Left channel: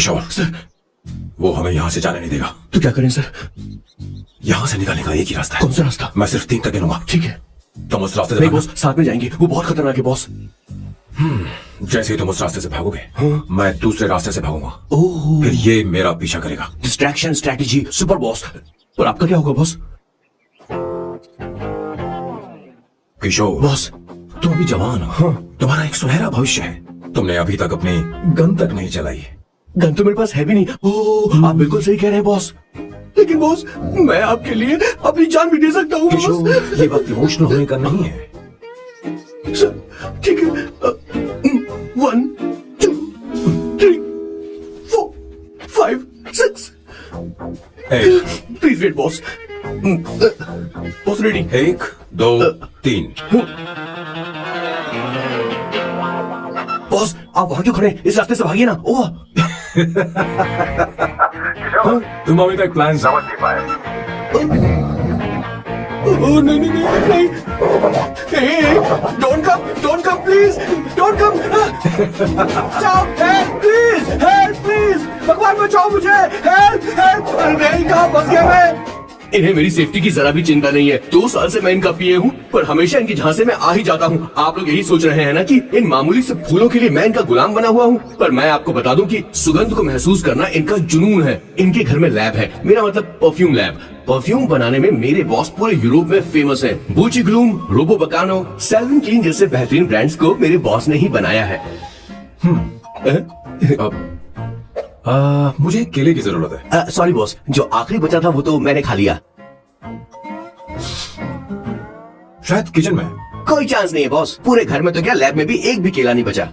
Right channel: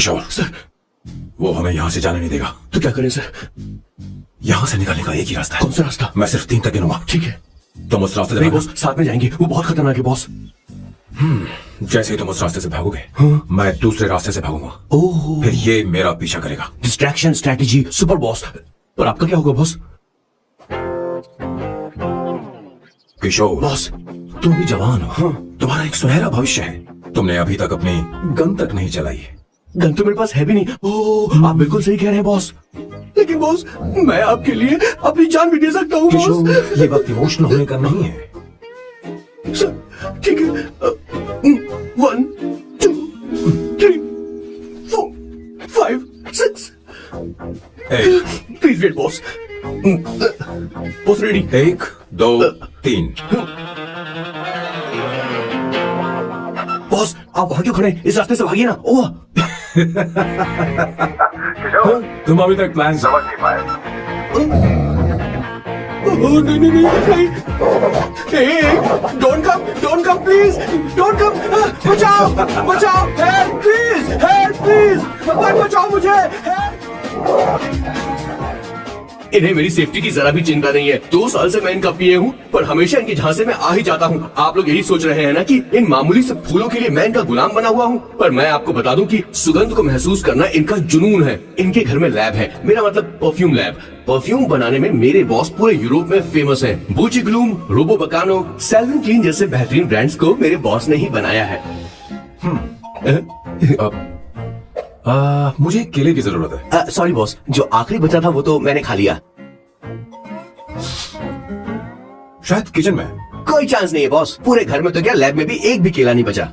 किशोर sir, वो हमें यहाँ से जाने नहीं देगा। तो क्या करें सर? यहाँ से निकलने का एक ही रास्ता है। कौन सा रास्ता? मैं सिर्फ 3 तक गिनूंगा। ठीक है। तुम उस रास्ते से नहीं भागो। बॉस, साथ में जाएंगे, वो बहुत खतरनाक है बॉस। जैसे ही तुम उस रास्ते से भागोगे, हाँ। मैं दूसरे रास्ते से भागूंगा। ओह, फिर ये मेरा पीछा करेगा। Distraction strategy super boss. पर आपका क्या होगा बॉस? किशोर बॉस, तुम अभी जवान हो। हाँ। तुम्हारा एक सुनहरा भविष्य है। तुमने अभी तक अपनी गन तक नहीं चलाई। गन तो मेरे पास है भी नहीं। ओह, आप बिल्कुल सही कह रहे हैं बॉस। लेकिन बॉस, मैं आपके लिए अपनी जान भी दे सकता हूँ बॉस। किशोर, ये वक्त इमोशनल होने का नहीं है। सर, ठीक है। 1 2 3 4 5 6। Please wait boss. Boss ready? 1 2 3। Boss, आप वहां क्यों खड़े? इस रास्ते से भागिए ना। ओह, तुम अभी तक प्लान समझ नहीं पाए। ओह, नहीं नहीं नहीं, don't come please, don't come. बचाओ बचाओ, हेल्प प्लीज, भगवान बचाओ मुझे, हेल्प। नहीं, कहाँ फंस गया मैं? इन्हें मेरी सेफ्टी की जरा भी चिंता नहीं है। 2 साल से मैं इनका पिए हूँ, पर हमेशा इनकी झांसे में आ ही जाता हूँ। आप लोग यही सोच रहे हैं ना कि इन मामूली से फूलों के लिए मैं इनका गुलाम बना हुआ हूँ, पर मैं आपको बता दूं कि सुगंध को महसूस करना इनका जुनून है। इनके घर में लैब है, मेरा मतलब परफ्यूम लैब। परफ्यूम बनाने में मेरे बॉस पूरे यूरोप में फेमस है। बूची ग्लूम, रोबो बकानो, सेल्विन क्लीन जैसे बेहतरीन ब्रांड्स को मेरे बॉस ने ही बनाया है। मुझे केले की जरूरत है। सॉरी बॉस, जो आखिरी बचा था वो तो मैंने खा लिया। शायद किचन में। कोई चांस नहीं है बॉस, पूरे घर में तो क्या, लैब में भी एक भी केला नहीं बचा।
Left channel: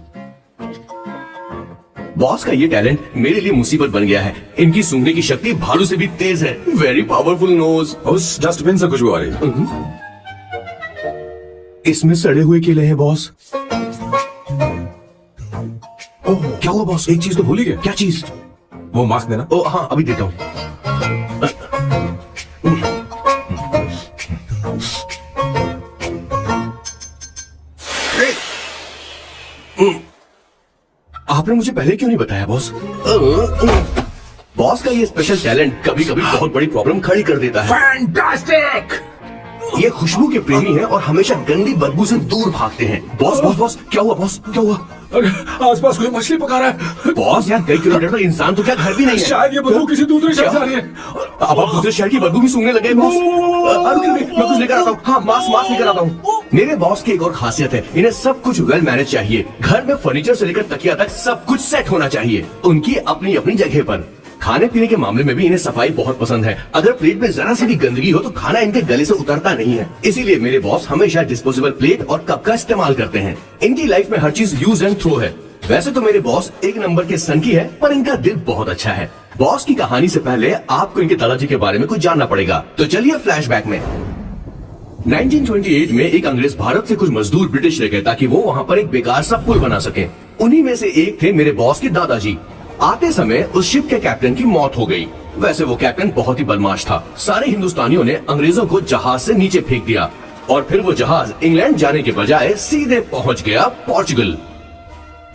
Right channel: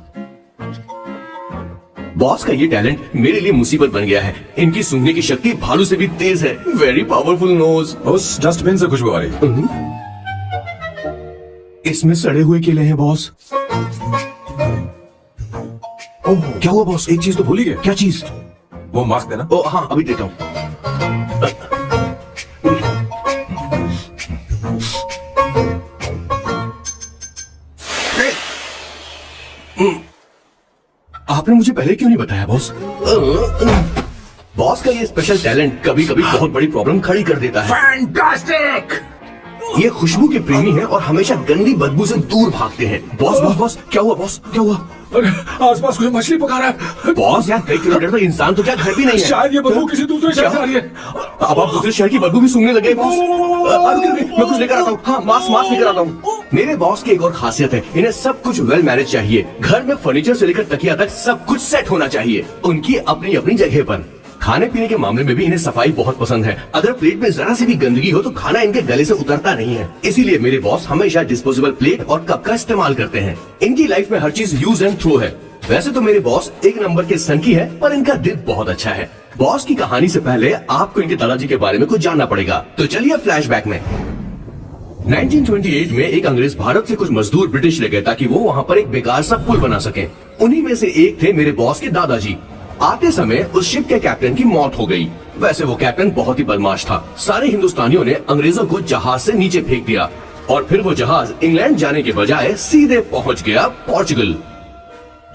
बॉस का ये टैलेंट मेरे लिए मुसीबत बन गया है। इनकी सूंघने की शक्ति भालू से भी तेज है। Very powerful nose. उस डस्टबिन से खुशबू आ रही। इसमें सड़े हुए केले हैं बॉस। ओह, क्या हुआ बॉस? एक चीज तो भूल ही गए। क्या चीज? वो मास्क देना। ओ हाँ, अभी देता हूँ। आपने मुझे पहले क्यों नहीं बताया बॉस? बॉस का ये स्पेशल टैलेंट कभी कभी बहुत बड़ी प्रॉब्लम खड़ी कर देता है। फैंटास्टिक! ये खुशबू के प्रेमी हैं और हमेशा गंदी बदबू से दूर भागते हैं। बॉस बॉस बॉस, क्या हुआ बॉस? क्या हुआ? आस पास कोई मछली पका रहा है। बॉस, यहाँ कई किलोमीटर तक इंसान तो क्या घर भी नहीं है। शायद ये बदबू किसी दूसरे शहर से आ रही है। अब आप दूसरे शहर की बदबू भी सूंघने लगे बॉस। मैं कुछ लेकर आता हूँ। हाँ, मास्क लेकर आता हूँ। मेरे बॉस की एक और खासियत है, इन्हें सब कुछ वेल मैनेज चाहिए। घर में फर्नीचर से लेकर तकिया तक सब कुछ सेट होना चाहिए, उनकी अपनी अपनी जगह पर। खाने पीने के मामले में भी इन्हें सफाई बहुत पसंद है। अगर प्लेट में जरा सी भी गंदगी हो तो खाना इनके गले से उतरता नहीं है। इसीलिए मेरे बॉस हमेशा डिस्पोजेबल प्लेट और कप का इस्तेमाल करते हैं। इनकी लाइफ में हर चीज यूज एंड थ्रो है। वैसे तो मेरे बॉस एक नंबर के संकी है, पर इनका दिल बहुत अच्छा है। बॉस की कहानी से पहले आपको इनके दादाजी के बारे में कुछ जानना पड़ेगा, तो चलिए फ्लैशबैक में। 1928 में एक अंग्रेज भारत से कुछ मजदूर ब्रिटिश ले गए ताकि वो वहाँ पर एक बेकार सा पुल बना सके। उन्हीं में से एक थे मेरे बॉस के दादाजी। आते समय उस शिप के कैप्टन की मौत हो गई। वैसे वो कैप्टन बहुत ही बदमाश था। सारे हिंदुस्तानियों ने अंग्रेजों को जहाज से नीचे फेंक दिया और फिर वो जहाज इंग्लैंड जाने के बजाय सीधे पहुंच गया पोर्चुगल।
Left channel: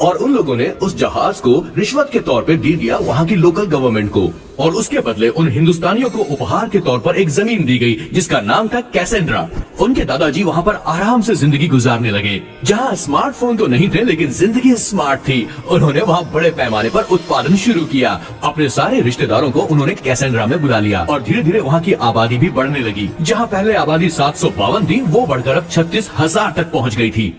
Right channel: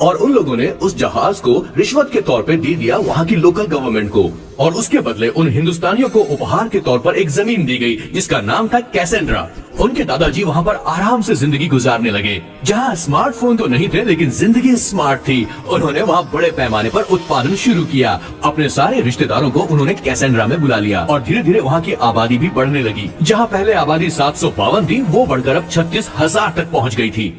और उन लोगों ने उस जहाज को रिश्वत के तौर पे दे दिया वहाँ की लोकल गवर्नमेंट को, और उसके बदले उन हिंदुस्तानियों को उपहार के तौर पर एक जमीन दी गई जिसका नाम था कैसेंड्रा। उनके दादाजी वहाँ पर आराम से जिंदगी गुजारने लगे, जहाँ स्मार्टफोन तो नहीं थे लेकिन जिंदगी स्मार्ट थी। उन्होंने वहाँ बड़े पैमाने पर उत्पादन शुरू किया। अपने सारे रिश्तेदारों को उन्होंने कैसेंड्रा में बुला लिया और धीरे धीरे वहाँ की आबादी भी बढ़ने लगी। जहाँ पहले आबादी 752 थी, वो बढ़कर अब 36,000 तक पहुँच गई थी।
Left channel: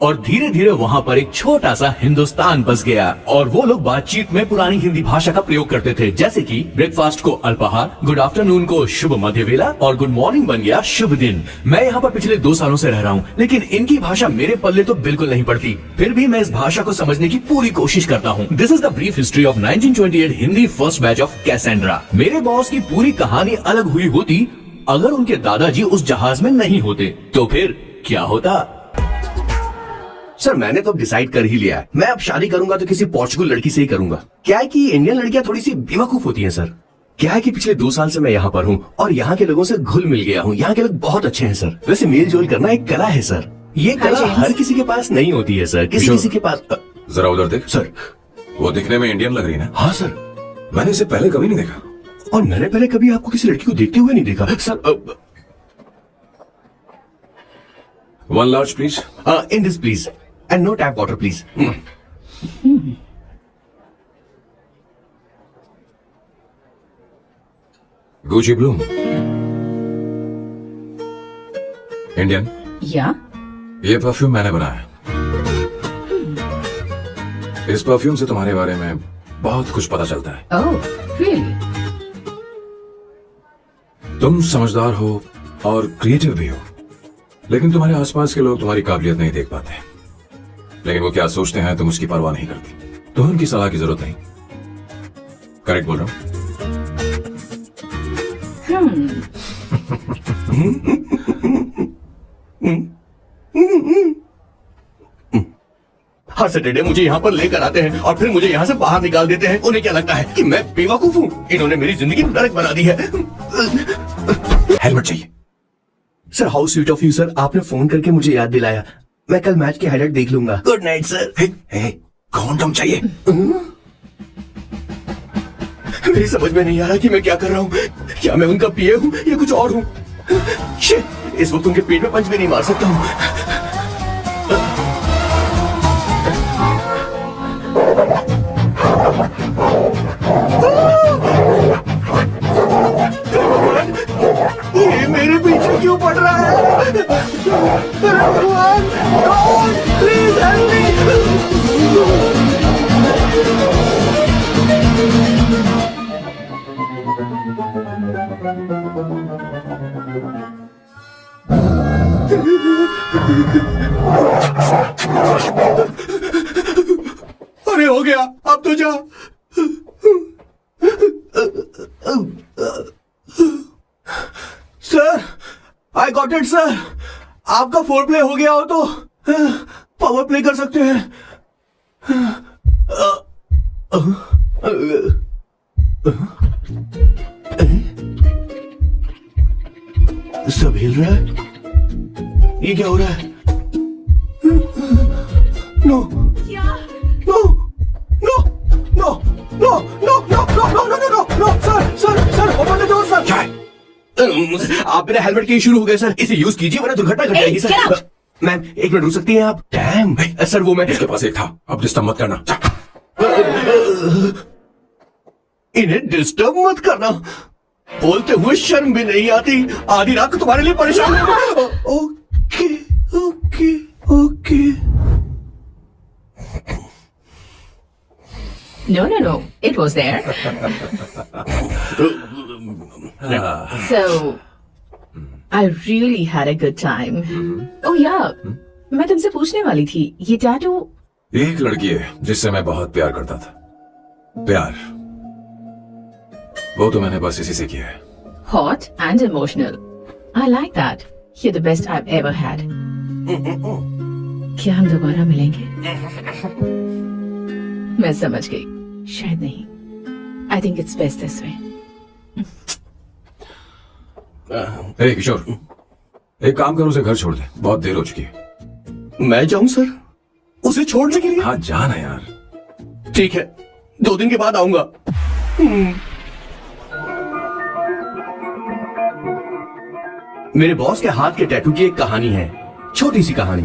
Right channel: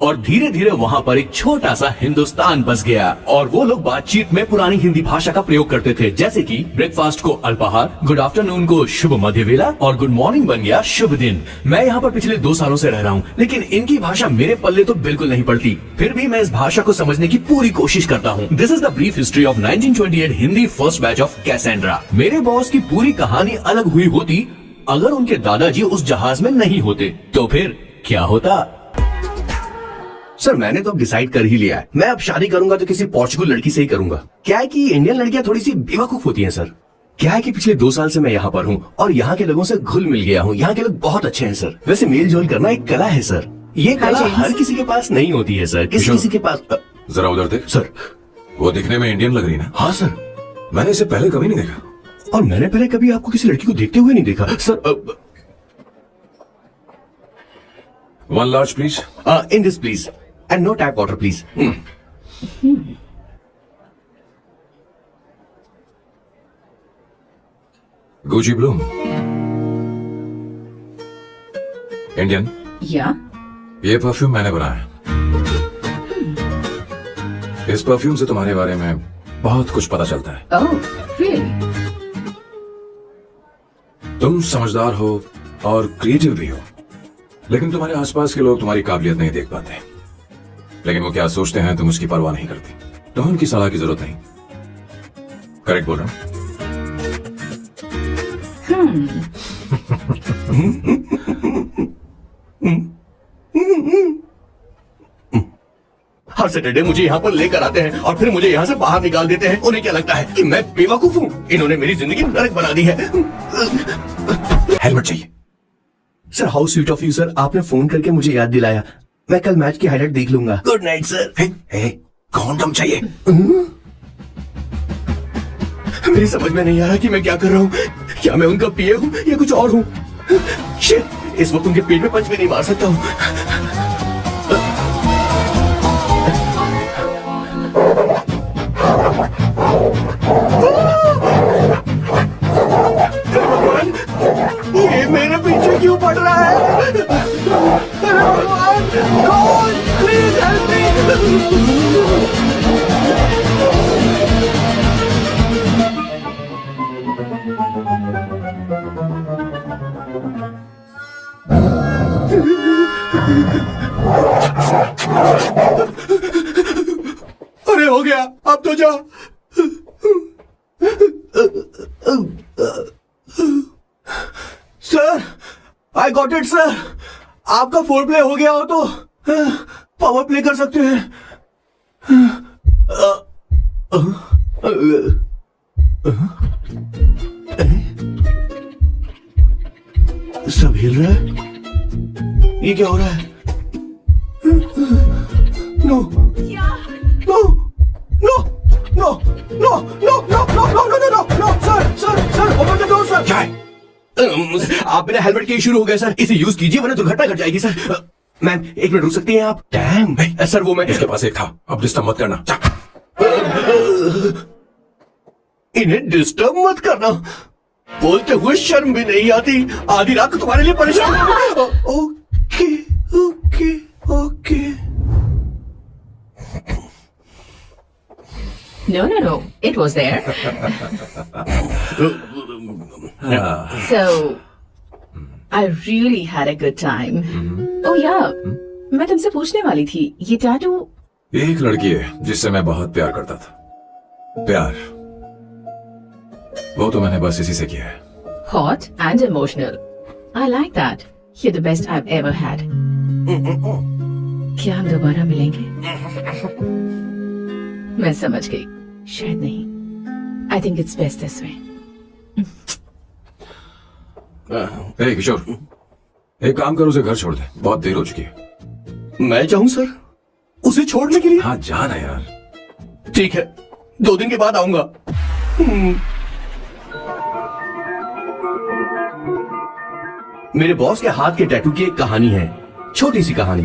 और धीरे धीरे वहाँ पर एक छोटा सा हिंदुस्तान बस गया और वो लोग बातचीत में पुरानी हिंदी भाषा का प्रयोग करते थे, जैसे कि ब्रेकफास्ट को अल्पाहार, गुड आफ्टरनून को शुभ मध्य वेला और गुड मॉर्निंग बन गया शुभ दिन। मैं यहाँ पर पिछले 2 सालों से रह रहा हूँ, लेकिन इनकी भाषा मेरे पल्ले तो बिल्कुल नहीं पड़ती। फिर भी मैं इस भाषा को समझने की पूरी कोशिश करता हूँ। This is the brief history of 1928 Hindi first batch of Cassandra. मेरे बॉस की पूरी कहानी अलग हुई होती अगर उनके दादाजी उस जहाज में नहीं होते, तो फिर क्या होता? सर, मैंने तो अब डिसाइड कर ही लिया है। मैं अब शादी करूंगा तो किसी पोर्चुगल लड़की से ही करूंगा। क्या है कि इंडियन लड़कियां थोड़ी सी बेवकूफ होती हैं सर। क्या है कि पिछले 2 साल से मैं यहाँ पर हूँ और यहाँ के लोगों से घुल मिल गया हूँ। यहाँ के लोग बहुत अच्छे हैं सर। वैसे मेल जोल करना एक कला है सर। ये कला हर किसी के पास नहीं होती है सर। किसी किसी के पास। जरा उधर देख। सर, वो दिखने में इंडियन लग रही है ना? हाँ सर, मैंने इसे पहले कभी नहीं देखा। और मैंने पहले कभी आपको किसी लड़की को देखते हुए नहीं देखा sir. 1 large please. In this please and no tap water please. Gucci Bloom. Indian. या ये परफ्यूम मैंने बनाया। इस परफ्यूम से तुम्हारे बारे में बहुत कुछ पता चलता है। Oh really? तुम समझदार हो और क्रिएटिव भी हो, लेकिन तुम्हारे आसपास के लोग तुम्हारी काबिलियत नहीं देख पाते। लेकिन वो क्या सोचते हैं तुम उसकी परवाह नहीं करती। तुम्हें उनकी सलाह की जरूरत नहीं। करेक्ट बोल रहा हूं? हर सैटरडे मुझे यहाँ पर लेकर आते हैं और फिर मुझे यहाँ से बाहर निकाल देते हैं। उन्हें क्या लगता है कि मैं बेवकूफ हूँ? इन्होंने मेरी जिंदगी नरक बना दी है। हेलमेट चाहिए। Sir how sweet of you sir, आपने फोन करके मुझे याद दिलाया। मैं कल मैच की हाईलाइट देख लूंगा। Good night sir. कॉन्डम चाहिए। मेरी समझ में नहीं आ रहा कि मैं क्या कर रहा हूँ। क्या मैं उनका पीए हूँ या कुछ और हूँ? शिट, इस वक्त उनके पेट में पंच भी नहीं मार सकता हूँ। भगवान, ये मेरे पीछे क्यों पड़ रहा है? अरे भगवान, गॉड प्लीज हेल्प मी। अरे हो गया, अब तो जा। Sir, I got it sir. आपका फोर प्ले हो गया हो तो पावर प्ले कर सकते हैं। सब हिल रहा है। ये क्या हो रहा है? No no no no no no no no no no no no sir sir sir open the door sir. क्या है? आप मेरे हेलमेट के शुरू हो गए सर, इसे यूज कीजिए वरना दुर्घटना घट जाएगी सर। मैम 1 मिनट रुक सकती हैं आप? डैम सर, वो मैं इसके पास एक था, अब डिस्टर्ब मत करना। इन्हें डिस्टर्ब मत करना। बोलते हुए शर्म भी नहीं आती। आधी रात को तुम्हारे लिए परेशान हूं। Okay okay okay. No, no, no. It was there. So, I really had a good time. Oh yeah, मैं तुमसे पूछने वाली थी, ये टैटू? एक लड़की है जिससे मैं बहुत प्यार करता था। प्यार वो तो मैंने बस इसी से किया है। Hot and emotional. I like that. You're the best I've ever had. क्या हम दोबारा मिलेंगे? मैं समझ गई, शायद नहीं। I think it's best this way. किशोर, एक काम करो, उसे घर छोड़ दे, बहुत देर हो चुकी है। मैं जाऊं सर उसे छोड़ने के लिए? हाँ जाना यार। ठीक है, 2 दिन के बाद आऊंगा। मेरे बॉस के हाथ के टैटू की एक कहानी है, छोटी सी कहानी।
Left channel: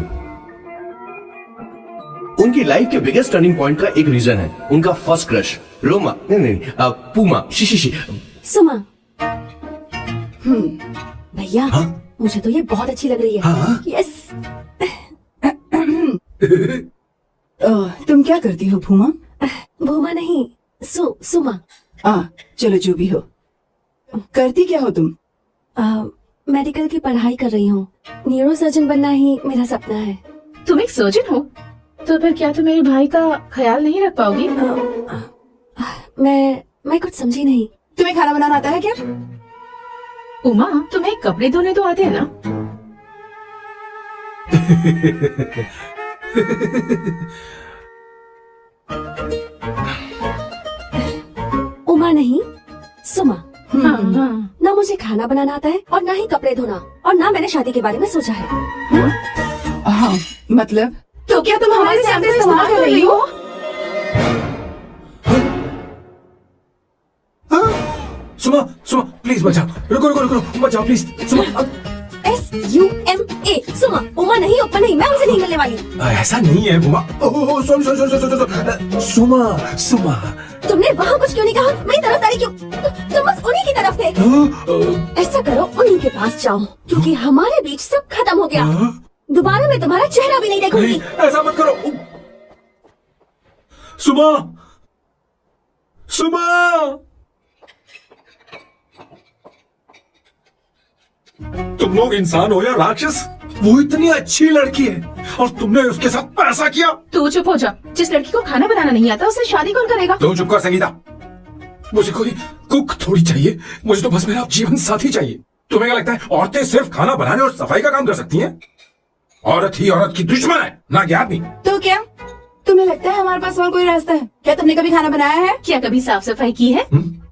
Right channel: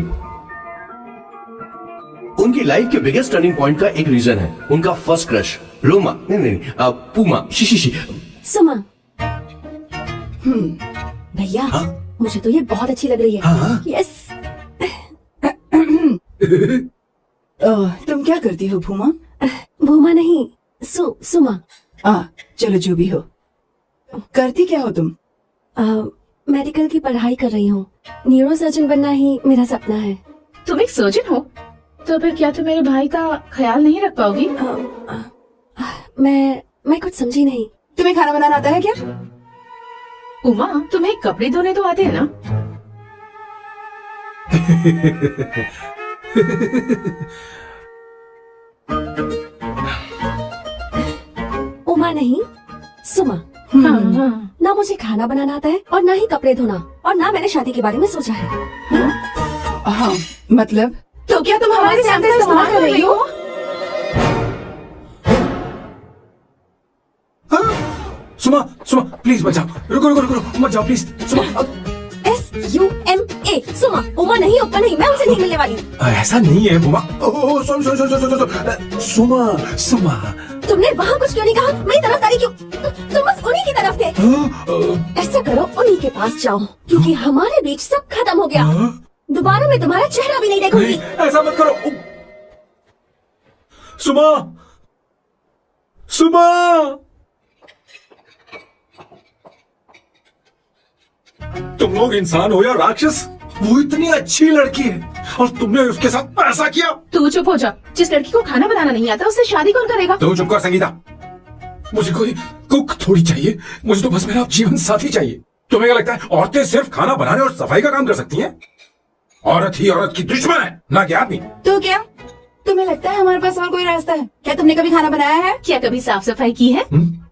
उनकी लाइफ के बिगेस्ट टर्निंग पॉइंट का एक रीजन है उनका फर्स्ट क्रश रोमा, नहीं पूमा, शी। सुमा। भैया, मुझे तो ये बहुत अच्छी लग रही है। यस। तुम क्या करती हो भूमा? भूमा नहीं, सुमा। चलो जो भी हो। करती क्या हो तुम? मेडिकल की पढ़ाई कर रही हूँ। न्यूरो सर्जन बनना ही मेरा सपना है। तुम एक सर्जन हो, तो फिर क्या तुम मेरे भाई का ख्याल नहीं रख पाओगी? मैं कुछ समझी नहीं। तुम्हें खाना बनाना आता है क्या? उमा, तुम्हें कपड़े धोने तो आते हैं ना? उमा नहीं, सुमा। ना मुझे खाना बनाना आता है और ना ही कपड़े धोना, और ना मैंने शादी के बारे में सोचा है। हाँ, मतलब? तो क्या तुम हमारे सामने इस्तेमाल कर रही हो? प्लीज मत जाओ, रुको रुको रुको, मत जाओ प्लीज। सुमा, SUMA सुमा। उमा नहीं, ऊपर नहीं, मैं उनसे नहीं मिलने वाली। ऐसा नहीं है बुआ। Oh sorry sorry sorry sorry, Suma Suma. तुमने वहाँ कुछ क्यों नहीं कहा? मेरी तरफदारी क्यों? तुम बस उन्हीं की तरफ थे। ऐसा करो, उन्हीं के पास जाओ, क्योंकि हमारे बीच सब खत्म हो गया। दोबारा मैं तुम्हारा चेहरा भी नहीं देखूंगी। ऐसा मत करो सुमा, सुमा। तुम लोग इंसान हो या राक्षस? वो इतनी अच्छी लड़की है और तुमने उसके साथ ऐसा किया। तू चुप हो जा। जिस लड़की को खाना बनाना नहीं आता उससे शादी कौन करेगा? तुम चुप कर संगीता। मुझे कोई कुक थोड़ी चाहिए, मुझे तो बस मेरा जीवन साथी चाहिए। तुम्हें क्या लगता है औरतें सिर्फ खाना बनाने और सफाई का काम कर सकती हैं? औरत ही औरत की दुश्मन है, ना कि आदमी। तो क्या तुम्हें लगता है हमारे पास और कोई रास्ता है? क्या तुमने कभी खाना बनाया है? क्या कभी साफ सफाई की है?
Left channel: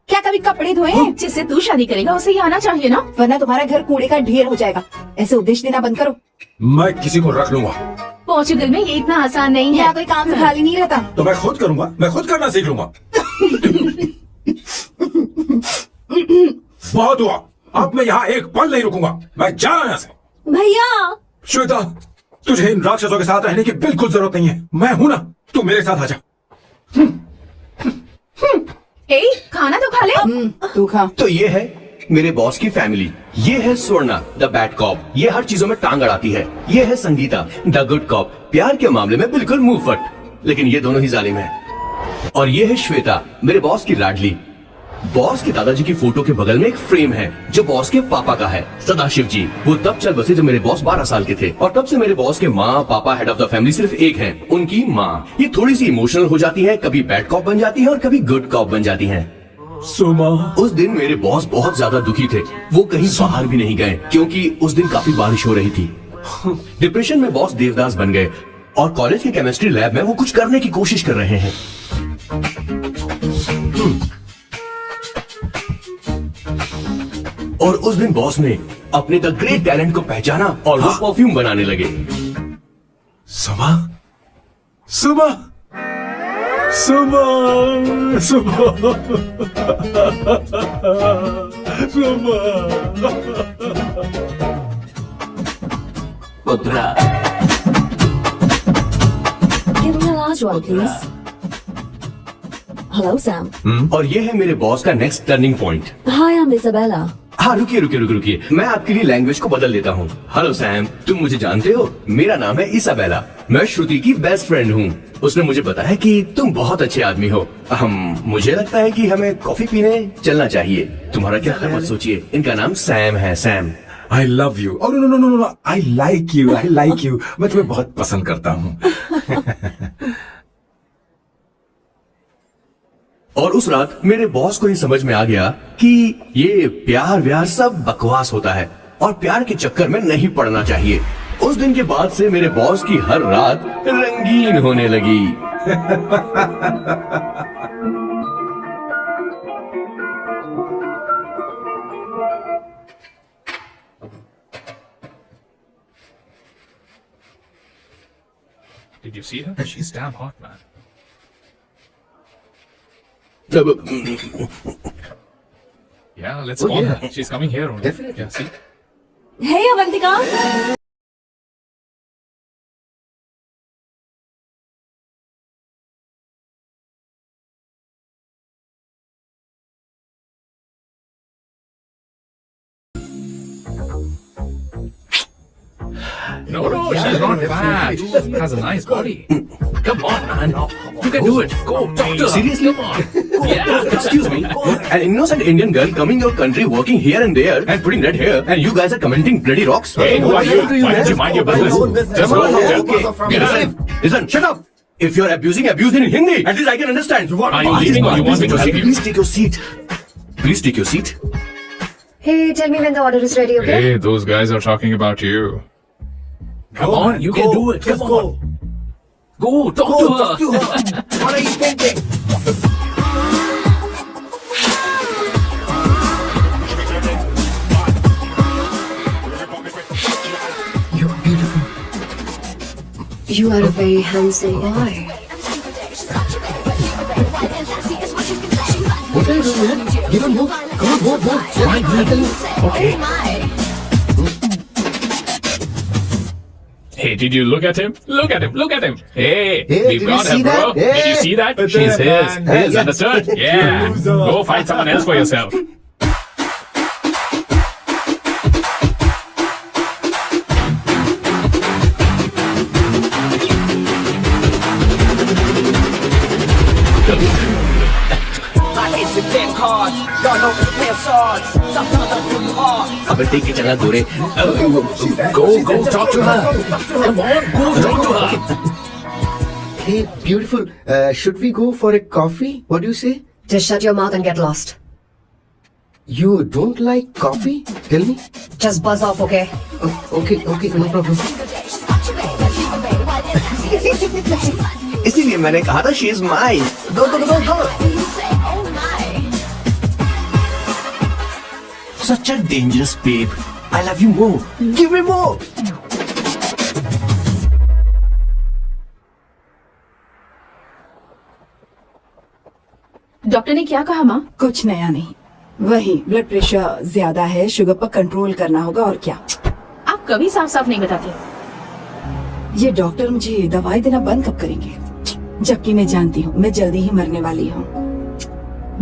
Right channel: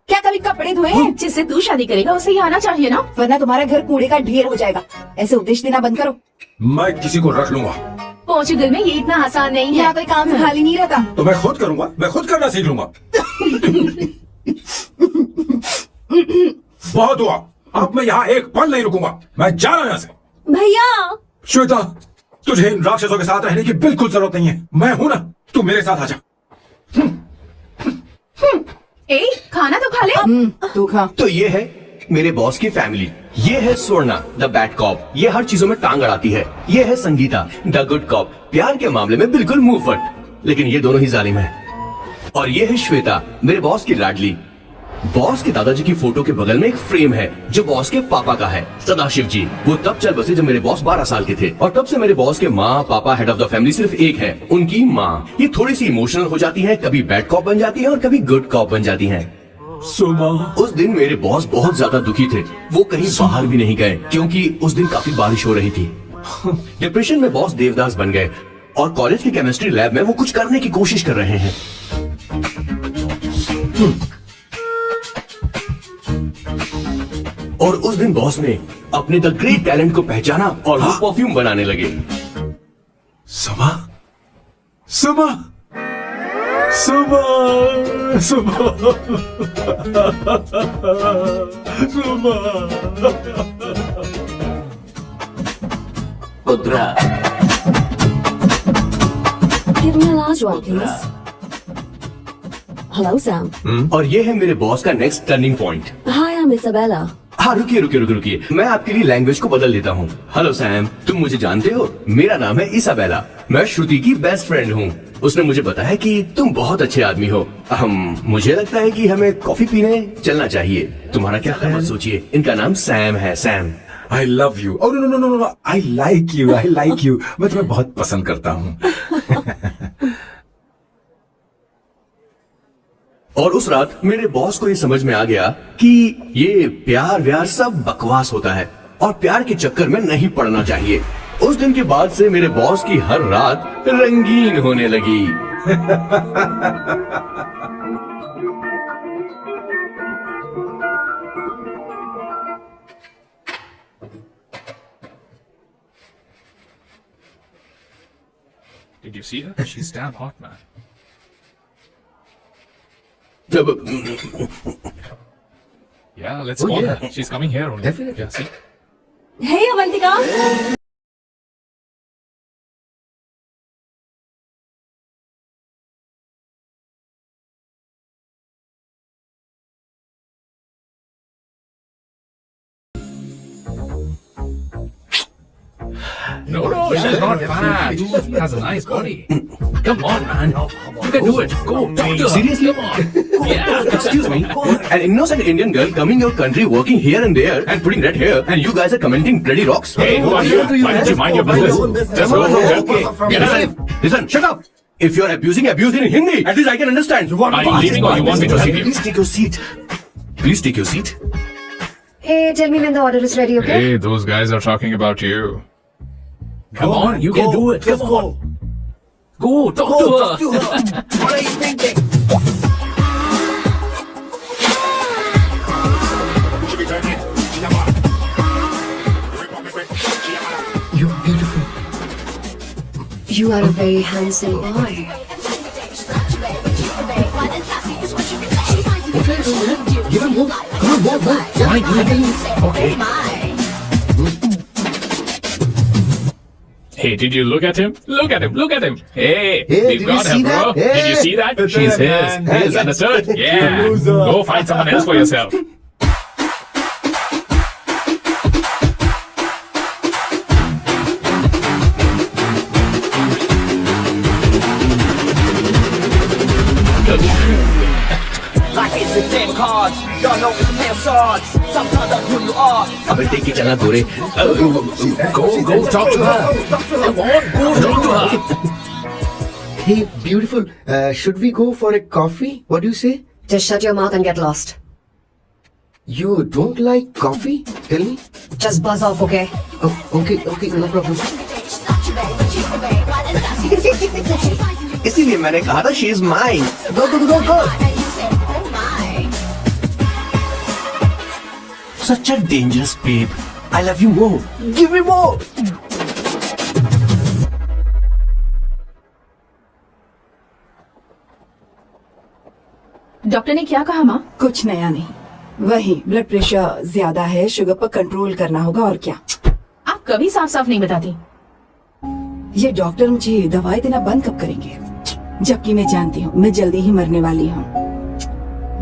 क्या कभी कपड़े धोए हैं? जिससे तू शादी करेगा उसे ये आना चाहिए ना। वरना तुम्हारा घर कूड़े का ढेर हो जाएगा। ऐसे उपदेश देना बंद करो। मैं किसी को रख लूंगा। पोर्चुगल में ये इतना आसान नहीं है। यहाँ कोई काम से खाली नहीं रहता। तो मैं खुद करूंगा, मैं खुद करना सीख लूंगा। बहुत हुआ, अब मैं यहाँ एक पल नहीं रुकूंगा, मैं जा रहा हूँ यहाँ से। भैया श्वेता, तुझे इन राक्षसों के साथ रहने की बिल्कुल जरूरत नहीं है। मैं हूं ना, तू मेरे साथ आ जा। ए, खाना तो खा ले। तू खा। तो ये है मेरे बॉस की फैमिली। ये है स्वर्णा द बैड कॉप, ये हर चीजों में टांग अड़ाती है। ये है संगीता द गुड कॉप, प्यार के मामले में बिल्कुल मुंह फट, लेकिन ये दोनों ही जालिम है। और ये है श्वेता, मेरे बॉस की लाडली। बॉस के दादाजी की फोटो के बगल में एक फ्रेम है जो बॉस के पापा का है, सदाशिव जी। वो तब चल बसे जब मेरे बॉस 12 साल के थे, और तब से मेरे बॉस के माँ पापा हेड ऑफ द फैमिली सिर्फ एक है, उनकी माँ। ये थोड़ी सी इमोशनल हो जाती है, कभी बैड कॉप बन जाती है और कभी गुड कॉप बन जाती है। सुमा, उस दिन मेरे बॉस बहुत ज्यादा दुखी थे। वो कहीं बाहर भी नहीं गए क्योंकि उस दिन काफी बारिश हो रही थी। डिप्रेशन में बॉस देवदास बन गए और कॉलेज के केमिस्ट्री लैब में वो कुछ करने की कोशिश कर रहे हैं। और उस दिन बॉस ने अपने द ग्रेट टैलेंट को पहचाना और वो परफ्यूम बनाने लगे। सुमा, सुमा, सुमा, सुमा, सुमा। पुत्रा, give me a large one please. Hello Sam. और ये है मेरे बॉस का next turning point. Hi, I'm Isabella. हाँ, रुकिए रुकिए रुकिए रुकिए, मैं आपके लिए लैंग्वेज को बदल देता हूँ। हेलो सैम, तुम मुझे जानते हो? मेरा नाम है इसाबेला, मैं श्रुति की बेस्ट फ्रेंड हूँ। उसने मुझे बताया कि तुम बहुत अच्छे आदमी हो। मुझे लगता है कि हमें कॉफी पीने चलना चाहिए। तुम्हारा क्या ख्याल? सोचिए, इनका नाम सैम है, Sam. I love you. Oh no no no no no. I like you. I like you. मैं तुम्हें बहुत पसंद करता हूँ। और उस रात मेरे बॉस को ये समझ में आ गया कि ये प्यार व्यार सब बकवास होता है और प्यार के चक्कर में नहीं पड़ना चाहिए। उस दिन के बाद से मेरे बॉस की हर रात रंगीन होने लगी। Did you see her? She's damn hot, man. Yeah, let's call her. She's coming here only. Definitely. Yeah, see? Hey Avantika. No, she's not fat. She has a nice body. Come on, man. You can do it. Go, talk to her. Seriously? Come on. Yeah. Excuse me, an innocent Indian girl coming your country, working here and there, and putting red hair, and you guys are commenting bloody rocks. Hey, who are you? Why don't you mind your business? Just go home. Get out. Listen, shut up. If you're abusing, abuse it in Hindi. At least I can understand. Are you leaving or you want me to help you? Please take your seat. Please take your seat. Hey, tell me when the order is ready, okay? Hey, those guys are talking about you. Come on, you can do it. Come on. Go, talk to her. What are you thinking? You're beautiful. You are a very handsome boy. Give him more. Come on, more. Okay. Hey, did you look at him? Look at him! Look at him! Hey, Hey, we've did got you her, see bro. that? Hey. Did you see that? She's his. Hey, Yes, understood? Yeah. Go find someone else for yourself. अबे देख के चला गोरे। Go talk to her. Come on, go talk to her. Hey, beautiful. Should we go for a coffee? What do you say? Just shut your mouth and get lost. You don't like coffee? Tell me. Just buzz off, okay? Okay, no problem. इसीलिए मैंने कहा था she is mine. Go. Such a dangerous babe. I love you more. Give me more. Doctor ने क्या कहा माँ? कुछ नया नहीं, वही ब्लड प्रेशर ज्यादा है, शुगर पर कंट्रोल करना होगा और क्या। आप कभी साफ साफ नहीं बताते। ये डॉक्टर मुझे दवाई देना बंद कब करेंगे? जबकि मैं जानती हूँ मैं जल्दी ही मरने वाली हूँ।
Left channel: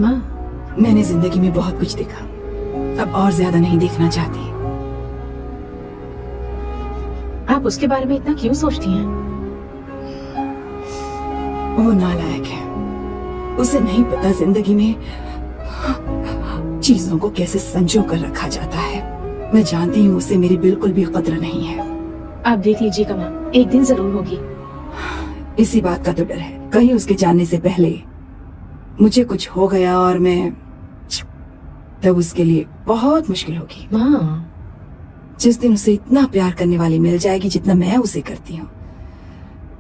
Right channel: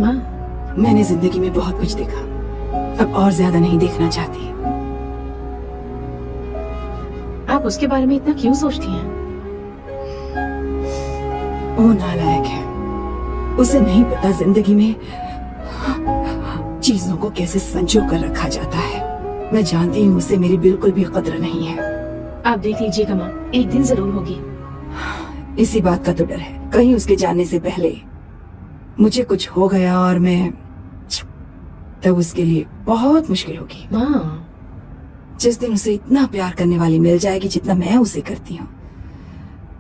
माँ, मैंने जिंदगी में बहुत कुछ देखा, अब और ज्यादा नहीं देखना चाहती। आप उसके बारे में इतना क्यों सोचती हैं? वो नालायक है, उसे नहीं पता जिंदगी में चीजों को कैसे संजो कर रखा जाता है। मैं जानती हूँ उसे मेरी बिल्कुल भी कद्र नहीं है। आप देख लीजिएगा माँ, एक दिन जरूर होगी। इसी बात का तो डर है, कहीं उसके जाने से पहले मुझे कुछ हो गया और मैं तब उसके लिए बहुत मुश्किल होगी। माँ, जिस दिन उसे इतना प्यार करने वाली मिल जाएगी जितना मैं उसे करती हूँ,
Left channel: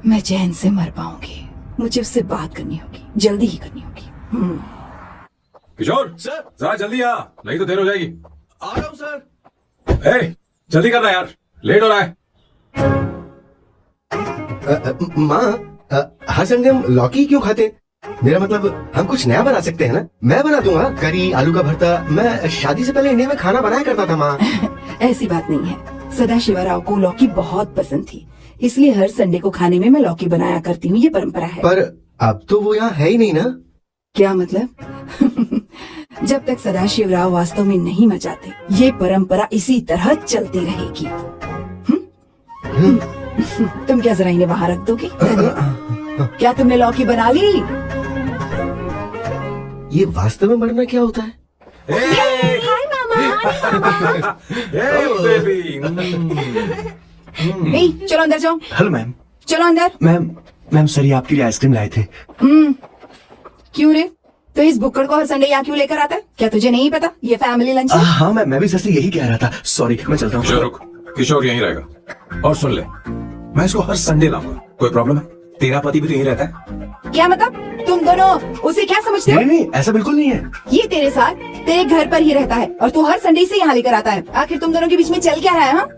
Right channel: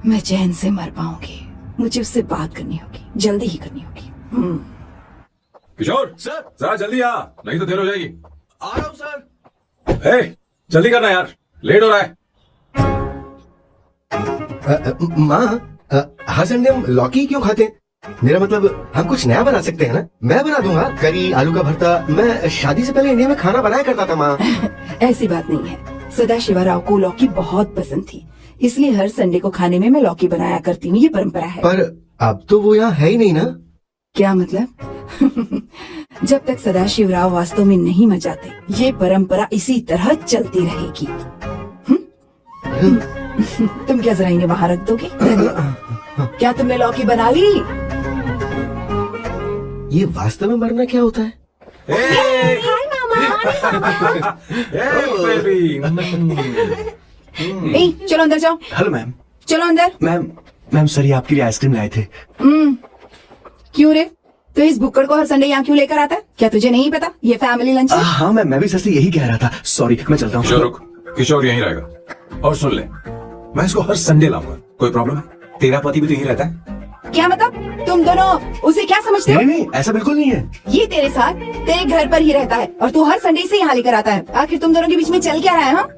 मैं चैन से मर पाऊंगी। मुझे उससे बात करनी होगी, जल्दी ही करनी होगी। किशोर सर। जरा जल्दी आ, नहीं तो देर हो जाएगी। आ रहा हूँ सर। ए, जल्दी करना यार, लेट हो रहा है। माँ, हर संडे हम लौकी क्यों खाते? मेरा मतलब हम कुछ नया बना सकते हैं ना? मैं बना दूंगा करी, आलू का भरता। मैं शादी से पहले इंडिया में खाना बनाया करता था माँ। ऐसी बात नहीं है, सदाशिवराव को लौकी बहुत पसंद थी, इसलिए हर संडे को खाने में मैं लौकी बनाया करती हूँ। ये परंपरा है। पर अब तो वो यहाँ है ही नहीं ना। क्या मतलब? जब तक सदाशिवराव वास्तव में नहीं मर जाते, ये परंपरा इसी तरह चलती रहेगी। तुम क्या जरा इन्हें वहाँ रख दोगे? क्या तुमने लौकी बना ली? ये वास्तव में मरना क्या होता है? नहीं, चलो अंदर जाओ। Hello ma'am. चलो अंदर। मैम सर ये आपके लिए आइसक्रीम लाए थे। क्यों रे? तो इस बुक्कड़ को हर संडे यहाँ क्यों लेकर आता है? क्या तुझे नहीं पता ये फैमिली लंच है? हाँ मैम, मैं भी सर से यही कह रहा था। सॉरी, मैं चल रहा किशोर हूँ। रुक, किशोर यहीं रहेगा। और सुन ले, मैं इसको हर संडे लाऊंगा। कोई प्रॉब्लम है? तेरा पति भी तो यहीं रहता है। क्या मतलब? तुम दोनों उसे क्या समझते हो? नहीं, ऐसा बिल्कुल नहीं है। ये तेरे साथ तेरे घर पर ही रहता है और तू हर संडे से यहाँ लेकर आता है। आखिर तुम दोनों के बीच में चल क्या रहा है? हाँ,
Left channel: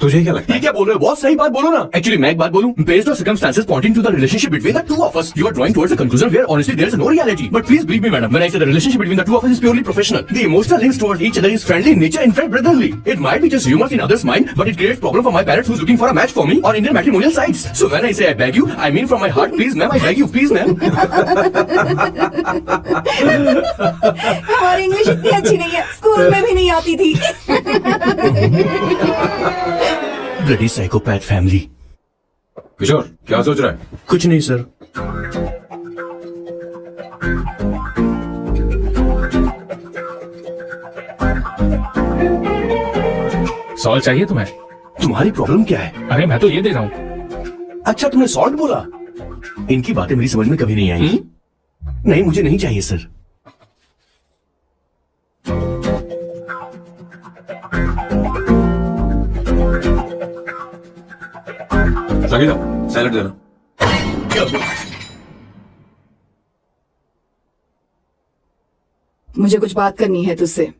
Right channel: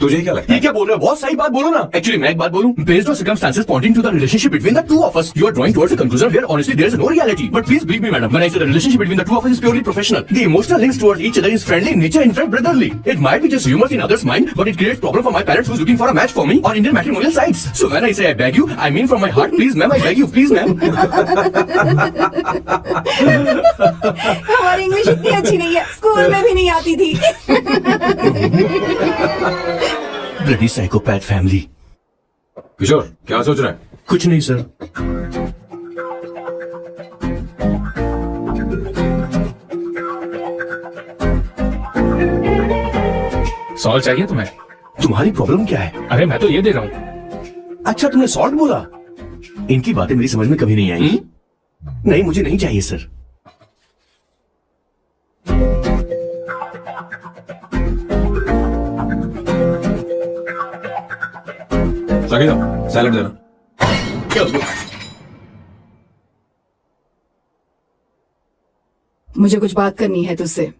तुझे क्या लगता ये है? क्या बोल रहे हो? बहुत सही बात बोलो ना। Actually, मैं एक बात बोलूं? Based on circumstances pointing to the relationship between the two of us, you are drawing towards a conclusion where honestly there is no reality. But please believe me, madam, when I say the relationship between the two of us is purely professional. The emotional links towards each other is friendly in nature, in fact brotherly. It might be just humor in others' mind, but it creates problem for my parents who's looking for a match for me on Indian matrimonial sites. So when I say I beg you, I mean from my heart. Please, ma'am, I beg you, please, ma'am. हमारी English इतनी अच्छी नहीं है, school में भी नहीं आती थी। Bloody psychopath family. किशोर क्या सोच रहा है? कुछ नहीं सर। सॉल्ट चाहिए तुम्हें? तुम्हारी प्रॉब्लम क्या है? अरे मैं तो ये दे रहा हूँ। अच्छा, तुमने सॉल्ट बोला? इनकी बातें मेरी समझ में कभी नहीं आई। नहीं, मुझे नहीं चाहिए सर। लगे जाओ, सैलड देना। मुझे कुछ बात करनी है तुझसे।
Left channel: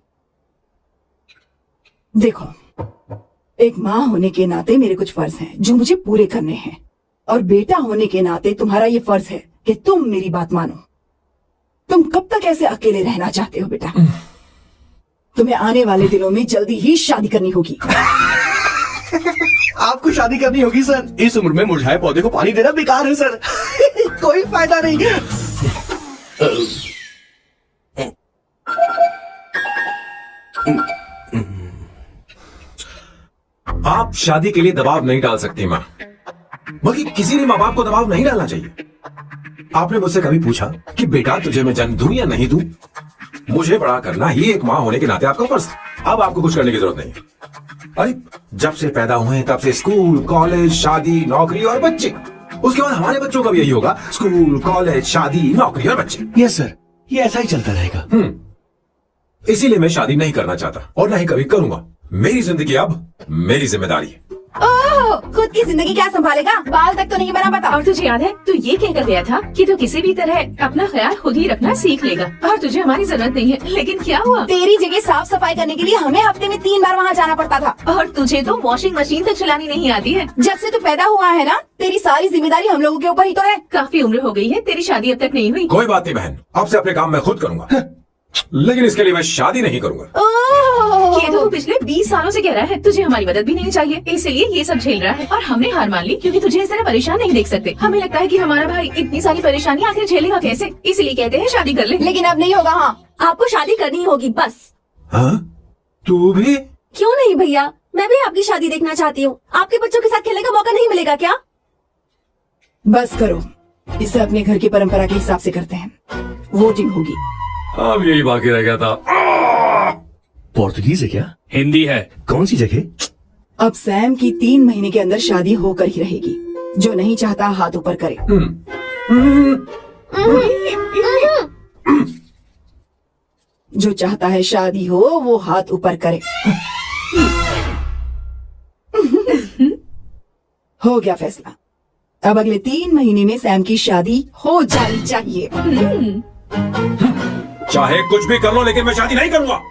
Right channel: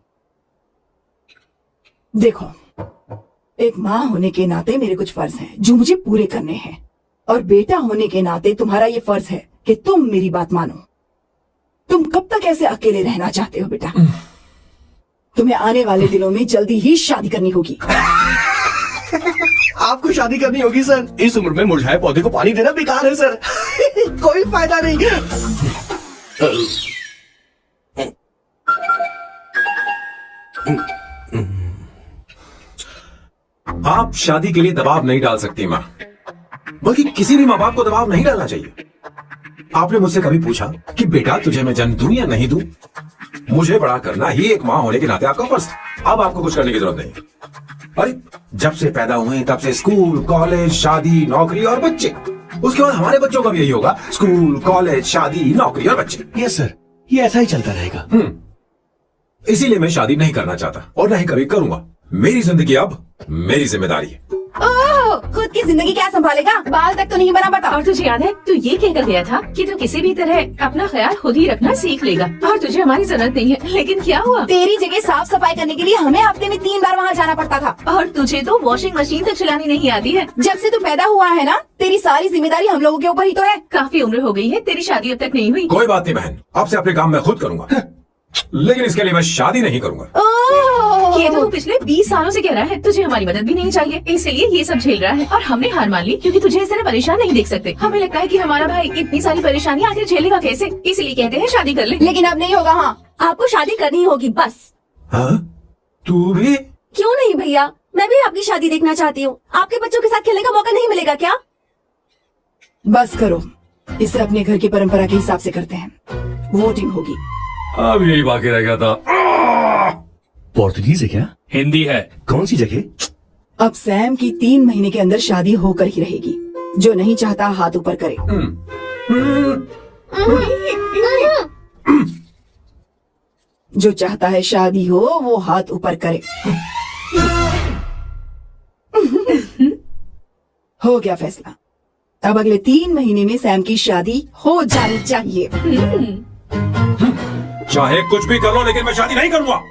देखो, एक माँ होने के नाते मेरे कुछ फर्ज हैं जो मुझे पूरे करने हैं, और बेटा होने के नाते तुम्हारा ये फर्ज है कि तुम मेरी बात मानो। तुम कब तक ऐसे अकेले रहना चाहते हो बेटा? तुम्हें आने वाले दिनों में जल्दी ही शादी करनी होगी। आपको शादी करनी होगी सर। इस उम्र में मुरझाए पौधे को पानी देना बेकार है सर। कोई फायदा नहीं। आप शादी के लिए दबाव नहीं डाल सकती माँ, बल्कि किसी भी माँ बाप को दबाव नहीं डालना चाहिए। आपने मुझसे कभी पूछा कि बेटा तुझे मैं जन्म दूं या नहीं दूं? मुझे बड़ा करना ही एक माँ होने के नाते आपका फर्ज था। अब आपको कुछ करने की जरूरत नहीं है। अरे जब से पैदा हुए तब से स्कूल, कॉलेज, शादी, नौकरी और बच्चे। उसके बाद हमारे बच्चों का भी यही होगा, स्कूल, कॉलेज, शादी, नौकरी और बच्चे। यस सर, ये ऐसा ही चलता रहेगा। इसीलिए मैं शादी नहीं करना चाहता और ना ही कभी करूंगा। मेरी जिंदगी अब मेरी जिम्मेदारी है। ओह, खुद की जिंदगी क्या संभालेगा? बाल तक तो नहीं बना पता। और तुझे याद है तू ये कहकर गया था कि तू किसी भी तरह अपना ख्याल खुद ही रखना सीख लेगा और तुझे हमारी जरूरत नहीं है, लेकिन क्या हुआ? तेरी जगह साफ सफाई करने के लिए हमें हफ्ते में 3 बार वहाँ जाना पड़ता था। और तुझे तो वॉशिंग मशीन तो चलानी नहीं आती है। जब से तू पैदा हुआ है ना, तेरी सारी जिम्मेदारी हम लोगों के ऊपर ही तो है। काफी उम्र हो गई है, तेरी शादी अब तक नहीं हुई। कोई बात नहीं बहन, आपसे अपने काम मैं खुद करूंगा, लेकिन इसके लिए मैं शादी नहीं करूंगा। ये तो पिछले 20 सालों से कह रहा है, तुझे हमारी मदद भी नहीं चाहिए, इसलिए ये सब झेल रहा है। और हमने हार मान ली क्योंकि तुझे इस तरह परेशान नहीं देख सकते। हमें लगता है कि हमारा भाई इतनी सारी परेशानी आखिर झेलेगा कैसे, इसलिए कहते हैं शादी कर ले। लेकिन अब नहीं होगा। हाँ, आपको शादी करनी होगी बस। हाँ? तू भी? क्यों नहीं भैया, मैं भी आपकी शादी देखना चाहती हूँ। आपके बच्चों के साथ खेलने का मौका नहीं मिलेगा क्या? बस करो, इसे अपने घर की परंपरा के हिसाब से करते हैं। वोटिंग होगी। अब यही बाकी रह गया था। पोर्तुगीज है क्या? हिंदी है। कौन सी जगह? अब सैम की 3 महीने के अंदर शादी होकर ही रहेगी। जो नहीं चाहता हाथ ऊपर करे। जो चाहता है शादी हो वो हाथ ऊपर करे। हो गया फैसला। अब अगले 3 महीने में सैम की शादी हो जानी चाहिए। चाहे कुछ भी कर लो, लेकिन मैं शादी नहीं करूंगा।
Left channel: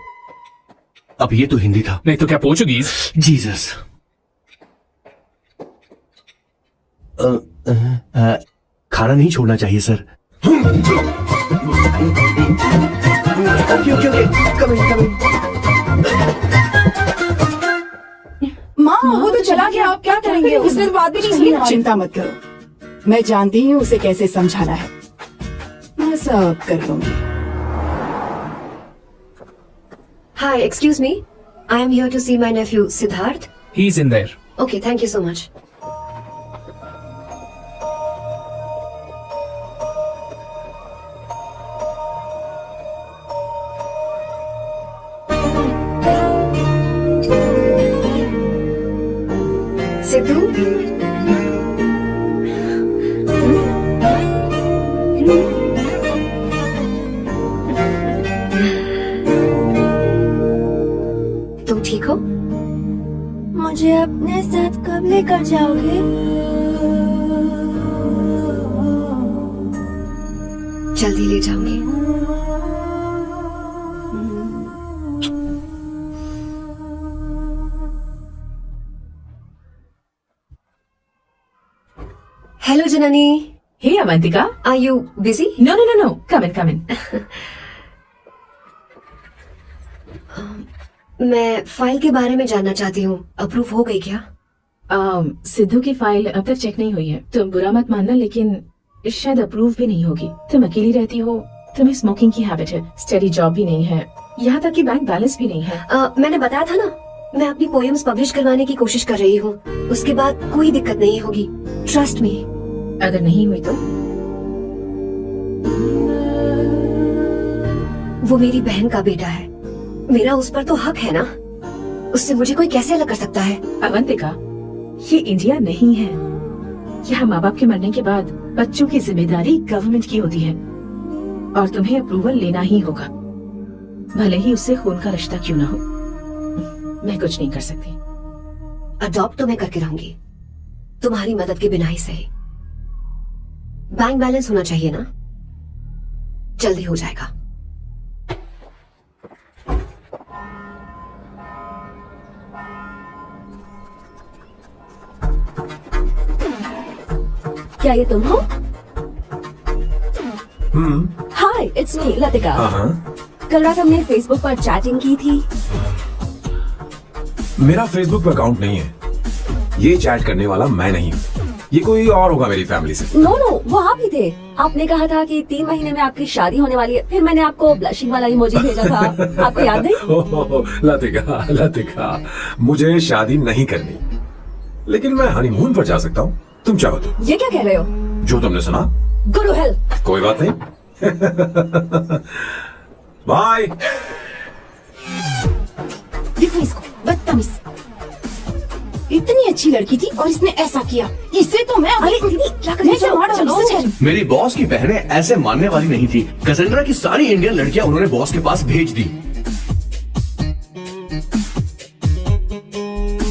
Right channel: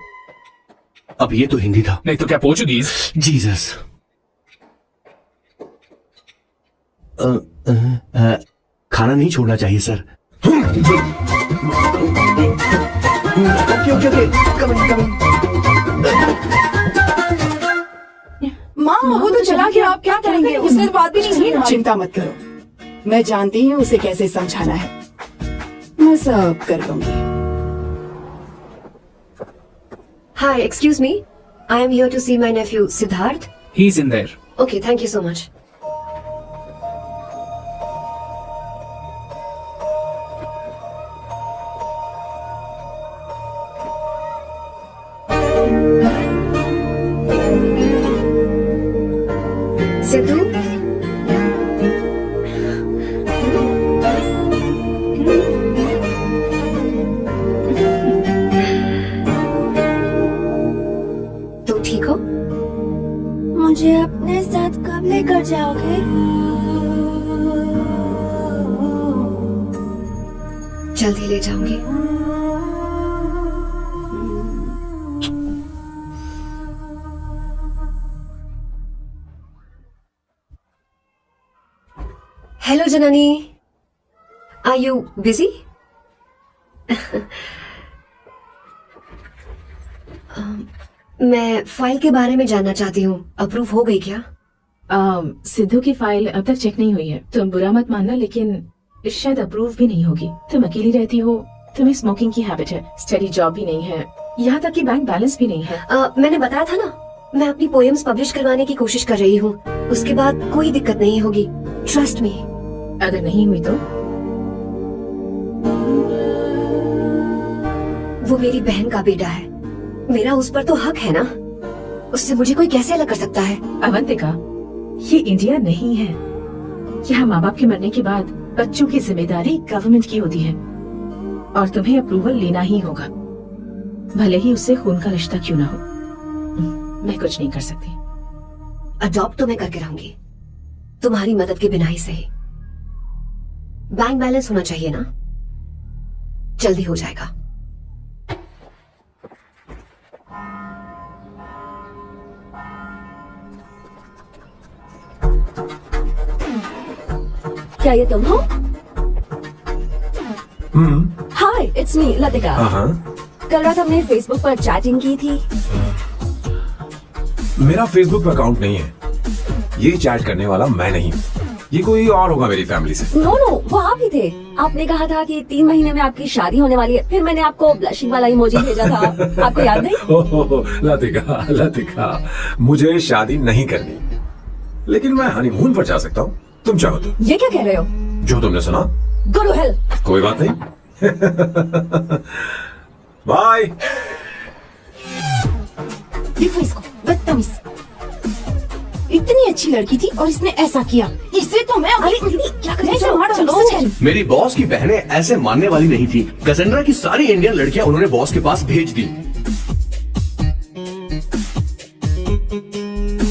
अब ये तो हिंदी था। नहीं तो क्या पोर्चुगीज? जीसस। खाना नहीं छोड़ना चाहिए सर। ओके, माँ वो तो चला गया, आप क्या करेंगे? उसने तो बात भी नहीं की। चिंता मत करो, मैं जानती हूँ उसे कैसे समझाना है। मैं सब कर लूंगी। Hi, excuse me. I am here to see my nephew, Siddharth. He's in there. Okay, thank you so much. Sidhu? तुम ठीक हो? मुझे अपने साथ कब लेकर जाओगे? जल्दी ले जाऊंगी। Hello Janani. Hey Avantika, are you busy? No no no no, come in come in. मैं फाइल के बारे में जानना चाहती हूँ, अप्रूव हो गई क्या? सिद्धू की फाइल अब तक चेक नहीं हुई है। तुम बुरा मत मानना, लेकिन शायद अप्रूव भी नहीं होगी। तुम अकेली रहती हो, तुम्हें स्मोकिंग की हैबिट है, स्टडी जॉब भी नहीं है, यहाँ तक कि बैंक बैलेंस भी नहीं है। मैंने बताया था ना, मैं अपनी पोएम्स पब्लिश करवाने की कोशिश कर रही हूँ। उसके बाद कोई दिक्कत नहीं होगी, ट्रस्ट मी। अगर नहीं हुई तो? वो मेरी बहन का बेटा है, मेरा उस पर तो हक है ना। उससे मुझे कोई कैसे अलग कर सकता है? अवंतिका, ये इंडिया नहीं है। यहाँ माँ बाप के मरने के बाद बच्चों की जिम्मेदारी गवर्नमेंट की होती है और तुम्हें अप्रूवल लेना ही होगा, भले ही उससे खून का रिश्ता क्यों ना हो। मैं कुछ नहीं कर सकती। अडॉप्ट तो मैं करके रहूंगी, तुम्हारी मदद के बिना ही सही। बैंक बैलेंस होना चाहिए ना, जल्दी हो जाएगा। क्या ये तुम हो? हाय, इट्स मी लतिका। कल रात हमने फेसबुक पर चैटिंग की थी। मेरा फेसबुक पे अकाउंट नहीं है। ये चैट करने वाला मैं नहीं हूँ। ये कोई और होगा मेरी फैमिली से। नो नो, वो आप ही थे। आपने कहा था कि 3 महीने में आपकी शादी होने वाली है। फिर मैंने आपको ब्लशिंग वाला इमोजी भेजा था, आपको याद नहीं? लतिका, लतिका, मुझे शादी नहीं करनी, लेकिन मैं हनीमून पर जा सकता हूँ। तुम चाहो तो। ये क्या कह रहे हो? जो तुमने सुना। Go to hell. कोई बात नहीं। बाय। देखो इसको, बदतमीज। इतनी अच्छी लड़की थी और इसने ऐसा किया। इसे तो मैं अभी क्या करूं? मेरी बॉस की बहनें ऐसे मानने वाली नहीं थी। कैसेंड्रा की सारी इंडियन लड़कियां उन्होंने बॉस के पास भेज दी।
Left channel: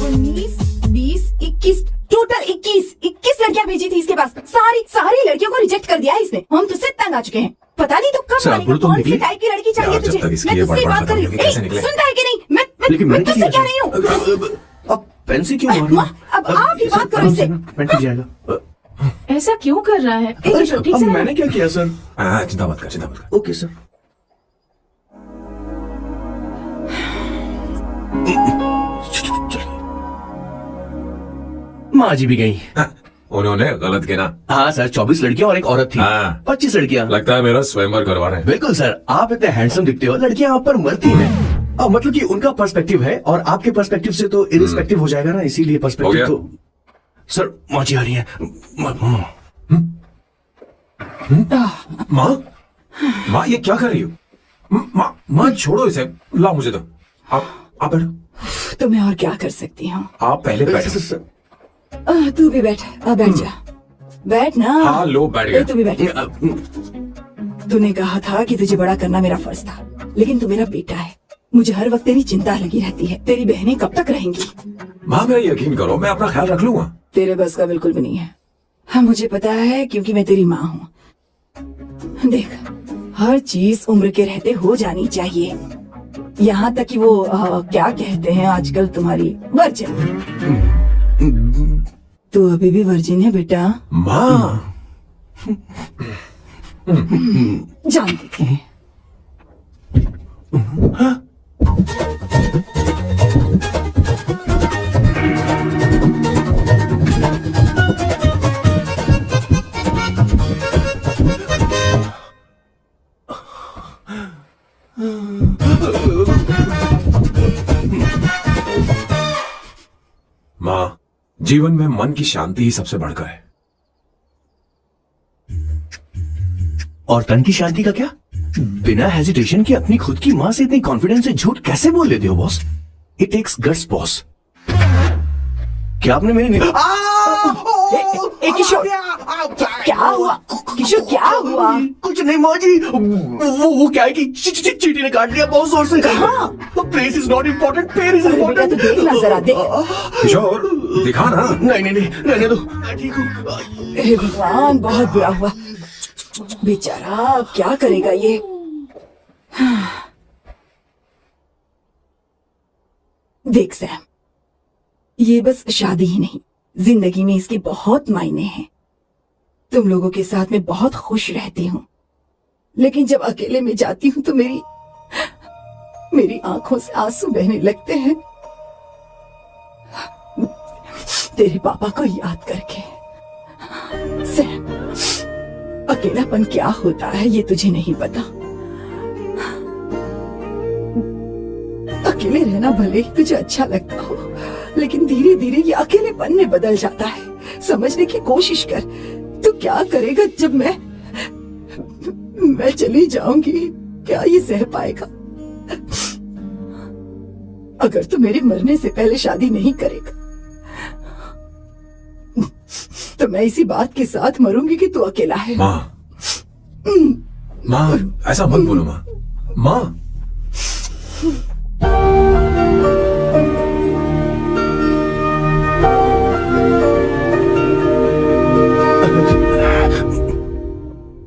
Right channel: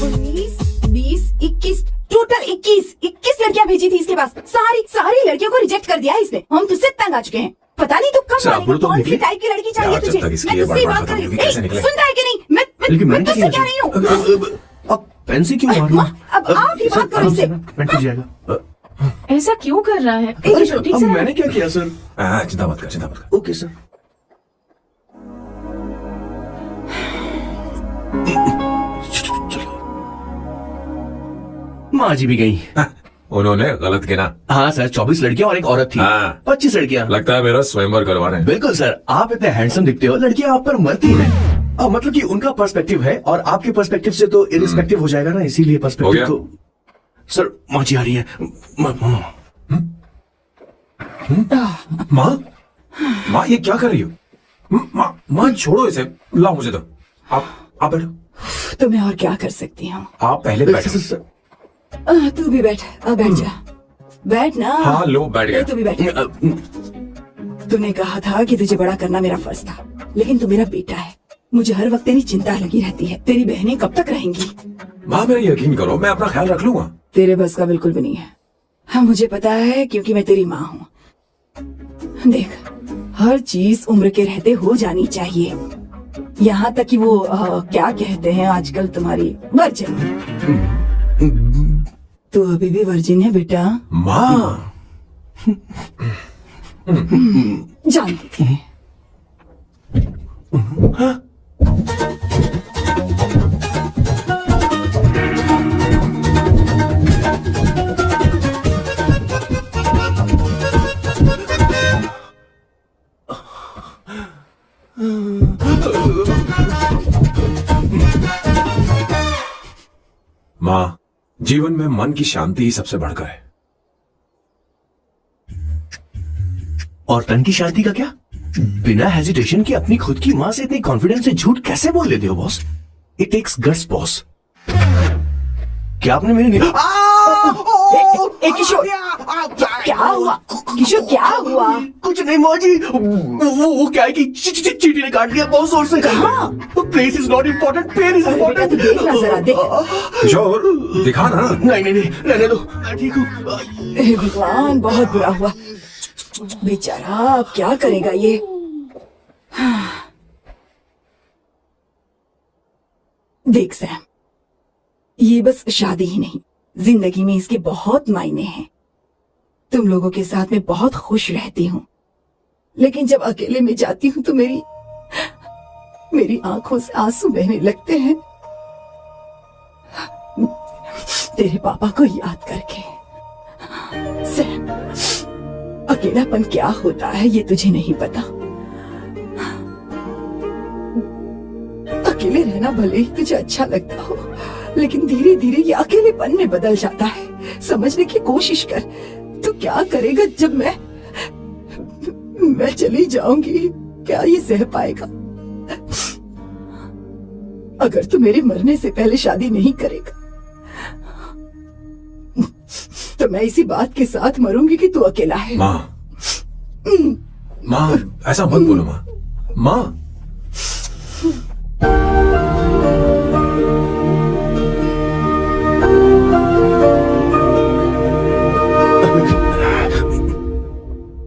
19, 20, 21, टोटल 21 लड़कियां भेजी थी इसके पास। सारी लड़कियों को रिजेक्ट कर दिया है इसने। हम तुझसे तंग आ चुके हैं। पता नहीं तू कब सर, आप बोलो तो कौन निकली? सी टाइप की लड़की चाहिए यार, जब तुझे? तक इसकी मैं ये तुझसे बड़बड़ बात कर खत्म रही नहीं हूँ। होगी, कैसे निकले? सुनता है कि नहीं? लेकिन मैं मैंने तुझसे कह रही हूँ। अब पेंसी क्यों मार रही हो? अब आप ही बात करो इससे। पेंट टूट जाएगा। ऐसा क्यों कर रहा है? ठीक से अब मैंने क्या किया सर? चिंता मत कर, चिंता मत कर। Okay sir. माँ जी भी गई। उन्होंने गलत गिना। हाँ सर, 24 लड़कियां और एक औरत थी। हाँ। 25 लड़कियां। लगता है मेरा स्वयंवर करवा रहे हैं। बिल्कुल सर, आप इतने हैंडसम दिखते हो, लड़कियां आप पर मरती हैं। अब मतलब कि उनका पर्सपेक्टिव है और आपके पर्सपेक्टिव से तो इरिस्पेक्टिव हो जाएगा ना, इसीलिए हो पर्सपेक्टिव गया? तो। सर माँ जी आ रही है। माँ माँ, ये क्या कर रही हो? माँ छोड़ो इसे, लाओ मुझे तो। आप बैठो। तो मैं और क्या कर सकती हूँ? आप पहले बैठो। तू भी बैठ। बैठ जा। बैठ ना। हाँ लो, बैठ गया। तू भी बैठ। तूने कहा था कि तुझे बड़ा करना मेरा फर्ज था, लेकिन तू मेरा बेटा है। मुझे हर वक्त तेरी चिंता लगी रहती है। तेरी बहनें कब तक रहेंगी? माँ मेरा यकीन करो, मैं अपना ख्याल रख लूंगा। तेरे बस का बिल्कुल भी नहीं है। हाँ, मुझे पता है, क्योंकि मैं तेरी माँ हूँ। देख, हर चीज उम्र के रहते हो जानी चाहिए, यहाँ तक कि वो क्या कहते हैं आजकल तुम्हारी वर्जिन। तू अभी भी वर्जिन है बेटा? माँ जानती है। माँ, जीवन में मन की शांति ही सबसे बढ़कर है। और तन की शांति का क्या? बिना हेजिटेशन के अपनी खुद की माँ से इतनी कॉन्फिडेंस से झूठ कैसे बोल लेते हो boss? It takes guts boss. क्या आपने मेरी किशोर, क्या हुआ? किशोर, क्या हुआ? कुछ नहीं माँ जी, वो क्या है कि चींटी ने काट लिया बहुत जोर से। कहाँ? Place is not important, pen is बेटा, इम्पोर्टेंट। तू देखना जरा, देख। किशोर, दिखा ना। नहीं रहने दो, मैं ठीक हूँ। हे भगवान, बहुत बुरा हुआ। बेचारा, अब क्या करेगा ये? देख सैम, ये बस शादी ही नहीं, जिंदगी में इसके बहुत मायने हैं। तुम लोगों के साथ मैं बहुत खुश रहती हूँ, लेकिन जब अकेले में जाती हूँ तो मेरी आंखों से आंसू बहने लगते हैं, तेरे पापा को याद करके। सैम, अकेलापन क्या होता है ये तुझे नहीं पता। अकेले रहना भले ही तुझे अच्छा लगता हो, लेकिन धीरे धीरे ये अकेलेपन में बदल जाता है। समझने की कोशिश कर। तो क्या करेगा जब मैं चली जाऊंगी? क्या ये सह पाएगा? अगर तू मेरे मरने से पहले शादी नहीं करेगा तो मैं इसी बात के साथ मरूंगी कि तू अकेला है। माँ, ऐसा मत बोलो माँ। माँ,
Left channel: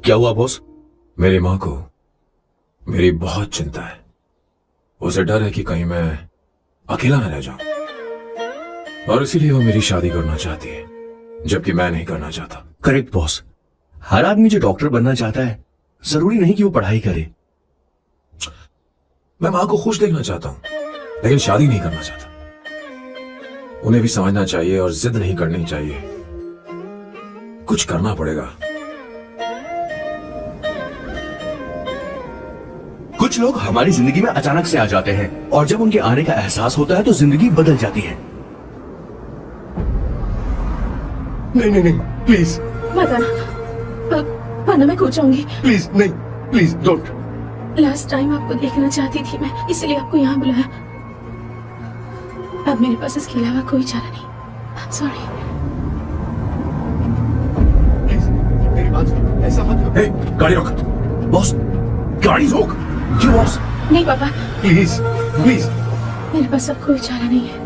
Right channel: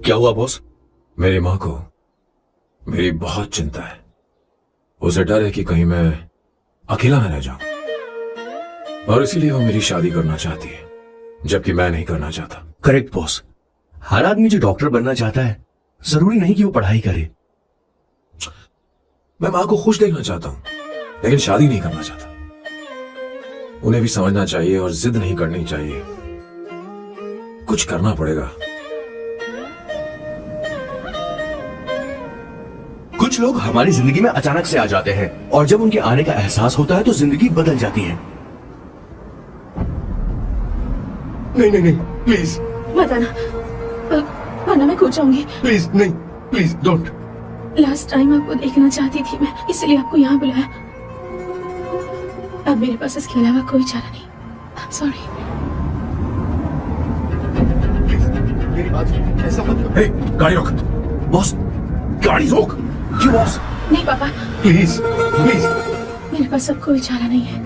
क्या हुआ बॉस? मेरी माँ को मेरी बहुत चिंता है। उसे डर है कि कहीं मैं अकेला न रह जाऊं, और इसीलिए वो मेरी शादी करना चाहती है, जबकि मैं नहीं करना चाहता। Correct boss. हर आदमी जो डॉक्टर बनना चाहता है, जरूरी नहीं कि वो पढ़ाई करे। मैं मां को खुश देखना चाहता हूं, लेकिन शादी नहीं करना चाहता। उन्हें भी समझना चाहिए और जिद नहीं करनी चाहिए। कुछ करना पड़ेगा। कुछ लोग हमारी जिंदगी में अचानक से आ जाते हैं और जब उनके आने का एहसास होता है तो जिंदगी बदल जाती है। नहीं नहीं नहीं, प्लीज वरना मैं खो जाऊंगी। प्लीज नहीं, प्लीज डोंट। लास्ट टाइम आपको देखना चाहती थी मैं, इसलिए आपको यहाँ बुलाया। अब मेरे पास इसके अलावा कोई चारा नहीं। I'm sorry। मेरी बात ऐसा मत करो। ए, गाड़ी रोक। बॉस, गाड़ी रोक। क्यों बॉस? नहीं पापा, प्लीज प्लीज। मेरे पास अब कोई चारा नहीं है।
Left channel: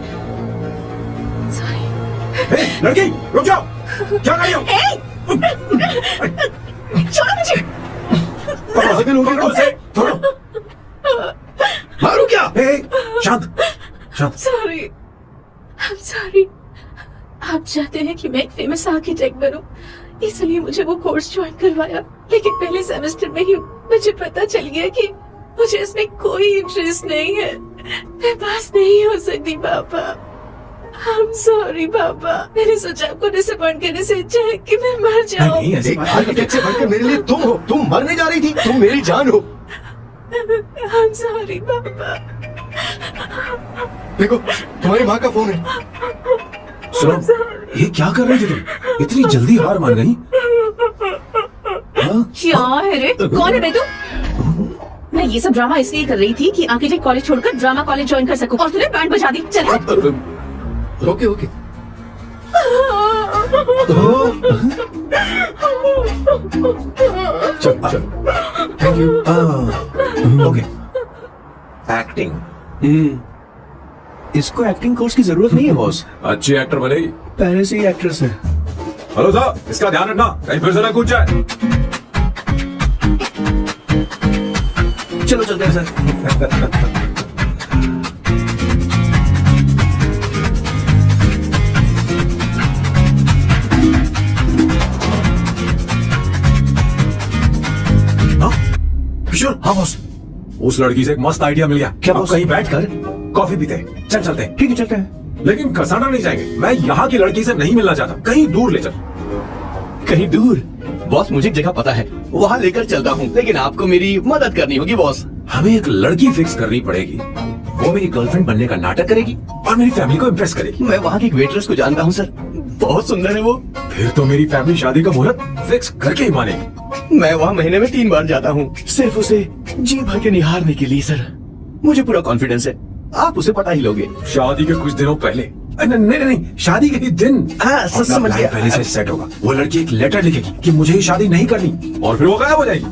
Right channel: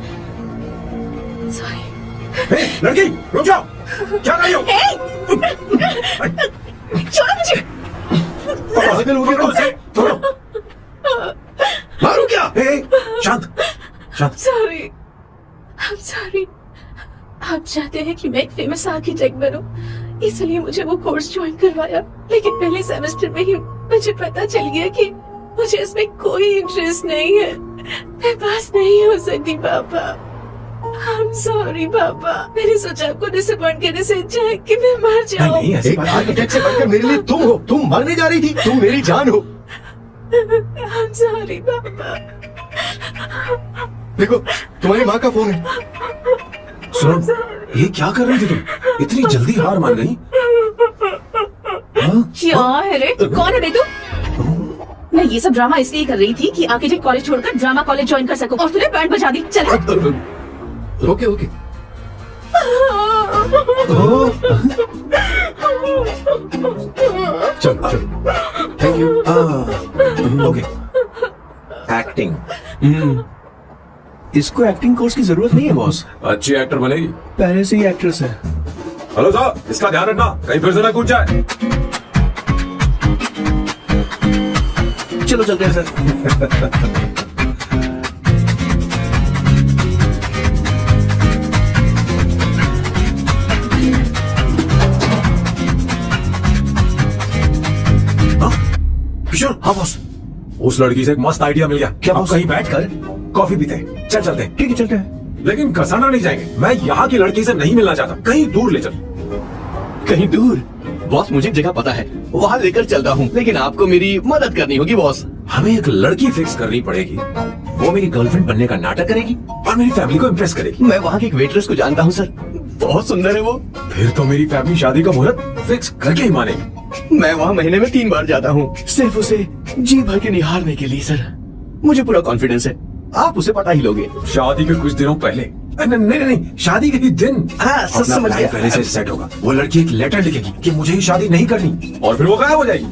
सॉरी। ए, लड़की रुक जाओ। क्या कर रही हो? छोड़ो मुझे। पागल हो गई हो? छोड़ो। मारू क्या? ए, शांत शांत। Sorry, I'm sorry। आप चाहते हैं कि मैं एक फेमस आर्किटेक्ट बनूं, इसलिए मुझे वो कोर्स ज्वाइन करवाया। लेकिन पहले सेमेस्टर में ही मुझे पता चल गया कि मुझे इसमें कोई इंटरेस्ट नहीं है। मैं पास नहीं हो सकती पापा। I'm sorry पापा। मैंने सोचा आपको डिसअपॉइंट करने से अच्छा है कि मैं मर जाऊं। नहीं ऐसी एक बात आर्किटेक्ट से बढ़कर मेरे लिए तुम हो। तुम मरने जा रही थी, तुम मेरी जान हो। I'm sorry पापा। देखो, तुम्हारी माँ का फोन है। सुनो, ये क्या कर रहे थे तुम? इतनी जल्दी हार मान गई? क्या है रे? कौन है बे तू? मैं ये सब ड्रामा इसलिए कर रही थी कि आर्किटेक्ट कॉलेज छोड़कर ड्रामा कॉलेज ज्वाइन कर सकूं, और तूने बैंड बजा दी। चल ओके ओके। चल चल। Thank you. ओके। एक्टिंग। इसको एक्टिंग कोर्स की जरूरत नहीं है बॉस, अच्छी एक्टर बनेगी। पहले से ही एक्ट्रेस है। हेलो सर, इसका ध्यान रखना, कहीं फिर से ना कूद जाए। चलो चलते हैं सर। किशोर। हाँ बॉस, उस लड़की से एक मस्त आइडिया मिल गया। क्या आप बॉस? कहीं बैठकर कॉफी पीते हैं। चल चलते हैं। ठीक है चलते हैं। लेकिन कसाना नहीं जाएंगे। मैं यहाँ की लड़की से नहीं मिलना चाहता, कहीं दूर ले चल। कहीं दूर? बॉस मुझे एक जगह पता है, वहाँ लेकर चलता हूँ, लेकिन आपको मेरी मदद करनी होगी बॉस। हमें एक लड़की फिक्स करनी पड़ेगी, वो मेरी गर्लफ्रेंड बनने का नाटक करेगी और मेरी फैमिली को इम्प्रेस करेगी। मैं वहाँ की एक वेट्रेस को जानता हूँ सर, बहुत सुंदर है वो। फिर तो मेरी फैमिली शादी का मुहूर्त फिक्स करके ही मानेगी। मैं वहाँ महीने में 3 बार जाता हूँ, सिर्फ उसे जी भर के निहारने के लिए सर। मुझे पूरा कॉन्फिडेंस है आप उसे पता ही लोगे। शादी के कुछ दिनों पहले। नहीं नहीं नहीं, शादी के ही दिन। हाँ, अपना समझ गया। प्लान पहले से सेट होगा। वो लड़की एक लेटर लिखेगी कि मुझे ही शादी नहीं करनी, और फिर वो गायब हो जाएगी।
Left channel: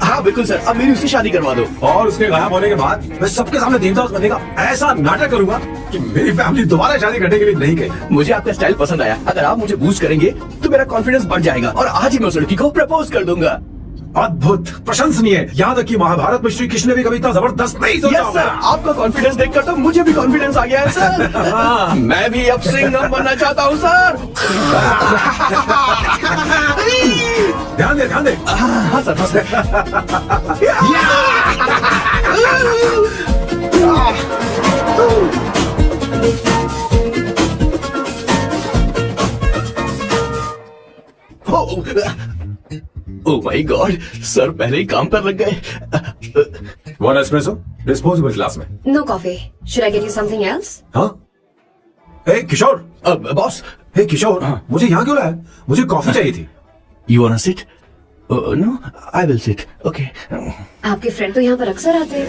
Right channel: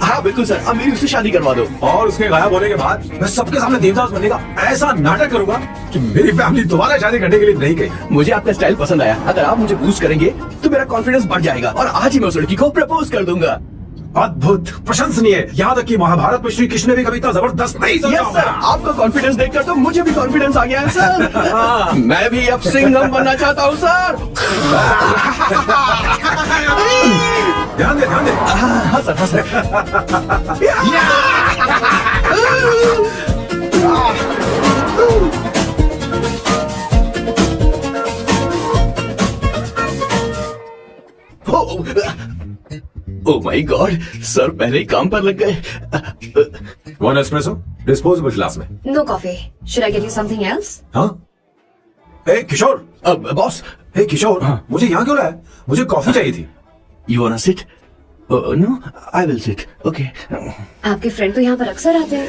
हाँ बिल्कुल सर, अब मेरी उससे शादी करवा दो। और उसके गायब होने के बाद मैं सबके सामने देवदास बनने का ऐसा नाटक करूंगा कि मेरी फैमिली दोबारा शादी करने के लिए नहीं गई। मुझे आपका स्टाइल पसंद आया। अगर आप मुझे बूस्ट करेंगे तो मेरा कॉन्फिडेंस बढ़ जाएगा और आज ही मैं उस लड़की को प्रपोज कर दूंगा। अद्भुत, प्रशंसनीय। याद रखिए, महाभारत में श्री कृष्ण ने भी कभी इतना जबरदस्त नहीं समझा यस सर, आपका कॉन्फिडेंस देखकर तो मुझे भी कॉन्फिडेंस आ गया है सर। मैं भी अब सिंघम बनना चाहता हूँ सर। ध्यान दे ध्यान दे। हाँ सर, हाँ sir. Oh my God, sir पहले ही काम पर लग गए। वन एस्प्रेसो डिस्पोजेबल ग्लास में। No coffee. Should I get you something else? हाँ? ए किशोर। अब बॉस, ए किशोर, मुझे यहाँ क्यों लाया? मुझे कॉफी चाहिए थी। You want sit? No, I will sit. Okay. आपके फ्रेंड तो यहाँ पर अक्सर आते हैं।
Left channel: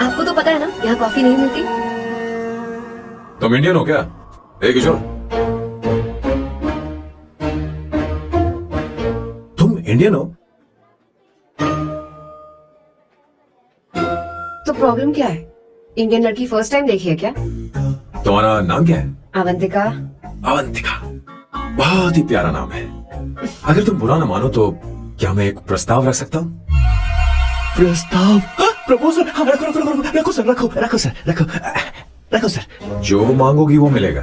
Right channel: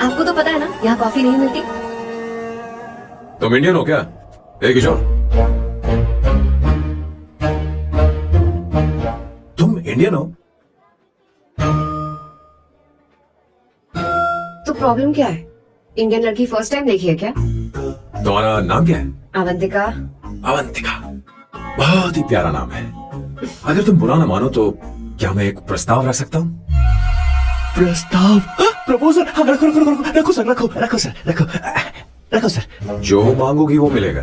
आपको तो पता है ना, यहाँ कॉफी नहीं मिलती। तुम इंडियन हो क्या? ए किशोर, तुम इंडियन हो? तो प्रॉब्लम क्या है? इंडियन लड़की फर्स्ट टाइम देखी है क्या? तुम्हारा नाम क्या है? अवंतिका। अवंतिका, बहुत ही प्यारा नाम है। अगर तुम बुरा ना मानो तो क्या मैं एक प्रस्ताव रख सकता हूँ? प्रस्ताव? प्रपोजल? हाँ, रखो रखो रखो रखो सर, रखो रखो सर, रखो रखो सर। जो मांगोगी वो मिलेगा।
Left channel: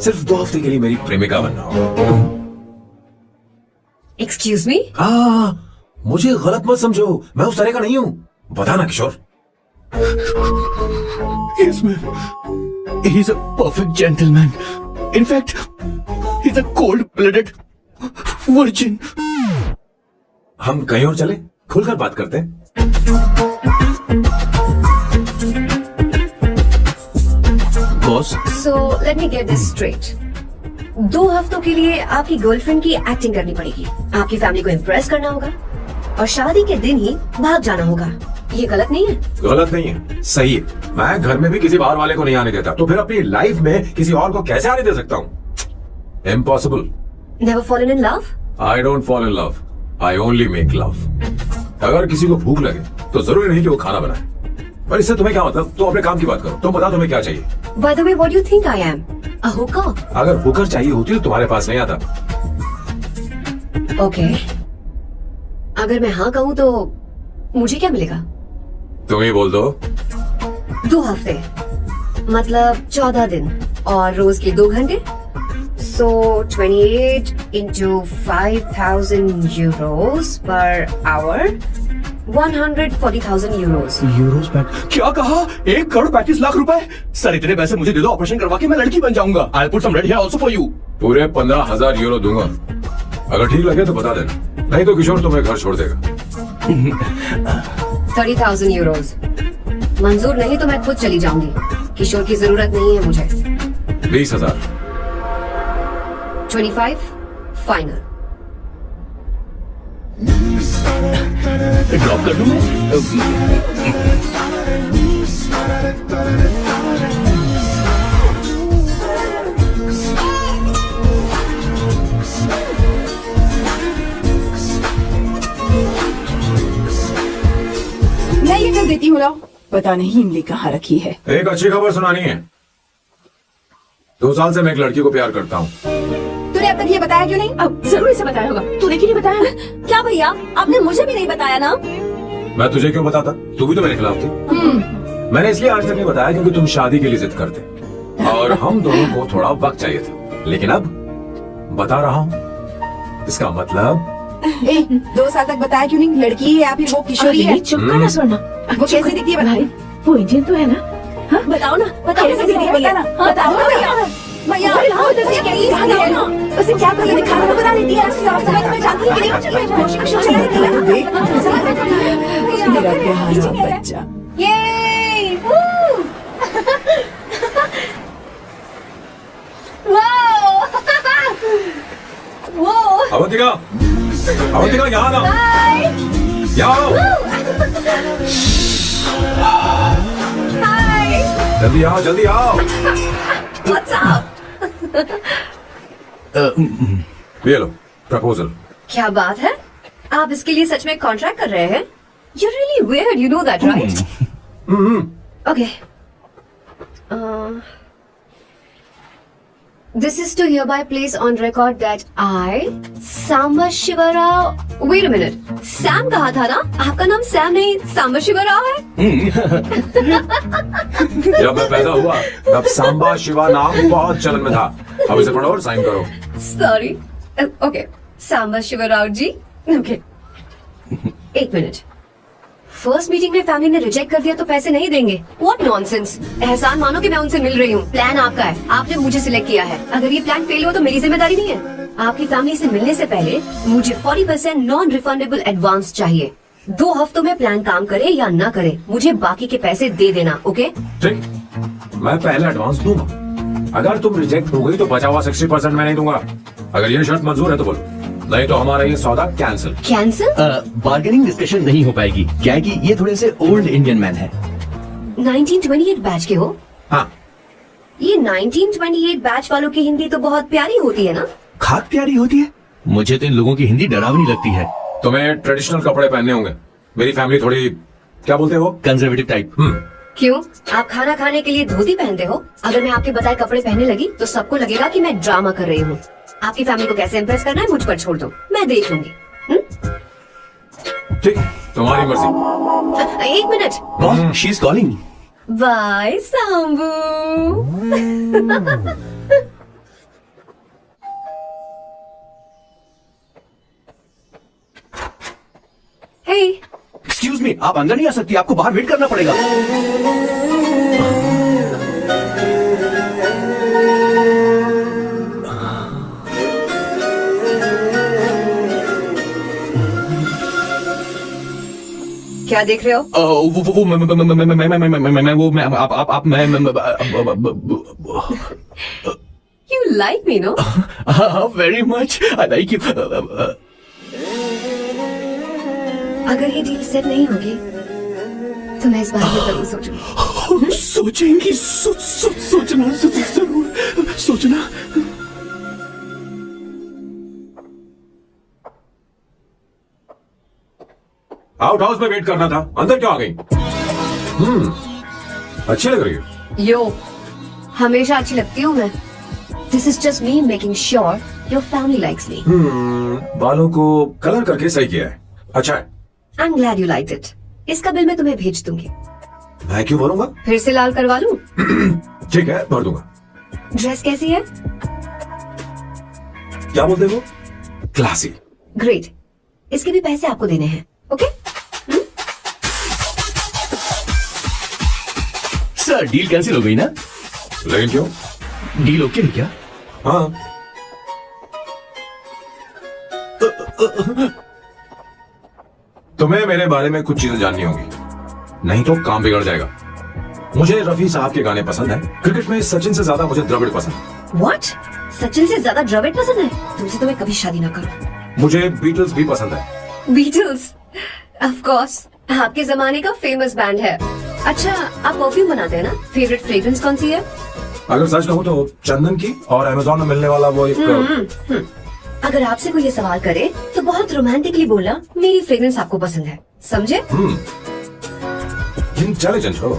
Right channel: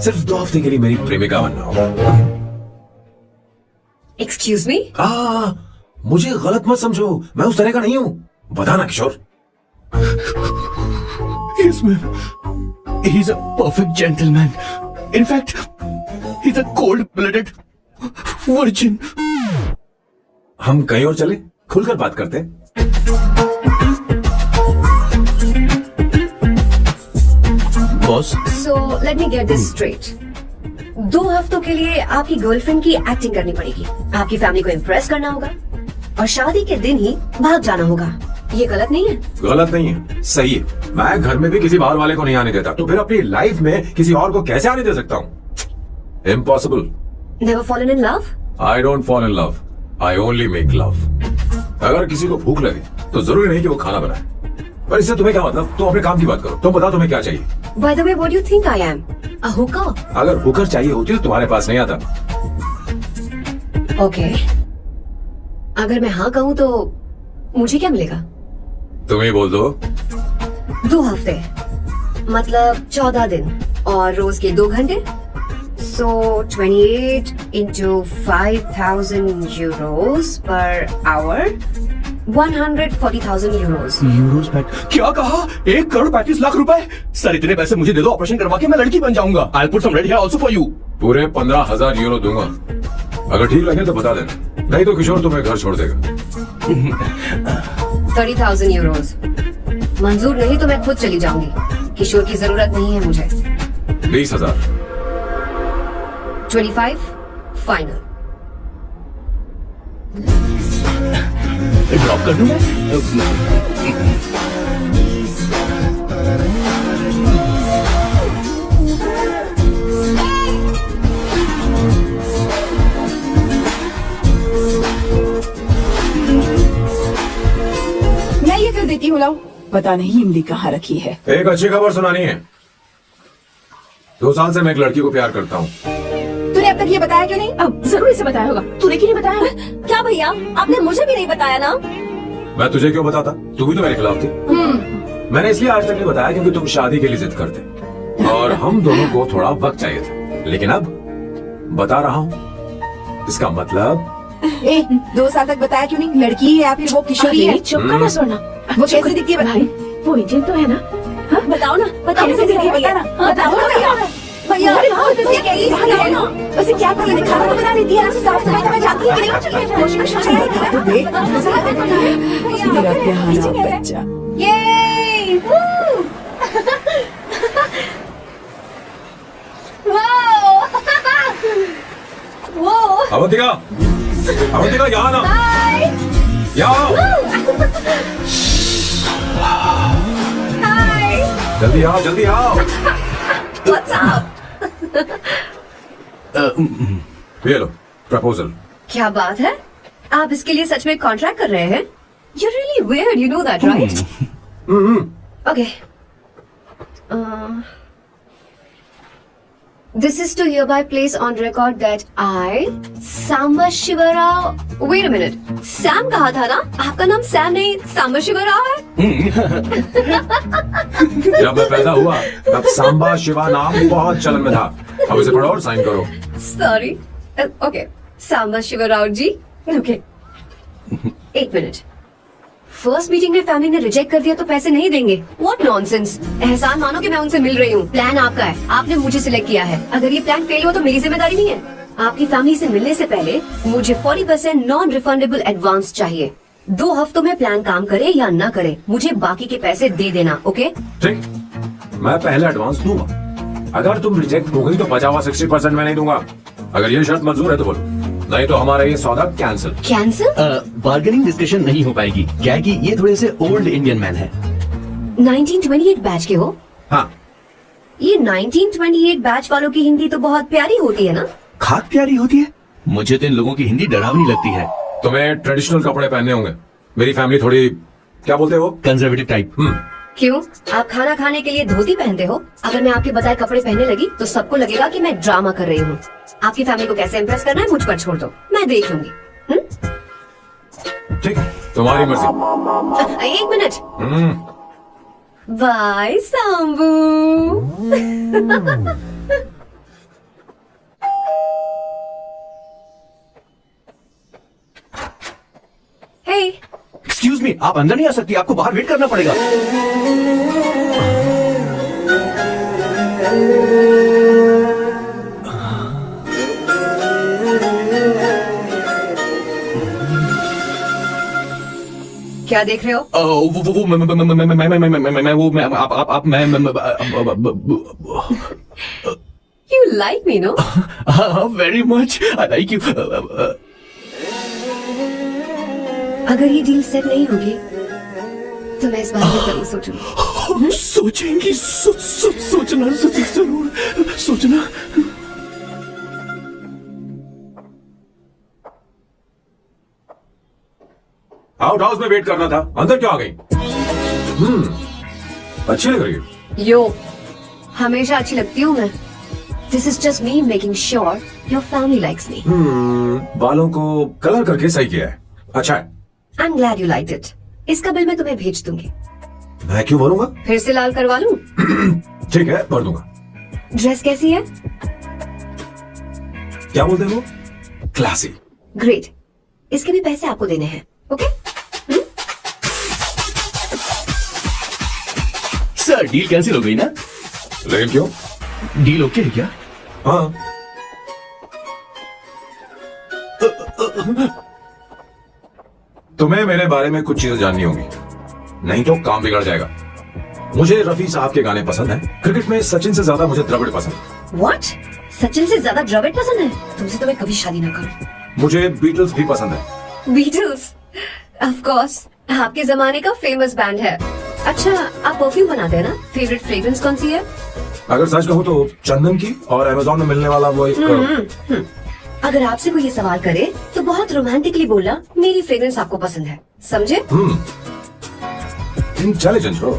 सिर्फ 2 हफ्ते के लिए मेरी प्रेमिका बनना होगा। Excuse me? मुझे गलत मत समझो, मैं उस तरह का नहीं हूं। बताना किशोर। Yes, ma'am. He's a perfect gentleman. In fact, he's a cold-blooded virgin. हम कहीं और चले, खुलकर बात करते हैं। Boss, So let me get this straight. 2 हफ्तों के लिए आपकी गर्लफ्रेंड की एक्टिंग करनी पड़ेगी, आपकी फैमिली को इम्प्रेस करना होगा और शादी के दिन ही भाग जाना होगा। ये गलत नहीं है? गलत नहीं है, सही है। मैं घर में भी किसी बाहर वाले को नहीं आने देता, तो फिर अपनी लाइफ में किसी और को कैसे आने दे सकता हूँ? Impossible. Never fallen in love? I don't fall in love. I only make love. अगर किसी को भूख लगे तो जरूरी नहीं कि वो खाना बनाए। पर इससे तुम्हें क्या मतलब? तुम अपने काम की बात करो। तुम बताओ तुम्हें क्या चाहिए? By the way, what do you think I am? A hooker? अगर हुकर चाहिए होती तो तुम्हारे पास नहीं आता। Okay. अगर मैं हाँ कहूँ तो मुझे क्या मिलेगा? तुम ही बोल दो। 2 हफ्ते मतलब 14 दिन और रोज के 2 घंटे। So 28 into 5,000 euros per hour, 140,000 euros. Euros में क्या कहा? 1 करोड़ 35 लाख रुपए? सर इतने पैसे मुझे दे दो, ऑपरेशन करवा के मैं लड़की बन जाऊंगा। I'll put some red hair also for you. पूरे 15,000 यूरो दूंगा। अगर ठीक लगे तो बता देना, नहीं तो किशोर तुम्हें घर छोड़ देगा। 30,000 euros. मंजूर नहीं तो मैं खुद चली जाऊंगी। किशोर की जरूरत नहीं है मुझे। 20,000। 25 फाइनल। ड्रॉप कर दूं मैं? मैं ये कर देती हूँ, लाओ। पता नहीं इमली कहाँ रखी है। एक अच्छी खबर सुनानी है। 2 साल से मैं एक लड़की को प्यार करता हूँ। तूने अब तक ये बताया क्यों नहीं? अब जरूर इसे बताया होगा। तूने क्यों नहीं बताया? क्या भैया, आपने मुझे भी नहीं बताया ना? मैं तुझे क्यों बताता? तू भी तो मेरे खिलाफ थी। मैंने इसलिए आज तक नहीं बताया क्योंकि तुम शादी के लिए जिद करते और हम दोनों को थोड़ा वक्त चाहिए था। लेकिन अब बता रहा हूँ। इसका मतलब 2 साल तक बताया क्यों नहीं? लड़की है या फिर वो किशोरी है? चुप करना सुनना। वो कैसी दिखती है? भाई वो इंडियन तो है ना? हाँ? बताओ ना, बताओ कैसे कैसी दिखती है? दिखती है? बताना, बताओ ना भैया। भैया, उसे क्या ये बताओ ना। उसे क्या पसंद है? खाना तो बता देती है। साफ सफाई तो मैं जानती हूँ कि नहीं। मेरा प्यारा बच्चा। ये वो अवंतिका, अवंतिका यहाँ ना। यहाँ आओ। जल्दी आओ, जल्दी आओ। ये लो प्रपोजल। क्या बात है? आप इसके लिए सच में कॉन्ट्रैक्ट कर रहे हैं? You're really weird, you know that, right? Okay. This is to hereby place on record that I, Samba Shiva Rao. Wait a minute. Sam कहा था ना? आपका नाम सैम नहीं Samba Shiva Rao है? जब मैं पैदा हुआ तब सांबा शिवा नाम बहुत चलन में था। अब इसे पढ़ो और साइन करो। Sorry. Okay. Samba Shiva Rao जी. Okay. 1 मिनट। फर्स्ट मीटिंग में फैमिली ने रिजेक्ट कर दिया तो पैसे नहीं देंगे। What nonsense! एहसान मानो कि मैं उनसे मिल रही हूँ। प्लान आपका है, आपने मुझे सिलेक्ट किया है। अगर ये प्लान फेल हो तो मेरी जिम्मेदारी नहीं है। आपकी फैमिली से मिलने से पहले मुझे 40% नॉन रिफंडेबल एडवांस चाहिए। 2 हफ्तों में प्लान काम करे या ना करे, मुझे बाकी के पैसे दे देना। ओके? ठीक, मैं पहला एडवांस दूंगा। अगर तुम रिजेक्ट हो गई तो बचा हुआ 60% मैं नहीं दूंगा। अगर ये शर्त मंजूर है तो बोलो, नहीं तो हमारा ये सौदा कैंसिल। कैंसिल? बार्गेनिंग डिस्कशन नहीं हो पाएगी। क्या है कि ये थोड़े से ओल्ड इंडियन मैन है। 1928 बैच के हो? हाँ। ये 1928 बैच वालों की हिंदी तो बहुत प्यारी होती है ना? खाक प्यारी होती है। मुझे तो इन लोगों की हिंदी डरावनी लगती है। तुम्हें ट्रेडिशनल कपड़े पहनने होंगे। मेरी फैमिली थोड़ी, क्या बोलते हो, कंजर्वेटिव टाइप। क्यों? आप खाना खाने के लिए धोती पहनते हो? अगर मैं आपके बताए कपड़े पहनने लगी तो सबको लगेगा कि मैं ड्रामा कर रही हूँ। आपकी फैमिली को कैसे इम्प्रेस करना है मुझ पर छोड़ दो, मैं देख लूंगी। ठीक, तुम्हारी मर्जी। 1 minute. She is calling. Bye Sambu. Excuse me, आप अंदर नहीं आ सकती, आपको बाहर वेट करना पड़ेगा। क्या देख रहे हो? You like me, no? Very much, I like you. अगर ये डील सेट नहीं होगी तो मैं इस बारे में जरूर सोचूंगी। सोचेंगी, सोचना जरूर सोचना। आउट हाउस में वेट करना था, अंदर क्यों आ गई? अच्छी लग रही हो। यो, हमेशा अच्छी लगती हूँ मैं। This is just me making sure your family likes me. बालों को कलर करके सही किया है, अच्छा है। I'm glad you liked it. इसका बिल मैं तुम्हें भेज दूंगी। मैं क्यों भरूंगा? फिर से लाल करवा लूं? ठीक है, भर दूंगा। ड्रेस कैसी है? क्या बोलते हो? क्लासी। ग्रेट। इसके भी पैसे आपको देने हैं, ओके? सर, डील कैंसिल हो गई ना? लेकिन क्यों? डील ओके है क्या? हाँ। तुम्हें मेरे बारे में कुछ चीजें जाननी होंगी, नहीं तो काम बिगड़ जाएगा। मुझे रफी साहब के गाने पसंद हैं। क्रिकेट में सचिन से ज्यादा मुझे द्रविड़ पसंद है। What? सचिन से ज्यादा द्रविड़ पसंद है? तुमसे तो मैं कभी शादी ना करूं। मुझे बीटल्स भी पसंद है। बीटल्स? ऑफ कोर्स, आपके जमाने का फेमस बैंड है। अच्छा, आप परफ्यूम बनाते हैं ना? फेवरेट फ्रेग्रेंस कौन सी है? अगर सच कहूँ तो चंदन की, और अमेज़न में मिलने वाला वो एक अगर आपसे कोई ये सवाल करे तो बहुत रोमांटिकली बोलना मेरी फ्रेग्रेंस आपको पसंद है, समझे? इंटेलिजेंट हो।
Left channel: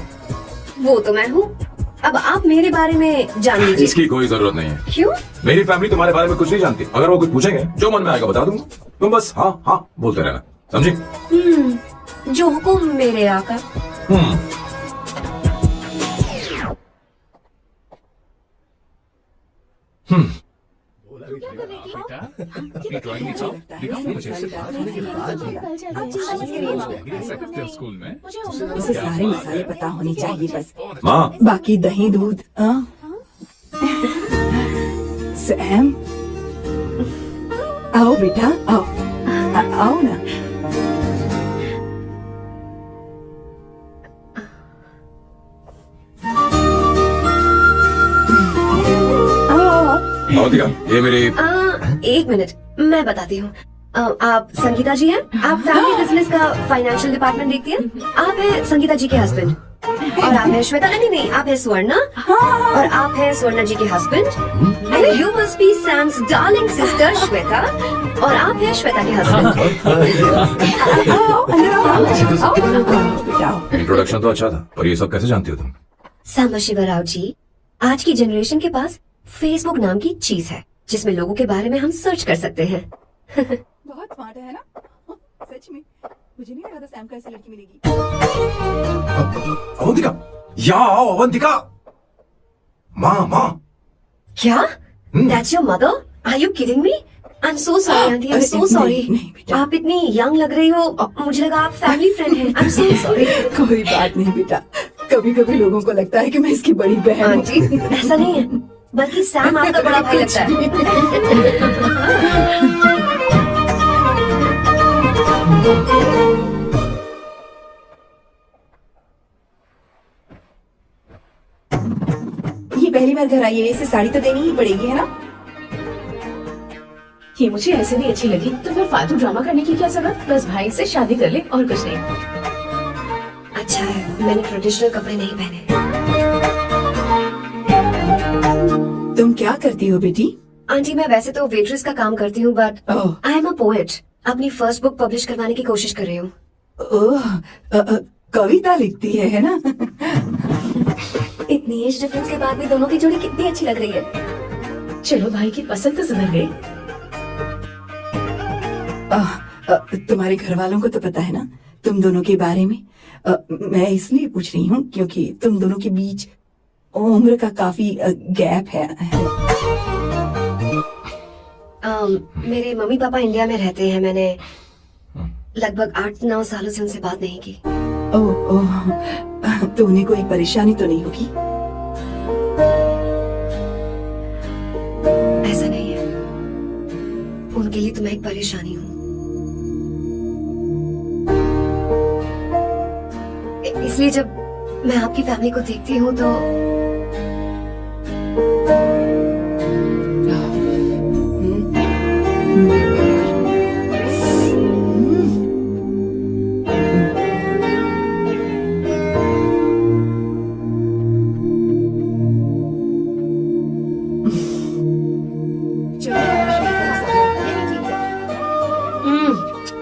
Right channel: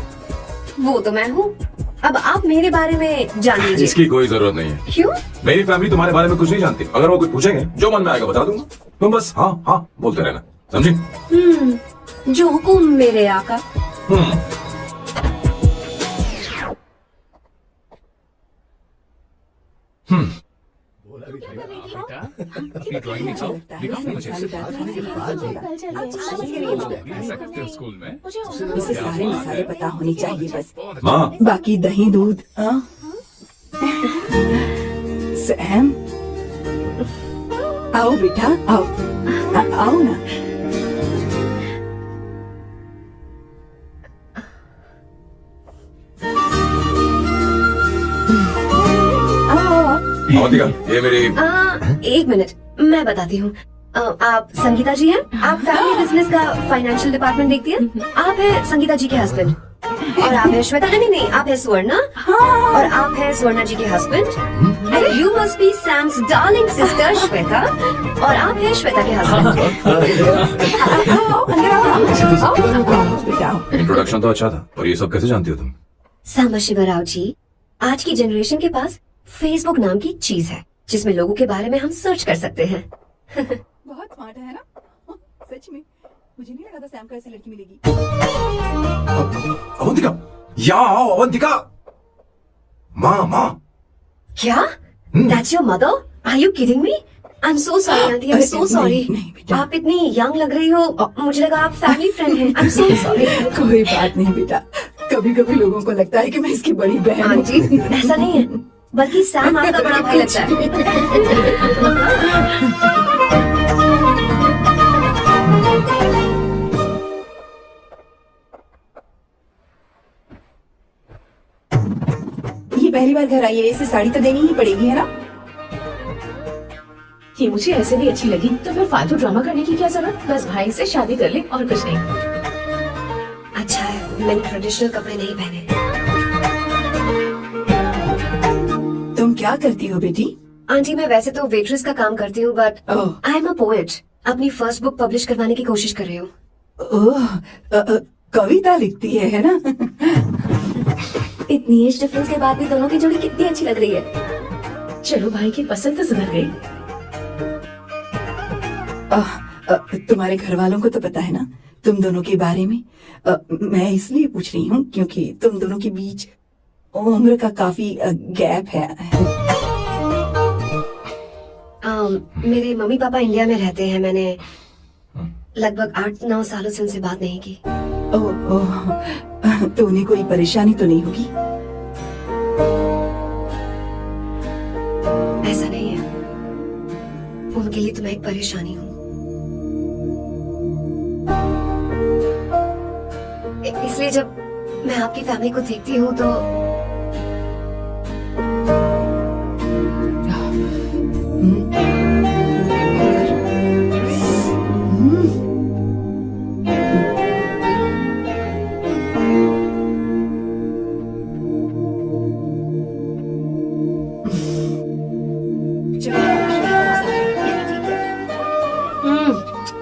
वो तो मैं हूँ। अब आप मेरे बारे में जान लीजिए। इसकी कोई जरूरत नहीं है। क्यों? मेरी फैमिली तुम्हारे बारे में कुछ नहीं जानती। अगर वो कुछ पूछेंगे, जो मन में आएगा बता दूंगा। तुम बस हाँ हाँ बोलते रहना, समझे? जो हुकुम मेरे आका। स्कूल में उसे सारे मसाले पता होने चाहिए बस। माँ, बाकी दही दूध। सैम, आओ बेटा, आओ आओ ना। अवंतिका, ये मेरी एक मिनट, मैं बताती हूँ। आप संगीता जी हैं? आप फैमिली बिजनेस का फाइनेंशियल डिपार्टमेंट देखती हैं? आप हैं संगीता जी के हस्बैंड, और आप हैं श्वेता। नहीं, आप हैं स्वर्णा, और आप हैं स्वर्णा जी के husband. You must be Sam's darling sister Shweta, और आप हैं श्वेता के हस्बैंड। इंट्रोडक्शन तो अच्छा था, पर ये सब कैसे जानती हो तुम? सांबशिव राव जी, आज की जनरेशन के पास फेसबुक नाम की चीज है जिसमें लोगों के बारे में हम सर्च कर सकते हैं। बहुत स्मार्ट है ना? सच में मुझे नहीं लगा था सैम को ऐसी लड़की मिलेगी। अवंतिका, यहाँ आओ अवंतिका। माँ। क्या? That's your mother? Are you kidding me? I'm so sorry, auntie. I'm so sorry. नहीं बेटा। आप इतनी यंग लग रही हो, मुझे लगा आप फैमिली फ्रेंड हैं। I'm so sorry. कोई बात नहीं बेटा, कभी कभी लोगों को लगता है कि मैं इसकी बड़ी बहन हूँ। आंटी, ऐसा नहीं है, बल्कि सैम आपका बड़ा भाई लगता है। ये पहली बार घर आई है, इसे साड़ी तो देनी ही पड़ेगी, है ना? ये मुझे ऐसे भी अच्छी लगी, तो फिर फालतू ड्रामा करने की क्या जरूरत? बस भाई से शादी कर ले और कुछ नहीं। अच्छा है, मैंने ट्रेडिशनल कपड़े नहीं पहने। तुम क्या करती हो बेटी? आंटी, मैं वैसे तो वेट्रेस का काम करती हूँ, but I am a poet. अपनी फर्स्ट बुक पब्लिश करवाने की कोशिश कर रही हूँ। कविता लिखती है ना? इतनी एज डिफरेंस के बाद भी दोनों की जोड़ी कितनी अच्छी लग रही है। चलो भाई की पसंद तो सुधर गई। तुम्हारे घर वालों को तो पता है ना तुम दोनों के बारे में? मैं इसलिए पूछ रही हूँ क्योंकि तुम दोनों के बीच उम्र का काफी गैप है। मेरे मम्मी पापा इंडिया में रहते हैं। मैंने लगभग 8-9 सालों से उनसे बात नहीं की। ओह, तो उन्हें कोई परेशानी तो नहीं होगी? ऐसा नहीं है, उनके लिए तो मैं एक परेशानी हूँ। इसलिए जब मैं आपकी फैमिली को देखती हूँ तो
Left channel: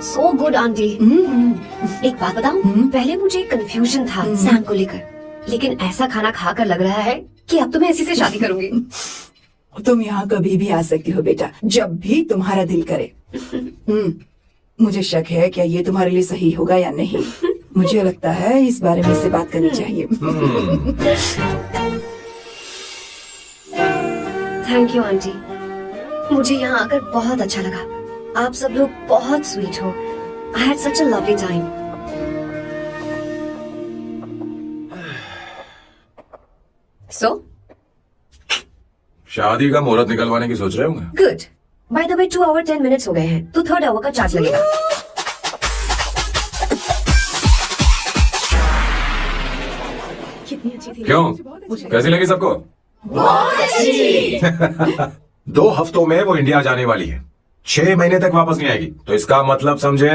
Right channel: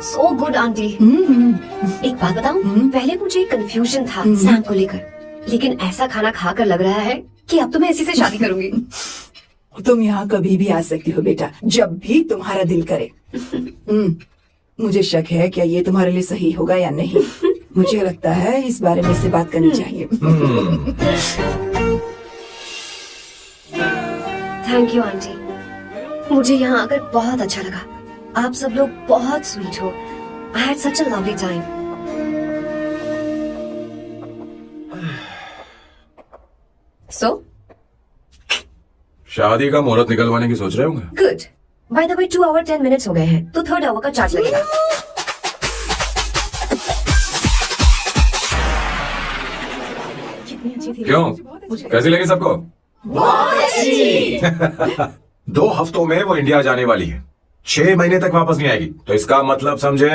सो गुड आंटी। एक बात बताऊं, पहले मुझे कंफ्यूजन था सैम को लेकर, लेकिन ऐसा खाना खाकर लग रहा है कि अब तो मैं इसी से शादी करूंगी। तुम यहाँ कभी भी आ सकती हो बेटा, जब भी तुम्हारा दिल करे। मुझे शक है क्या ये तुम्हारे लिए सही होगा या नहीं। मुझे लगता है इस बारे में इससे बात करनी चाहिए। थैंक यू आंटी, मुझे यहाँ आकर बहुत अच्छा लगा। आप सब लोग बहुत स्वीट हो। I had such a lovely time. So? शादी का मुहूर्त निकलवाने की सोच रहे होंगे? Good. By the way, 2 hour 10 minutes हो गए हैं, तो 3rd hour का चार्ज लगेगा। क्यों? कैसी लगी सबको? बहुत अच्छी। 2 हफ्तों में वो इंडिया जाने वाली है, 6 महीने तक वापस नहीं आएगी, तो इसका मतलब समझे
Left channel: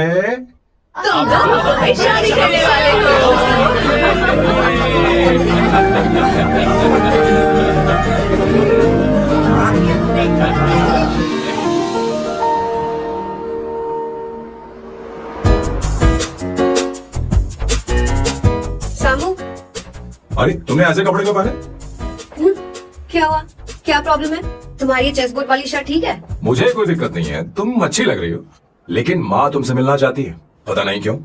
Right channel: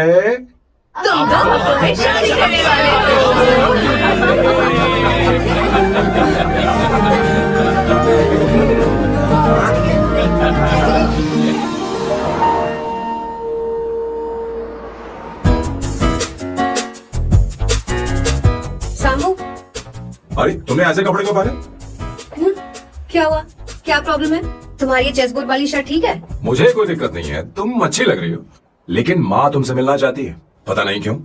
शादी करने वाले सामू, अरे तुमने ऐसे कपड़े क्यों पहने? क्या हुआ? क्या प्रॉब्लम है? तुम्हारी ये चेस्ट बोर्ड वाली शर्ट ठीक है? मुझे कोई दिक्कत नहीं है, तुम अच्छी लग रही हो, लेकिन माँ तुमसे मिलना चाहती है, पता नहीं क्यों।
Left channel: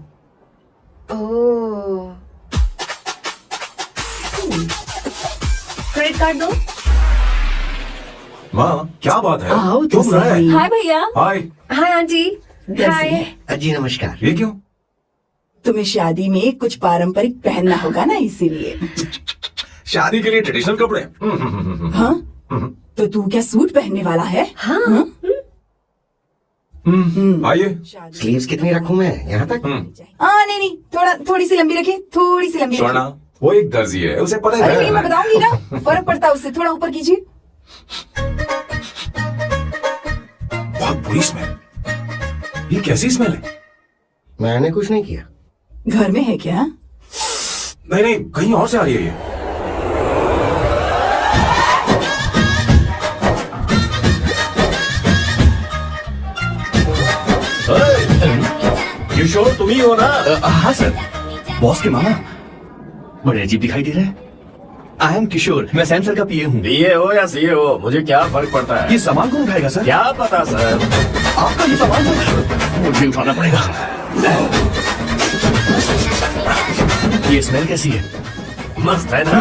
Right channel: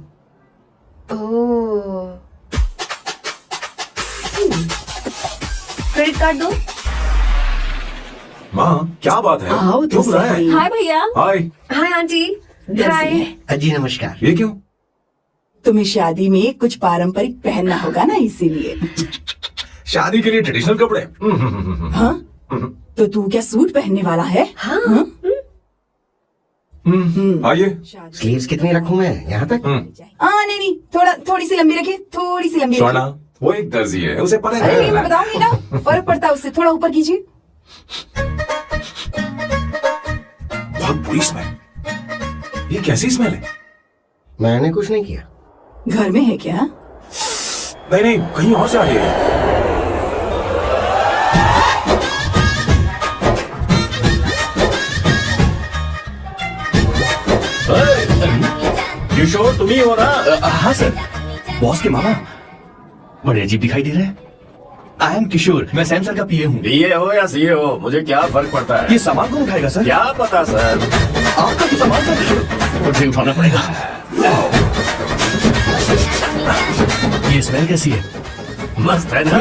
ओह, क्रेडिट कार्ड दो। माँ क्या बात है? आओ तो क्यों बुरा है? सही। हाय भैया। हाय। Hi aunty. कैसी हाय। है? जी नमस्कार। ये क्यों? तुम्हें शादी में कुछ पारंपरिक पहनना होगा ना, इसीलिए। शादी के लिए ट्रेडिशनल कपड़े? हाँ? तो तू क्या सूट पहनने वाला है? हाँ। आइए। स्लीव्स कितनी रखूं मैं यहाँ तक? नहीं, थोड़ी सी लंबी रखे, थोड़ी सी लंबी स्वर्णा, रखे। वो एक दर्जी है, उसे पता अरे है। मैं बताऊंगी ना, फर्क पड़ता है उससे। थोड़ा ऊपर कीजिए। बहुत बुरी स्मेल। ये कैसी स्मेल है? मैंने कुछ नहीं किया। घर में है क्या? नहीं नहीं, कहीं और से आ रही है। किशोर तुम ही हो ना? हाँ सर, बॉस के मामा। बड़े अजीब दिखाई दे रहे हैं। आई एम किशोर, मैं सैम सर का पीए हूँ। बीए हो या सीए हो, मुझे क्या फर्क पड़ता है? ये सामान कौन उठाएगा सर? क्या पता सर। आपका ये सामान सर मुझे उठाना पड़ेगा। ये स्मेल कैसी है? मस्त है ना?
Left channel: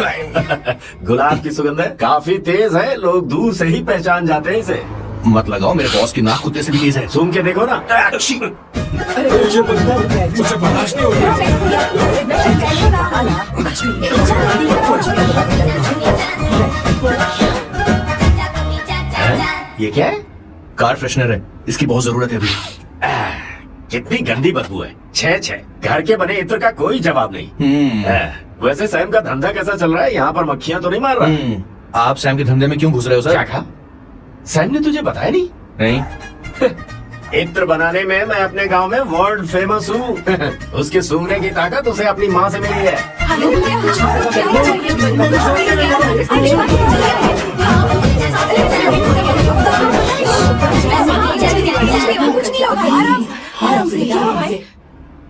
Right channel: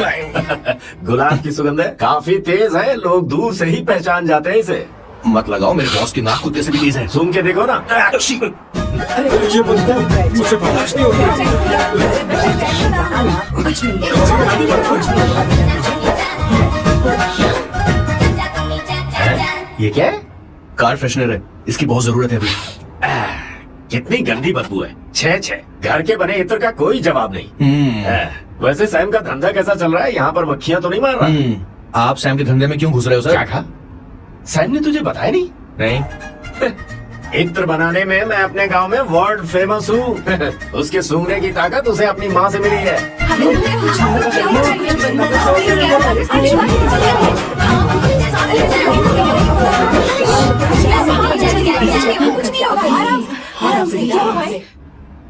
गुलाब की सुगंध है, काफी तेज है, लोग दूर से ही पहचान जाते हैं इसे। मत लगाओ, मेरे बॉस की नाक कुत्ते से भी तेज है। सुन के देखो ना। अरे ये मुझसे बर्दाश्त नहीं हो ये क्या है? कार फ्रेशनर है, इसकी बहुत जरूरत है अभी। कितनी गंदी बदबू है। छे घर के बने इत्र का कोई जवाब नहीं। वैसे सैम का धंधा कैसा चल रहा है? यहाँ पर मक्खियाँ तो नहीं मार रहा? आप सैम के धंधे में क्यों घुस रहे हो सर? क्या कहा? सैम ने तुझे बताया नहीं? नहीं। इत्र बनाने में मैं अपने गांव में वर्ल्ड फेमस हूँ। उसके सूंघने की ताकत उसे अपनी माँ से मिली है।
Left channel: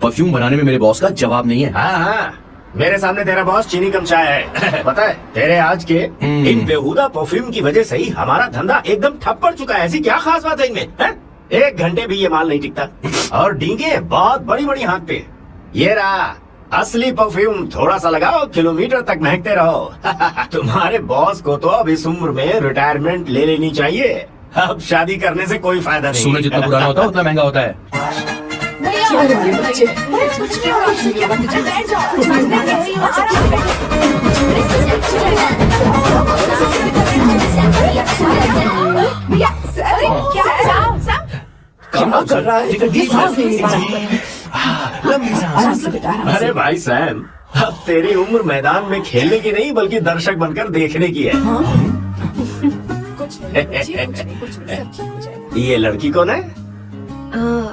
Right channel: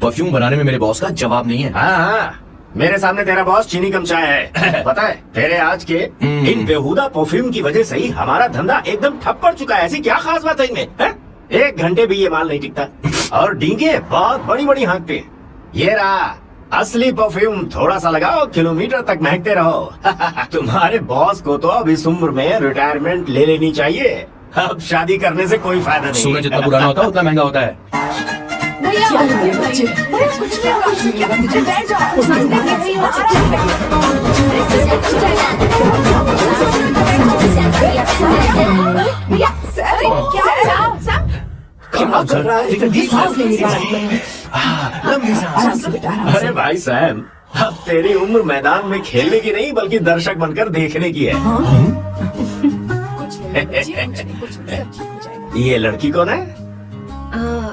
परफ्यूम बनाने में मेरे बॉस का जवाब नहीं है। हाँ, मेरे सामने तेरा बॉस चीनी कम चाय है। पता है तेरे आज के इन बेहुदा परफ्यूम की वजह से ही हमारा धंधा एकदम ठप पड़ चुका है। ऐसी क्या खास बात है इनमें? 1 घंटे भी ये माल नहीं टिकता और डींगे बहुत बड़ी बड़ी हाँकते हैं। ये रहा असली परफ्यूम, थोड़ा सा लगाओ, किलोमीटर तक महकते रहो। तुम्हारे बॉस को तो अब इस उम्र में रिटायरमेंट ले लेनी चाहिए। अब शादी करने से कोई फायदा नहीं। सोना जितना पुराना होता है उतना महंगा होता है। भैया क्या कर रहे हो बच्चे? बैठ जाओ। क्या कर रहा है? लंबी सांस। अरे भाई सैम, अब तेरी उम्र मैदान में खेलने की नहीं बल्कि दर्शक बनकर देखने की है। ये लड़की कौन है?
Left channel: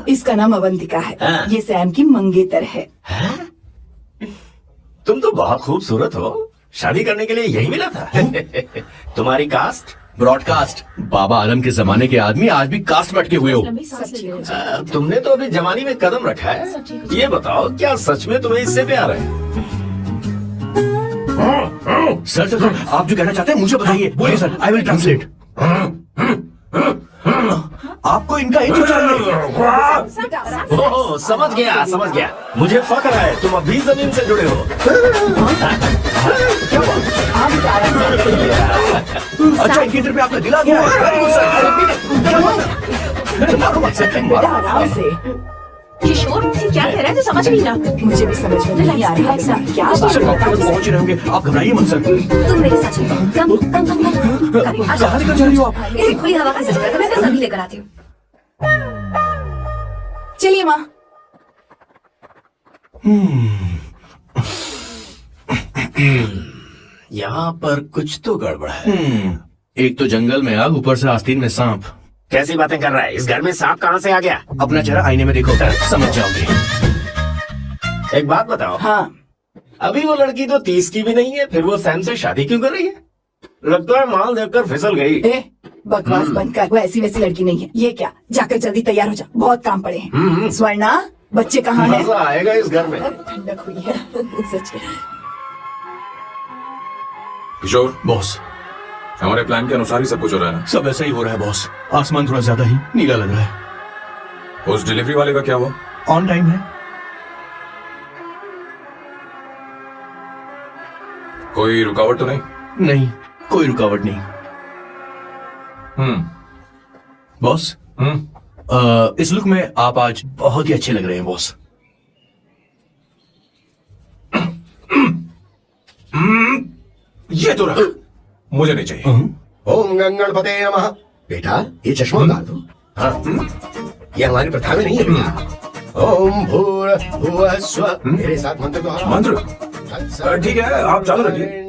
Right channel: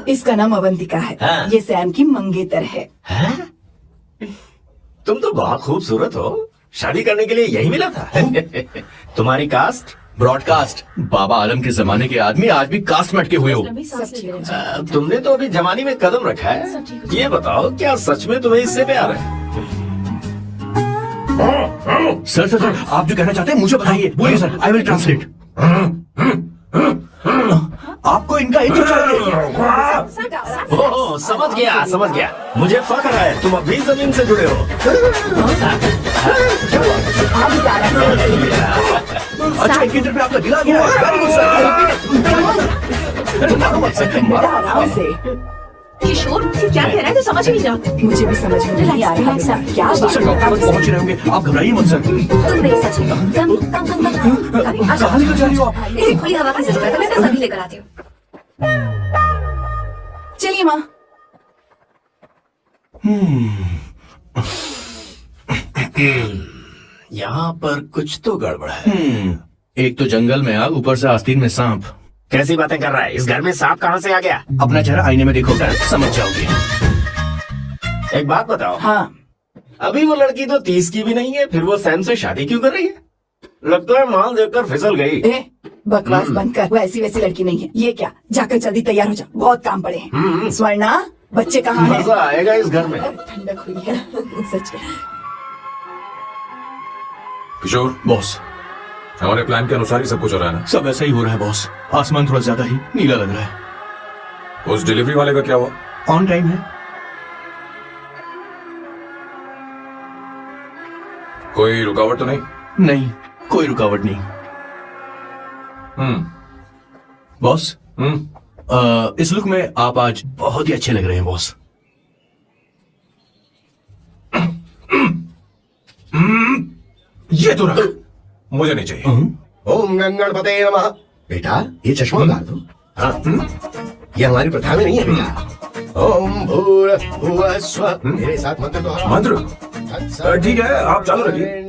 इसका नाम अवंतिका है। हाँ। ये सैम की मंगेतर है। हैं? तुम तो बहुत खूबसूरत हो, शादी करने के लिए यही मिला था। तुम्हारी कास्ट? ब्रॉडकास्ट। बाबा आलम के जमाने के आदमी आज भी कास्ट में अटके हुए हो। लंबी सांस लेते रहो। तुमने तो अभी जवानी में कदम रखा है। ये बताओ, क्या सच में तुम्हें इससे प्यार है? सर सर सर, आप जो कहना चाहते हैं मुझे बताइए। बोलिए सर, आई विल ट्रांसलेट। आपको इनका इंट्रो चाहिए। ओह, समझ गया। मुझे फख्र है तुम अभी जमीन से जुड़े हो। अच्छा, इनके इंटर पे आपका दिल आ गया है। आराम से। किशोर क्या कह रहा है? तो समझ नहीं रहा। मुझे भी समझ में नहीं आ रहा है क्या बात सर, डॉक्टर पास पहुंच रहे होंगे, आप घबराइए मत सर। तुम नहीं सच है। कहाँ निकल जा रही हो आप? इसे खुली हवा की जरूरत है, मैं सभी लेकर आती हूँ। चलिए माँ। यहाँ पर कुछ तो गड़बड़ है। एक तो जंगल में आग, ऊपर से आस्तीन में सांप। कैसी बातें कर रहा है? इस घर में सांप कहाँ से आ गया? अपना चेहरा आईने में देखो, समझ जाओगे। एक बात बताओ, हाँ, अभी वो लड़की तो 30 की भी नहीं है, फिर वो सैम से शादी क्यों कर रही है? लगता है माल देखकर फिसल गई। बकवास बंद कर। वो ऐसी वैसी लड़की नहीं है। ये क्या, जाकर जल्दी तैयार हो जा, बहुत काम पड़े हैं। स्वर्णा, बच्चे कहाँ हैं? मजा आएगा इस घर में। ठंडक हुई है सच है। किशोर, बॉस, हमारे प्लान के अनुसार ही सब कुछ हो रहा है सब ऐसा ही हो रहा है बॉस। आसमान थोड़ा ज्यादा ही नीला लग रहा है। ना? उस डिलीवरी वाले का क्या हुआ? ऑन टाइम है। कोई रुकावट तो नहीं? नहीं, कोई रुकावट नहीं। बॉस, इस लुक में आप आज बहुत ही अच्छे लग रहे हैं बॉस। ये तो रख, मुझे नहीं चाहिए। ओम गणपते नमः। बेटा, ये चश्मा उतार दो। हाँ, ये हमारी प्रथा में नहीं है भैया। ओम भूर्भुवः स्वः। मेरे साथ मंत्र को मंत्र? ठीक है, आप चालू रखिए।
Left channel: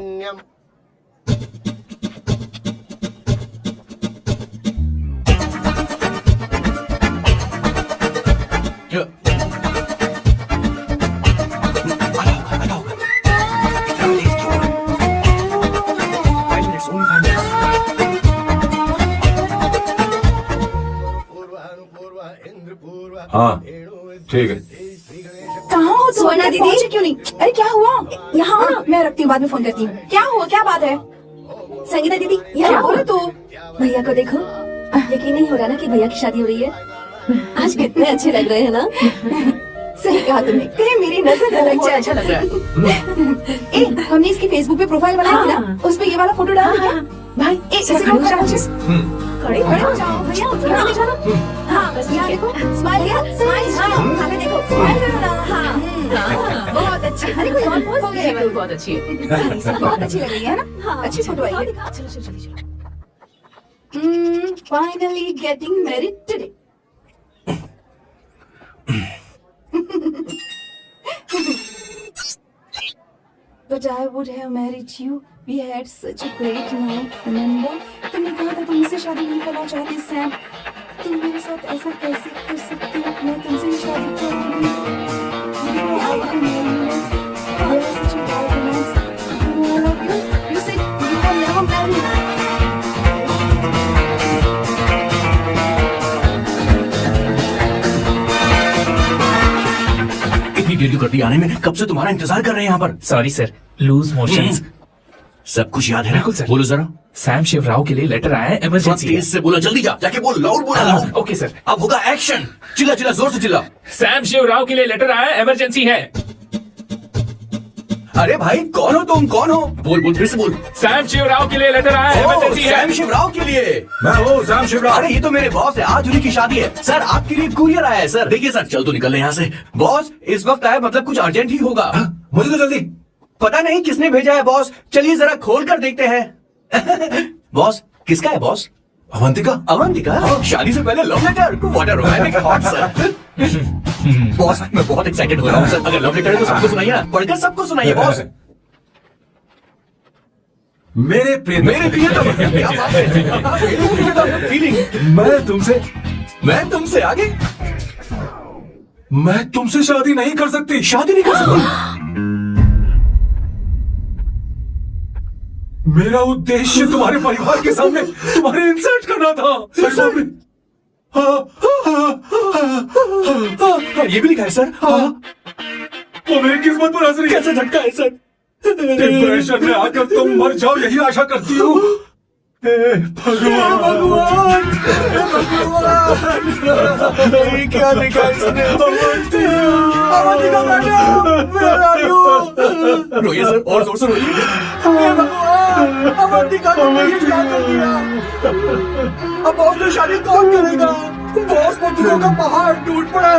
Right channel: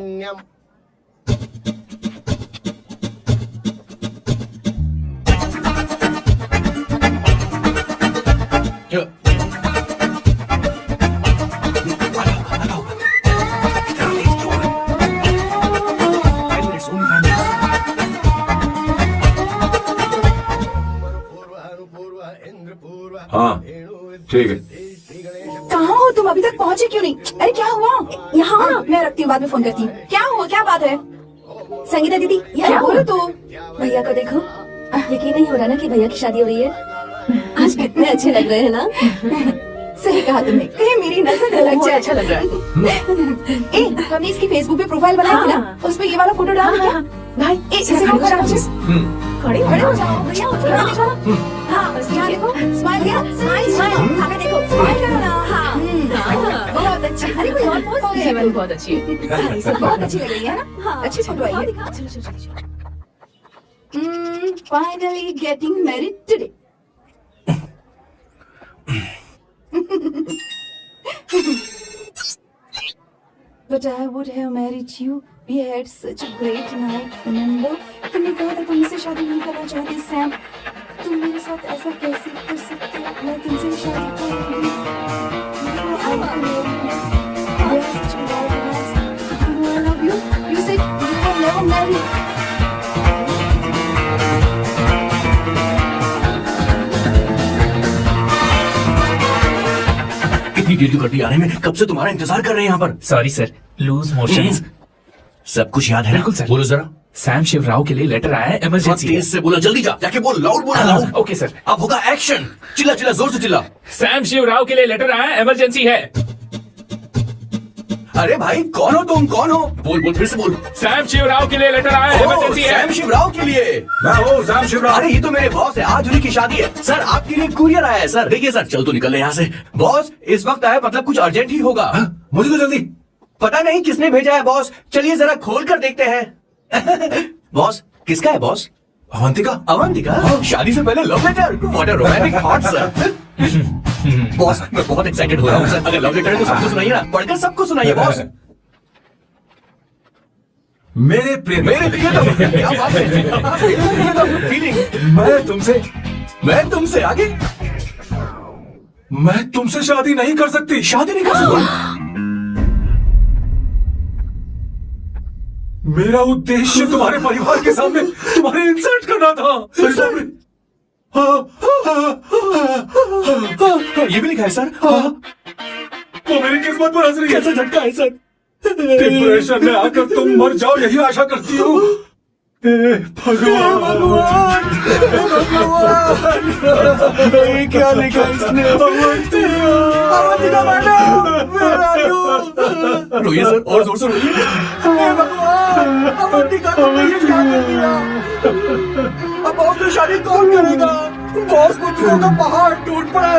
हाँ, ठीक है। कहाँ हो तुम? स्वर्णा दीदी? पहुंचे क्यों नहीं? अरे क्या हुआ? यहाँ आओ ना, मैं रखती हूँ, बाद में फोन करती हूँ। क्या हुआ, क्या बात है? संगीता दीदी, क्या यहाँ बोलो तू? भैया को देखो। यकीन नहीं हो रहा ना कि भैया की शादी हो रही है। आज कितने अच्छे लग रहे हैं ना। सही कहा तुमने, कहीं मेरी नजर न लग जाए। अच्छा लग रहा है। ए, हमने इसकी फेसबुक पे प्रोफाइल बनाई थी ना, उस पे ये वाला फोटो डाल क्या? भाई, इसे खड़े रोक हो जाओ। खड़े हो जाओ भैया, यहाँ देखो। हाँ, बस यहाँ देखो, स्माइल किया, स्माइल स्माइल, सामने देखो, स्माइल करो ना। हाँ, बहुत अच्छी। अरे कोई और पोज दे। ये बहुत अच्छी है। बहुत अच्छी लग रही है ना? अच्छी फोटो आई है। Finally getting married today. But I would have married you. We had such a great night. Remember? तुमने कहा था तुम मुझसे शादी नहीं करना चाहती सैम। तुम मेरे साथ ऐसा कैसे कर सकती हो? मैं तुमसे ही शादी करूंगी। You are right, man. I was such a bad romance. I love you. You said you will never marry. इतनी देर की कट्टी आने में कब से तुम्हारा इंतजार कर रहे हैं यहाँ पर। Sorry sir, loose motions. सब कुछ याद है ना? बिल्कुल सर। बोलो जरा। सैम शिवराव के लिए लेटर आया है, इमरजेंसी है। तेज से बोला, जल्दी जा, जाके बोल, लाउड बोला, लाउड। Okay sir. अब होगा एक्शन। चिल्ला चिल्ला, जोर से चिल्ला। सैम शिवराव के लिए लेटर आया है, इमरजेंसी है। अरे भाई कौन हो तुम, कौन हो? बोल बोल, फिर से बोल। सैम शिवराव के लिए लेटर आया है, इमरजेंसी है। सैम शिवराव के लिए? मैं हूँ सैम शिवराव। अरे ये तो मेरे बॉस है, आज उन्हीं की शादी है। सर आपके लिए कुरियर आया है सर। देखिए सर, चल तो निकल यहाँ से। बॉस इस वक्त आया, मतलब कुछ अर्जेंट ही होगा। मुझे तो जल्दी। पता नहीं किसने भेजा है बॉस, चलिए जरा खोल कर देखते हैं। बॉस किसका है बॉस? अवंतिका। अवंतिका? शादी से पहले love letter? What a romantic thought sir. Boss मैं बहुत एक्साइटेड हो रहा हूँ सर। अगर लव लेटर है तो सबको सुनाइए ना, पढ़कर सबको सुनाइए बॉस। मेरे प्रिय मेरे लिए तो क्या बात है। मेरे लिए तो फीलिंग। मैं तुमसे आगे। मैं तुमसे शादी नहीं कर सकती। शादी नहीं कर सकती? मेरा उद्देश्य तुम्हारे परिवार के सामने तुम्हारे इंसल्ट करना था। अरे बाप रे। ये भी लिखा है सर। वो मेरी किस्मत पर हंस रही है। कैसा झटका है सर। डिप्रेशन में आकर तुम मर जाओ यही आशा करती हूँ। हे भगवान। ये क्या लिखा इसने? Avantika madam, where are you? रोइए सर, और जोर से रोइए। हे भगवान, अवंतिका को ये क्या कर दिया? अब बॉस से शादी कौन करेगा? बॉस को दुखों का पहाड़ टूट पड़ा है।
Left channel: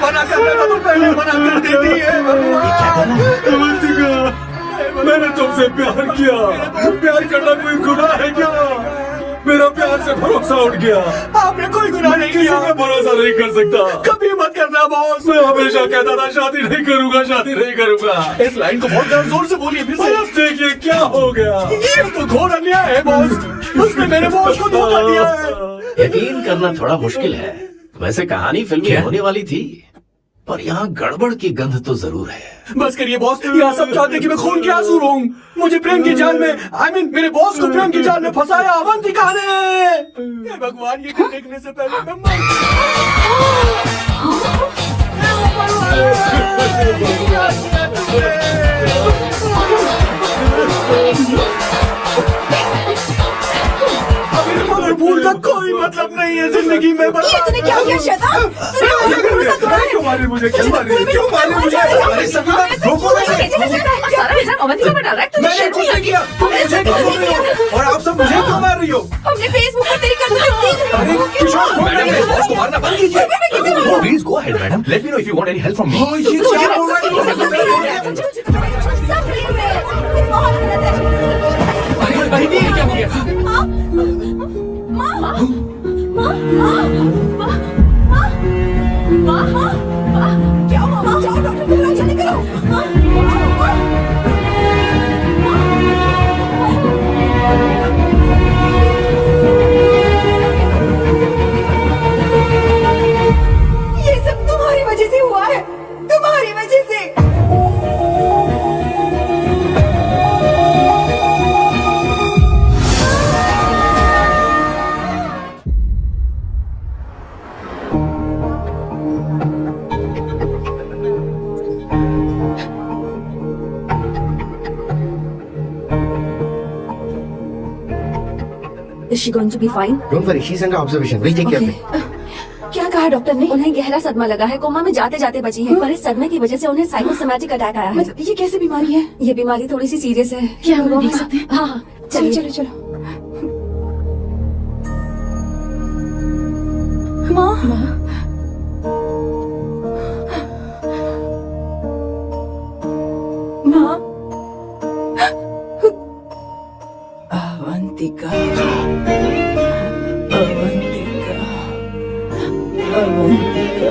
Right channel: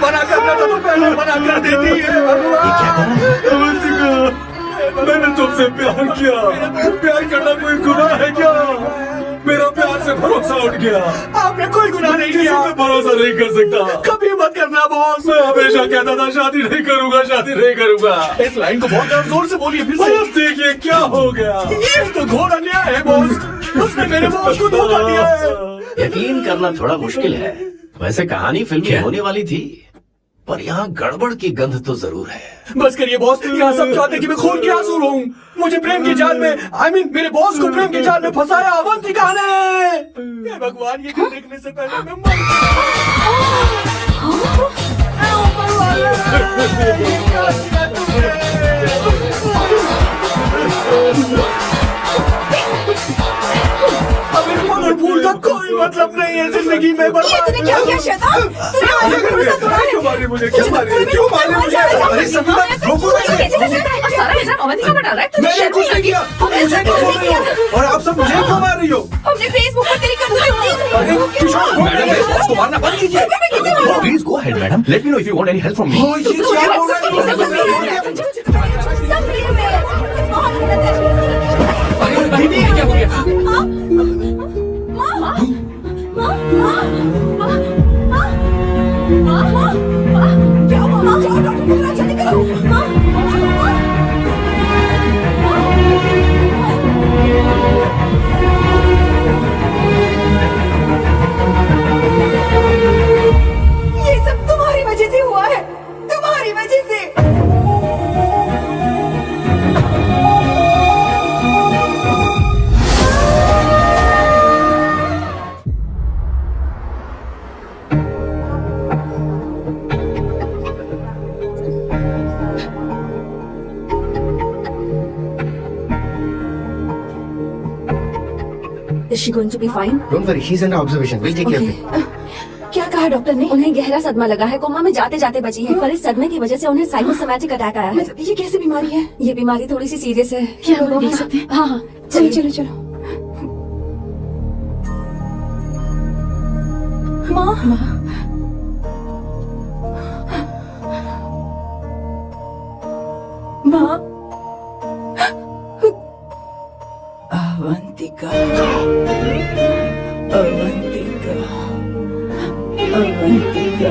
मना करना था तो पहले मना कर देती है। अवंतिका, मैंने तुमसे प्यार किया। प्यार करना कोई गुनाह है क्या? मेरा प्यार से भरोसा उठ गया। आपने कोई गुनाह नहीं किया। मैं भरोसा नहीं कर सकता। कभी मत करना बॉस। मैं हमेशा कहता था शादी नहीं करूंगा, शादी नहीं करूंगा। इस लाइन को बहुत जोर से बोलिए फिर से। अब देखिए क्या हो गया। ये तो घोर अन्याय है बॉस। उसने मेरे बॉस को धोखा दिया है। यकीन करना थोड़ा मुश्किल है। वैसे कहानी फिल्म में होने वाली थी, पर यहाँ गड़बड़ की गंध तो जरूर है। बस करिए बॉस, यहाँ सब चाहते कि मैं खून के आंसू रोऊं। मुझे प्रेम की जाल में, मेरे बॉस को प्रेम की जाल में फंसाया अवंतिका ने। हे भगवान, ये देखने से पहले मैं मर भूल का कोई मतलब नहीं है जिंदगी में। तूने क्या किया शैतान? तूने मुझे भरोसा तोड़ा है। क्यों मारे मुझे? क्यों मारे? क्यों मारे मुझे? अरे सभी बात रोको मुझे। सारा इल्जाम अवंतिका पर डाल रहा है। तुझे मैंने शर्म कुछ नहीं किया। तुम मुझे क्यों बोल रही हो? और आप सब मुझे क्यों मार रही हो? हमने फेसबुक पर तेरी करतूत देखी। अरे किशोर, मैडम, मेरे बॉस को मारना बंद कीजिए। Please go ahead madam, let me know if you want any help from me. हाँ, ये क्या हो रहा है? क्या हुआ? माँ, जाओ डॉक्टर को बुलाओ, जल्दी करो। माँ, ये सब तुम्हारी वजह से हुआ है, तुम्हारी वजह से। Is she going to be fine? Don't worry, she's under observation. We'll take care of it. क्या कहा डॉक्टर ने? उन्हें गहरा सदमा लगा है, कोमा में जाते जाते बची है। पर इस सदमे की वजह से उन्हें साइकोसोमैटिक अटैक आया है। मतलब ये कैसे बीमारी है? ये बीमारी थोड़ी सी सीरियस है। क्या हम उन्हें देख सकते हैं? हाँ हाँ, चलो चलिए। चलो चलो। माँ, माँ, अवंतिका, अवंतिका, अवंतिका,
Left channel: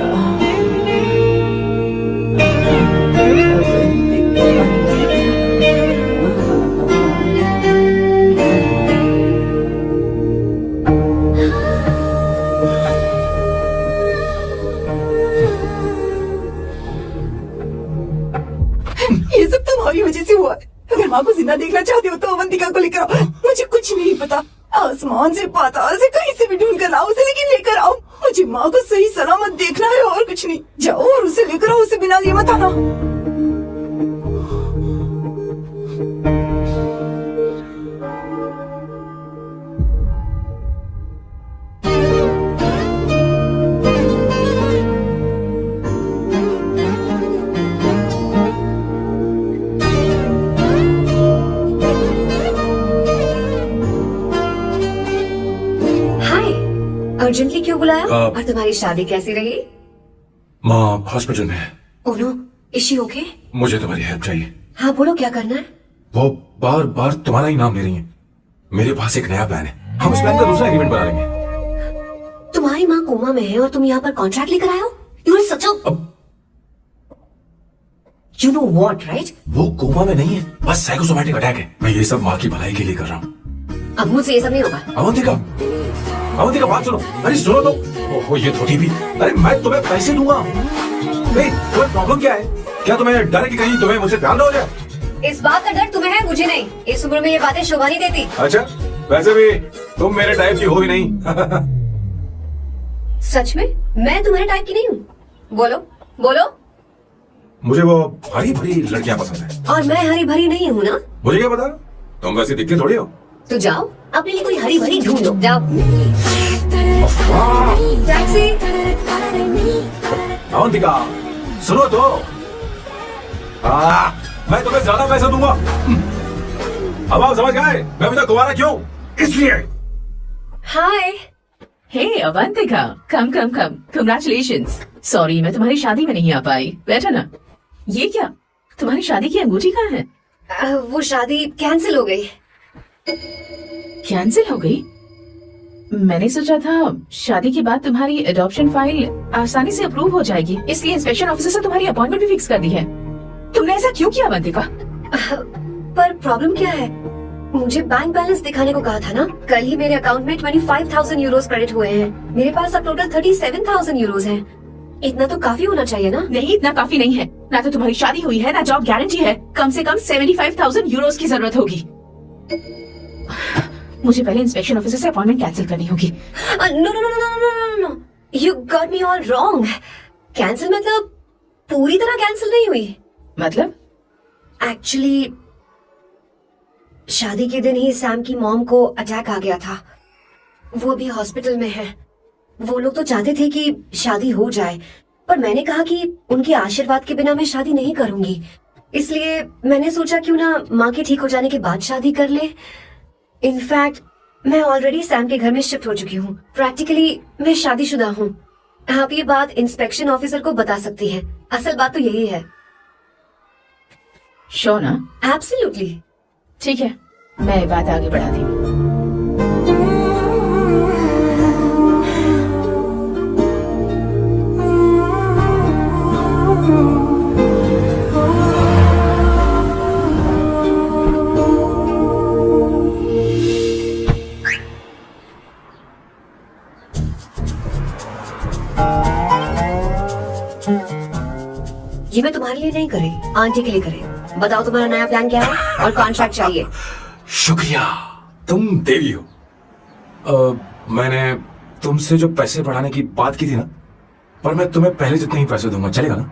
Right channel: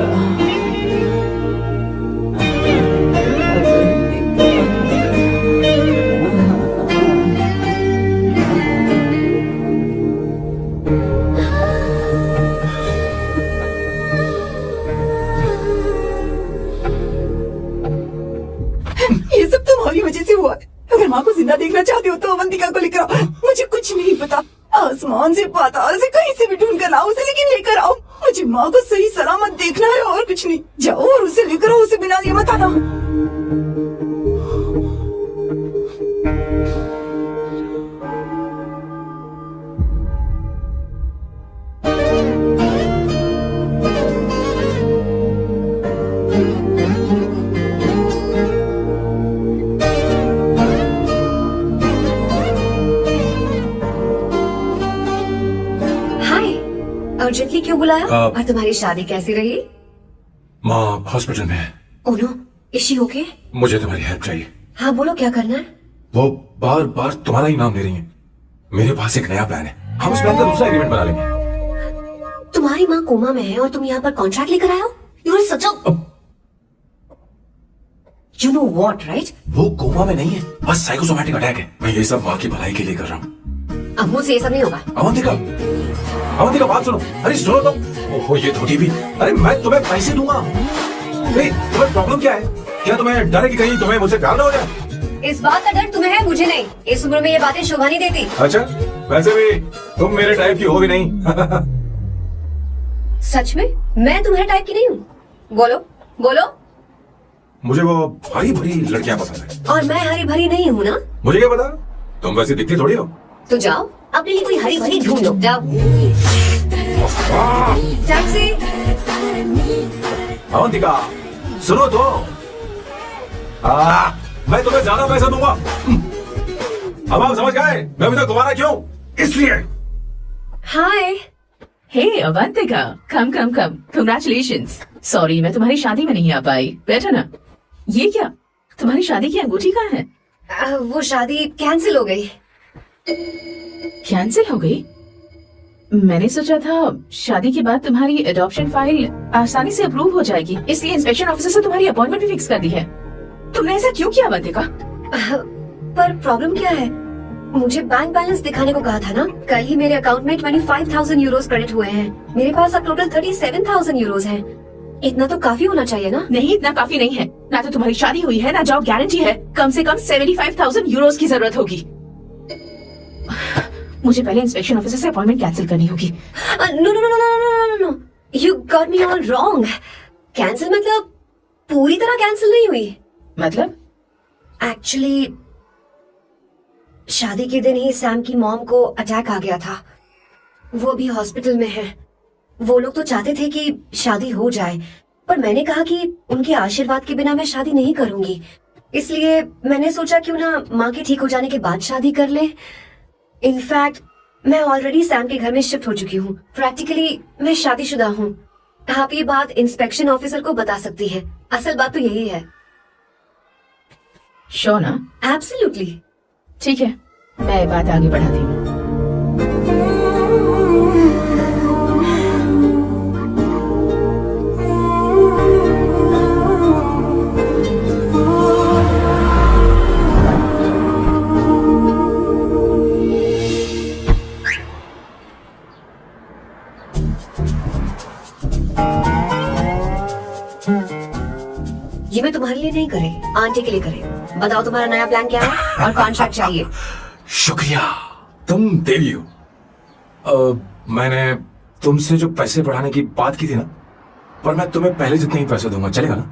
ये सब तुम्हारी वजह से हुआ है। अगर माँ को जिंदा देखना चाहते हो तो अवंतिका को लेकर आओ। मुझे कुछ नहीं पता, आसमान से पाताल से कहीं से भी ढूंढ कर लाओ उसे, लेकिन लेकर आओ। मुझे माँ को सही सलामत देखना है और कुछ नहीं। जाओ और उसे लेकर आओ, उसे बिना लिए मत आना। अर्जेंटली क्यों बुलाया? आप- और तुम्हारी शादी कैसी रही? माँ हॉस्पिटल में है। Oh no, is she okay? मुझे तुम्हारी हेल्प चाहिए। हाँ बोलो, क्या करना है? वो बार बार तुम्हारा ही नाम ले रही है। मेरे पास एक नया प्लान है, हम उस प्लान का दूसरा एग्रीमेंट बना लेंगे। तुम्हारी माँ कोमा में है और तुम यहाँ पर कॉन्ट्रैक्ट लेकर आए हो? You are such a you know what, right? वो कोमा में नहीं है, बस साइकोसोमैटिक अटैक है। मैं ये सब माँ की भलाई के लिए कर रहा हूँ। अब मुझसे ये सब नहीं होगा। अवंतिका, अवंतिका बात सुनो। अरे सुनो तो। ओहो ये धोती भी। अरे मैं तुम्हें पैसे दूंगा। नहीं, तुम्हें प्रॉब्लम क्या है? क्या तुम्हें डर है कि कहीं तुम्हें मुझसे प्यार ना हो जाए? इस बात का डर तुम्हें है, मुझे नहीं। इस उम्र में ये बातें शोभा नहीं देती। अच्छा, वैसे भी तुम मेरे टाइप की हो भी नहीं। सच में मैं तुम्हारे टाइप की नहीं हूँ। बोलो बोलो। मुझे वो हरी भरी लड़कियां पसंद है। और मैं हरी भरी नहीं हूँ ना? मुझे क्या पता, तुम वैसे दिखते थोड़ी हो। तो जाओ अपने लिए कोई हरी भरी ढूंढो, जाओ। टैक्सी। अवंतिका सुनो तो। मैं तुम्हें ज्यादा पैसा दूंगा। अब आप समझ गए मैं अभी तक दोबारा क्यों? इसलिए। हाय। हे अवंतिका, कम कम कम, कंग्रेचुलेशंस। सॉरी मैं तुम्हारी शादी में नहीं आ पाई। बैठो ना। ये क्या, तुम्हारी शादी की अंगूठी कहाँ है? वो शादी कैंसिल हो गई। कैंसिल हो गई? मैंने सोचा था शादी के बाद तुम्हारी एडॉप्शन फाइल आसानी से अप्रूव हो जाएगी, इसलिए इंस्पेक्शन ऑफिसर से तुम्हारी अपॉइंटमेंट भी फिक्स कर दी है। तुमने ऐसा क्यों किया अवंतिका? पर प्रॉब्लम क्या है? मुझे बैंक बैलेंस दिखाने को कहा था ना। कल ही मेरे अकाउंट में 25,000 यूरोज क्रेडिट हुए हैं। मेरे पास अब टोटल 37,000 यूरोज हैं। इतना तो काफी होना चाहिए ना? नहीं, इतना काफी नहीं है। ना तो तुम्हारी शादी हुई है, ना जॉब गारंटी है। कम से कम 75,000 यूरोज की जरूरत होगी। मुझे पहले इंस्पेक्शन ऑफिसर से अपॉइंटमेंट कैंसिल करनी होगी। No no no no no no no, you got me all wrong. Cancel मतलब पूरी तरह कैंसिल नहीं हुई। मतलब? एक्चुअली शादी के दिन ही सैम की मॉम को अटैक आ गया था। वो भी हॉस्पिटल में है। वो लोग तो चाहते थे कि शादी हो जाए, पर मैंने कहा कि उनके आशीर्वाद के बिना मैं शादी नहीं करूंगी। इसलिए मैंने सोचा क्यों ना माँ के ठीक हो जाने के बाद शादी कर ले। इनफैक्ट मैं ऑलरेडी सैम के घर में शिफ्ट हो चुकी हूँ। प्रैक्टिकली मैं शादीशुदा हूँ। आप ये बात इंस्पेक्शन ऑफिसर को बता सकती है। असल बात तो यही है। श्योर ना? एब्सोल्युटली। ठीक है, मैं बात आगे बढ़ाती हूँ। ये मैं तुम्हारे लिए नहीं करे, आंटी के लिए करे। बताओ तुम्हारा नया प्लान क्या है और कॉन्ट्रैक्ट चाहिए। शुक्रिया, तुम देवी हो। मैंने तुमसे जो पैसे बढ़ाने की बात की थी ना, पर मैं तुम्हें पहले जितने ही पैसे दूंगा, चलेगा ना?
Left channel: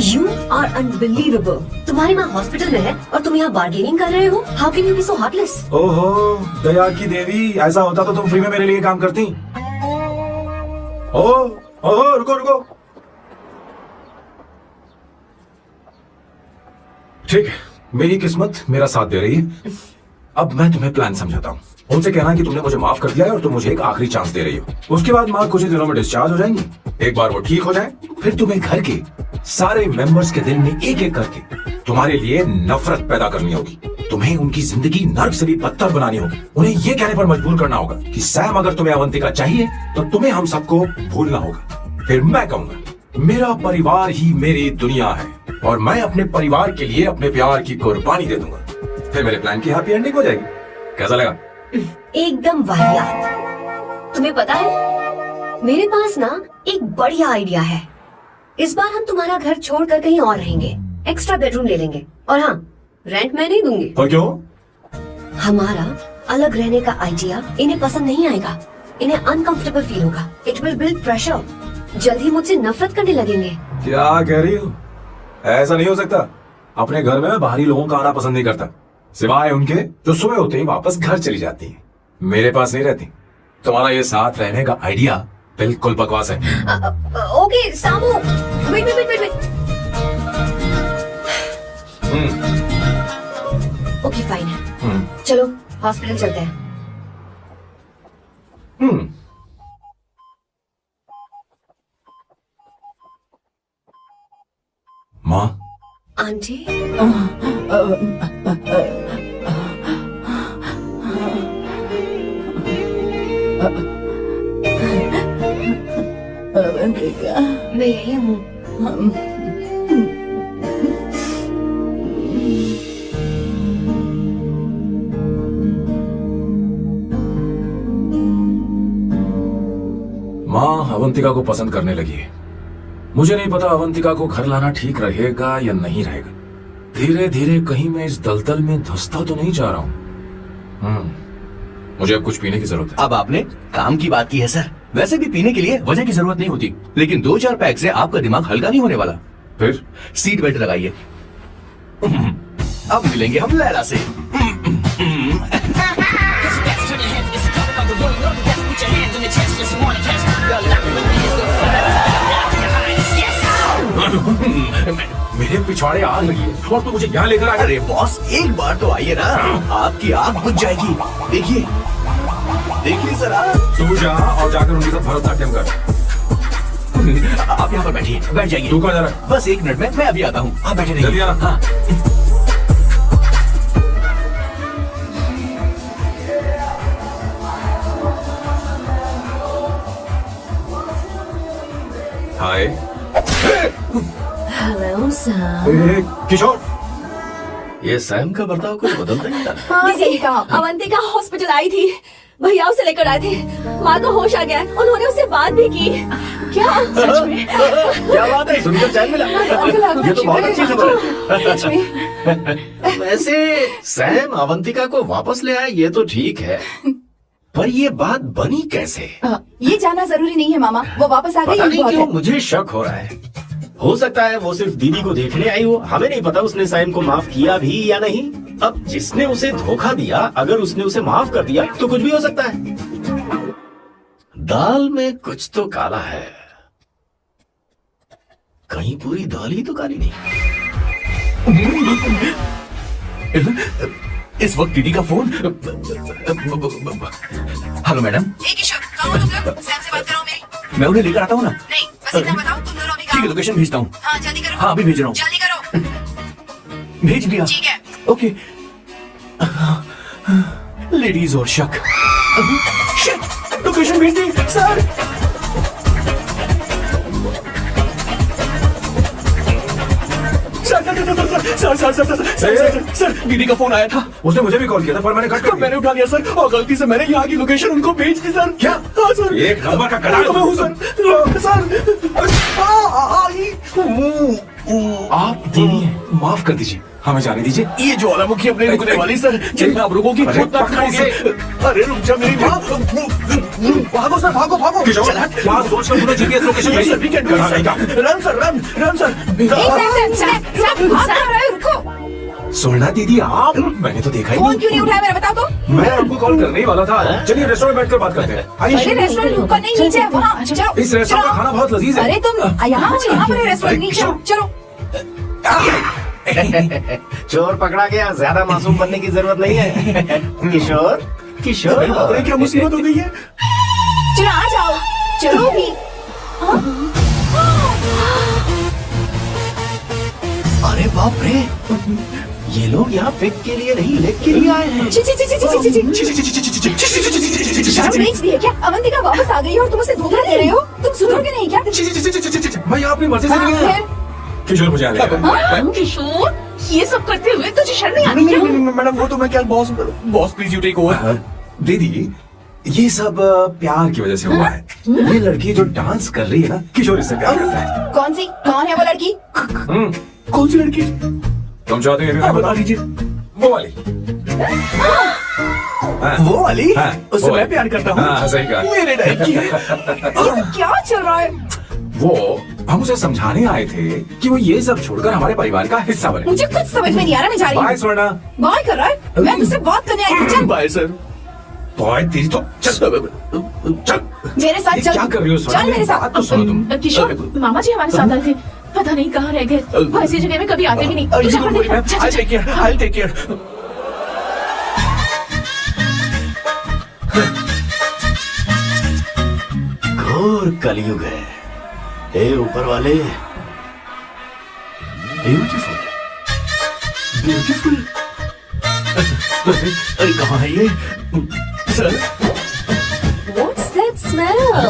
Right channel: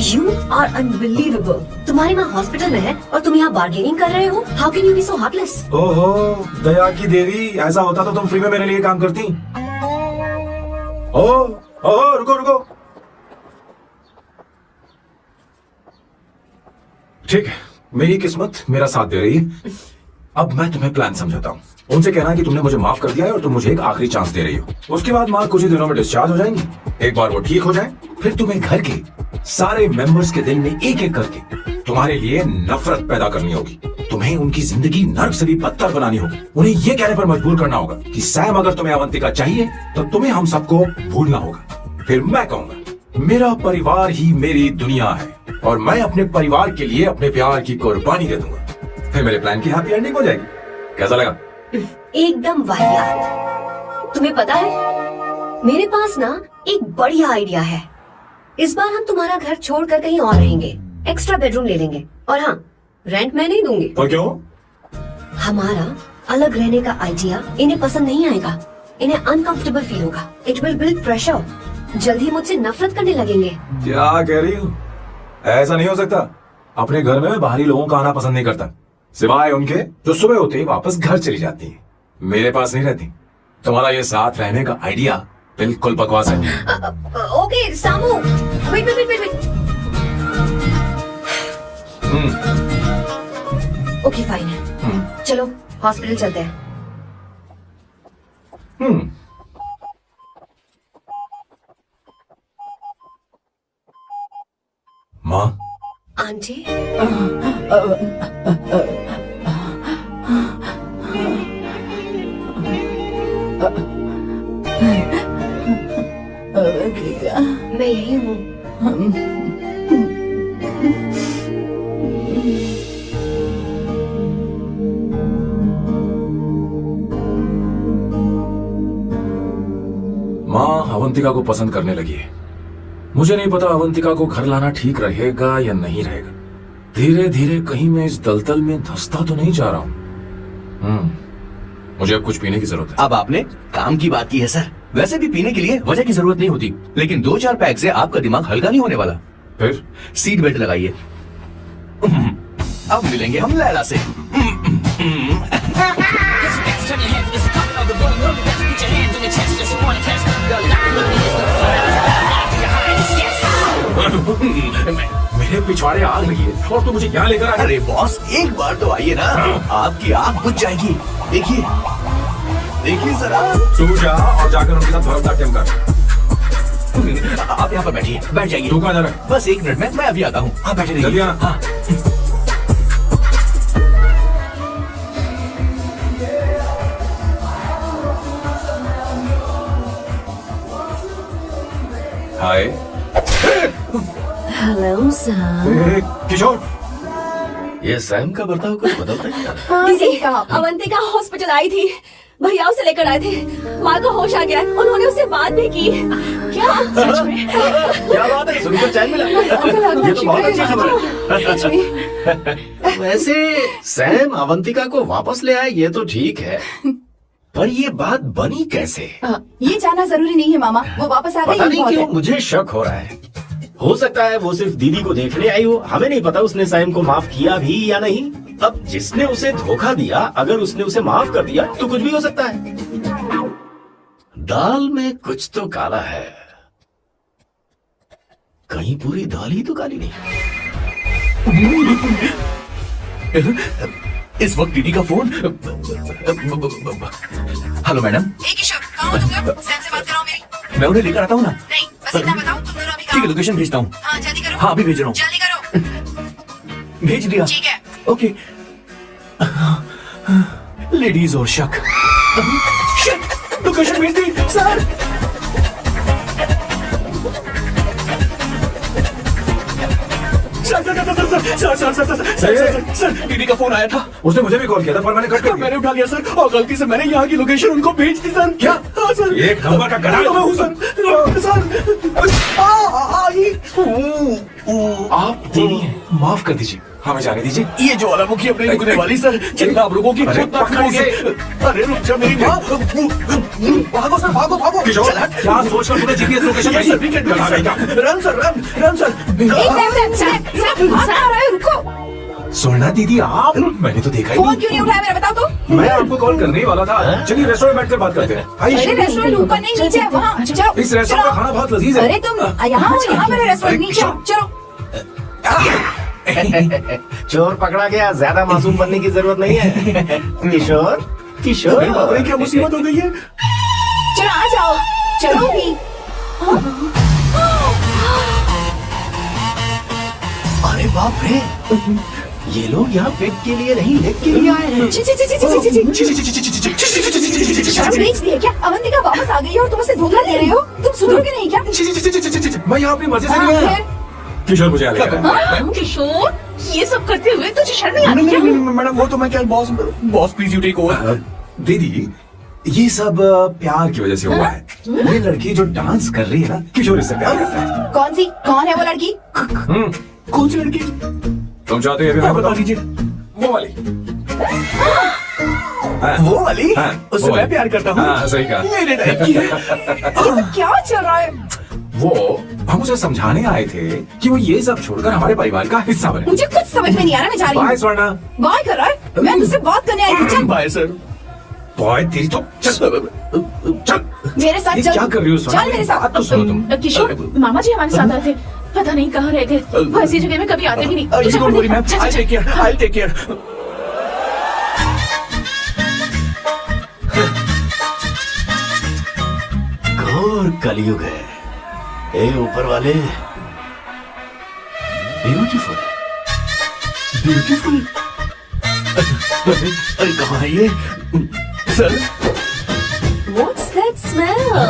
You are unbelievable। तुम्हारी माँ हॉस्पिटल में है और तुम यहाँ बार्गेनिंग कर रहे हो? How can you be so heartless? ओहो दया की देवी, ऐसा होता तो तुम फ्री में मेरे लिए काम करती। ओहो रुको रुको। ठीक है, मेरी किस्मत मेरा साथ दे रही है। अब मैं तुम्हें प्लान समझाता हूँ। उनसे कहना है कि तुमने मुझे माफ कर दिया है और तुम मुझे एक आखिरी चांस दे रही हो। उसके बाद माँ कुछ ही दिनों में डिस्चार्ज हो जाएंगी। एक बार वो ठीक हो जाए, फिर तुम्हें घर के सारे मेंबर्स के दिल में एक एक करके तुम्हारे लिए नफरत पैदा करनी होगी। तुम्हें उनकी जिंदगी नर्क से भी बदतर बनानी होगी। उन्हें ये कहने पर मजबूर करना होगा कि सैम अगर तुम्हें अवंतिका चाहिए तो तुम्हें हम सबको भूलना होगा। फिर मैं कहूंगा मेरा परिवार ही मेरी दुनिया है और मैं अपने परिवार के लिए अपने प्यार की कुर्बानी दे दूंगा। फिर मेरे प्लान की हैप्पी एंडिंग हो जाएगी। कैसा लगा? एकदम वाहियात। तुम्हें पता है मेरे पास ना एक बढ़िया आइडिया है। इस बार हम तुम्हारा घर छोड़कर कहीं और रहेंगे, एक्स्ट्रा बेडरूम ले लेंगे। और हाँ, रेंट मैं नहीं दूंगी। तो क्यों? हमारा अलग रहने का आइडिया इन्हें पसंद नहीं आएगा। इन्हें अनकंफर्टेबल फील होगा। It will build pressure. जल्द ही मुझसे नफरत करने लगेंगे। क्या कह रही हो? ऐसा नहीं हो सकता। अपने घर में बाहरी लोगों का आना पसंद नहीं करता, सिवाय उनके जो सुबह होते ही वापस घर चली जाती हैं। मेरे पास नहीं रहती। तुम्हारा ये साथ रहने का आइडिया बिल्कुल बकवास है। Okay Samu, wait wait wait wait. Okay fine है। चलो हॉस्पिटल चलते हैं। आंटी अवंतिका, मैं यही हूँ। माँ अवंतिका को पसंद करने लगी है। मुझे नहीं पता अवंतिका को घर लाना ठीक रहेगा या नहीं रहेगा। धीरे धीरे कहीं मैं इस दलदल में धंसता तो नहीं जा रहा हूँ। मुझे अब कुछ पीने की जरूरत है। अब आपने काम की बात की है सर। वैसे भी पीने के लिए वजह की जरूरत नहीं होती, लेकिन 2-4 पैक से आपका दिमाग हल्का नहीं होने वाला। फिर सीट बेल्ट लगाइए। अब मिलेंगे हम लैला से। मेरे पिछवाड़े आग लगी है और तो मुझे यहाँ लेकर आ गए। अरे बॉस, एक बार तो आइए ना, आपकी आंख बुझ जाएगी। देखिए देखिए जरा। तू जा और जाकर उनके साथ भरतनाट्यम कर। आप यहाँ पर बैठिए, बैठ जाइए। तू कहाँ जा रहा है? बस 1 मिनट में मैं अभी आता हूँ, आप बैठे रहिए। जल्दी आना। हाँ। Hi hello Sam. किशोर, ये सैम का बर्ताव कुछ बदलता है। दीदी, अवंतिका हॉस्पिटल आई थी, भैया उसे लेकर आए थे। माँ को होश आ गया, उन्होंने उससे बात भी की। क्या सच में? क्या बात है, सुनकर चैन मिला। ये तो बहुत अच्छी खबर है। वैसे सैम अवंतिका को वापस ले आए ये तो ठीक है, पर ये बात बनी कैसे? ये जाना जरूरी नहीं है मामा, वो वापस आ पता गई नहीं क्यों मुझे शक हो रहा है। हो सकता है वो सिर्फ दीदी को देखने आई हो, हमें नहीं पता उसने सैम को माफ किया भी या नहीं। अब जिसने उसे धोखा दिया, अगर उसने उसे माफ कर दिया तो कुछ भी हो सकता है। दाल में कुछ तो काला है, कहीं पूरी दाल ही तो काली नहीं। इस वक्त दीदी का फोन। Hello madam. किशोर, कहाँ हो तुम लोग? सैम से बात कराओ मेरी। मैं उन्हें लेकर आता हूँ ना। नहीं, बस इतना बताओ, तुम दोनों अभी ठीक है, लोकेशन भेजता हूँ। हाँ जल्दी करो। हाँ अभी भेज रहा हूँ। जल्दी करो। भेज दिया। ठीक है। ओके। लेडीज और शक। शिट, लोकेशन भेज दी सर। सर दीदी का फोन आया था। उसने मुझे भी कॉल किया था पर मैंने कट कर दिया। मैंने उठा लिया सर, और गलती से मैंने यहाँ की लोकेशन उनको भेज दी सर। क्या? हाँ सर। एक नंबर का गधा मैं हूँ सर। आप दीदी हैं, माफ कर दीजिए, हमें जाने दीजिए। ये ज्वालामुखी अपने रुकने वाली सर, जितना आप रुकोगी उतना खाओगे। अरे रुक जा मेरी माँ। भागो सर, भागो भागो। क्या सोचकर तूने जीपीएस लोकेशन भेजी? Run sir, run sir. सोना दीदी आप, मैंने तो देखा ही फोन नहीं। क्यों नहीं उठाया मेरा, बताओ तो। मैं आपको कॉल करने ही वाला था। चलिए रेस्टोरेंट बैठकर बात करते हैं। अरे आइए। रेस्टोरेंट ऊपर नहीं, नीचे है, वहाँ चलो। इस रेस्टोरेंट का खाना बहुत लजीज है। अरे तुम यहाँ हो, यहाँ पर है रेस्टोरेंट, नीचे हो, चलो। चोर पकड़ा गया, ज्यादा मासूम बनने की जरूरत नहीं है। किशोर, किशोर, अरे क्या मुसीबत हो गई है? चलो आ जाओ, चलो भी। अरे बाप रे, ये लोग यहाँ पेट के लिए नहीं लेग के लिए आए हैं। ची ची ची ची ची ची ची। शर्म बेच दी है क्या? अवंतिका वापस आ गई है और तुम उसे धोखा दे रहे हो? तुम सुधरोगे नहीं क्या? मैं यहाँ अपनी मर्जी से नहीं आया। किशोर मुझे आने का। किशोर, ये सब करते हुए तुझे शर्म नहीं आती क्या? मैडम वो तो मैं क्या, boss please you take over. दीदी ये सब प्यार की वजह से हुआ है। ये लड़की जो डांस कर रही है ना, किशोर इससे प्यार करता है। कौन सी, कौन है वो लड़की? कौन सी लड़की? तुम चाहते हो फिर बता दीजिए। वो वाली। वो वाली? हाँ, उससे वो मैं वाली। प्यार करता हूँ। हाँ, सही कहा। मेरे टाइप की है। क्या चल रहा है? वो हम उसे समझाने आए थे कि वो ये सब छोड़कर हमारे परिवार का हिस्सा बने। मुझे कुछ समझ में नहीं आ रहा, मैं जा रही बाय हूँ। स्वर्णा। बाय कर रहा है? मैं तुझसे बात करने आई थी, चल। Bye sir. बॉय तेरी तो चल। मेरे साथ ये चल। क्या कर रही हो स्वर्णा? चल मेरे साथ। बात तो सुनो तुम। किशोर, मामा जी हमारे साथ आए थे, पता नहीं कहाँ रहे थे। वो ऐसी जगह में कभी आते भी नहीं। तुझे don't worry ma'am, I take care, I take care. घोर कलयुग है। हे ऊपर वाले, ब्यूटीफुल। ब्यूटीफुल। अरे कहाँ है ये? Sir What's that smell?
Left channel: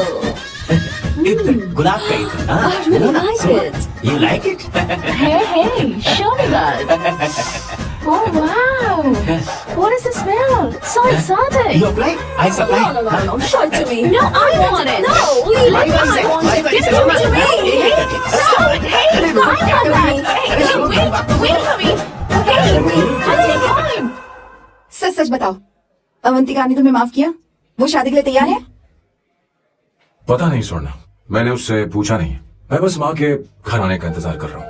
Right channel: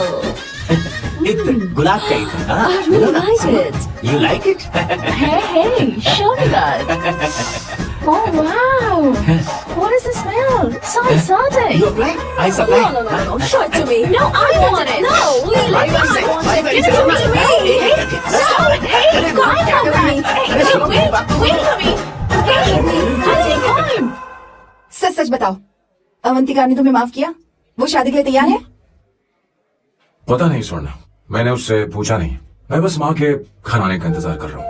गुलाब का ही था, हाँ? I really like it. You like it? Hey, show me that. Oh wow! What is the smell? So exotic. You apply? I supply. No. Show it to me. No, I want it. No, you Why like not say? I want Why it. not Give it say? to me. Hey, calm down. Hey, wait for me. Hey, take time. सच सच बताओ, अवंतिका ने तुम्हें माफ किया? वो शादी के लिए तैयार है? पता नहीं स्वर्ण, मैंने उससे पूछा नहीं। मैं बस माँ के घर आने का इंतजार कर रहा हूँ।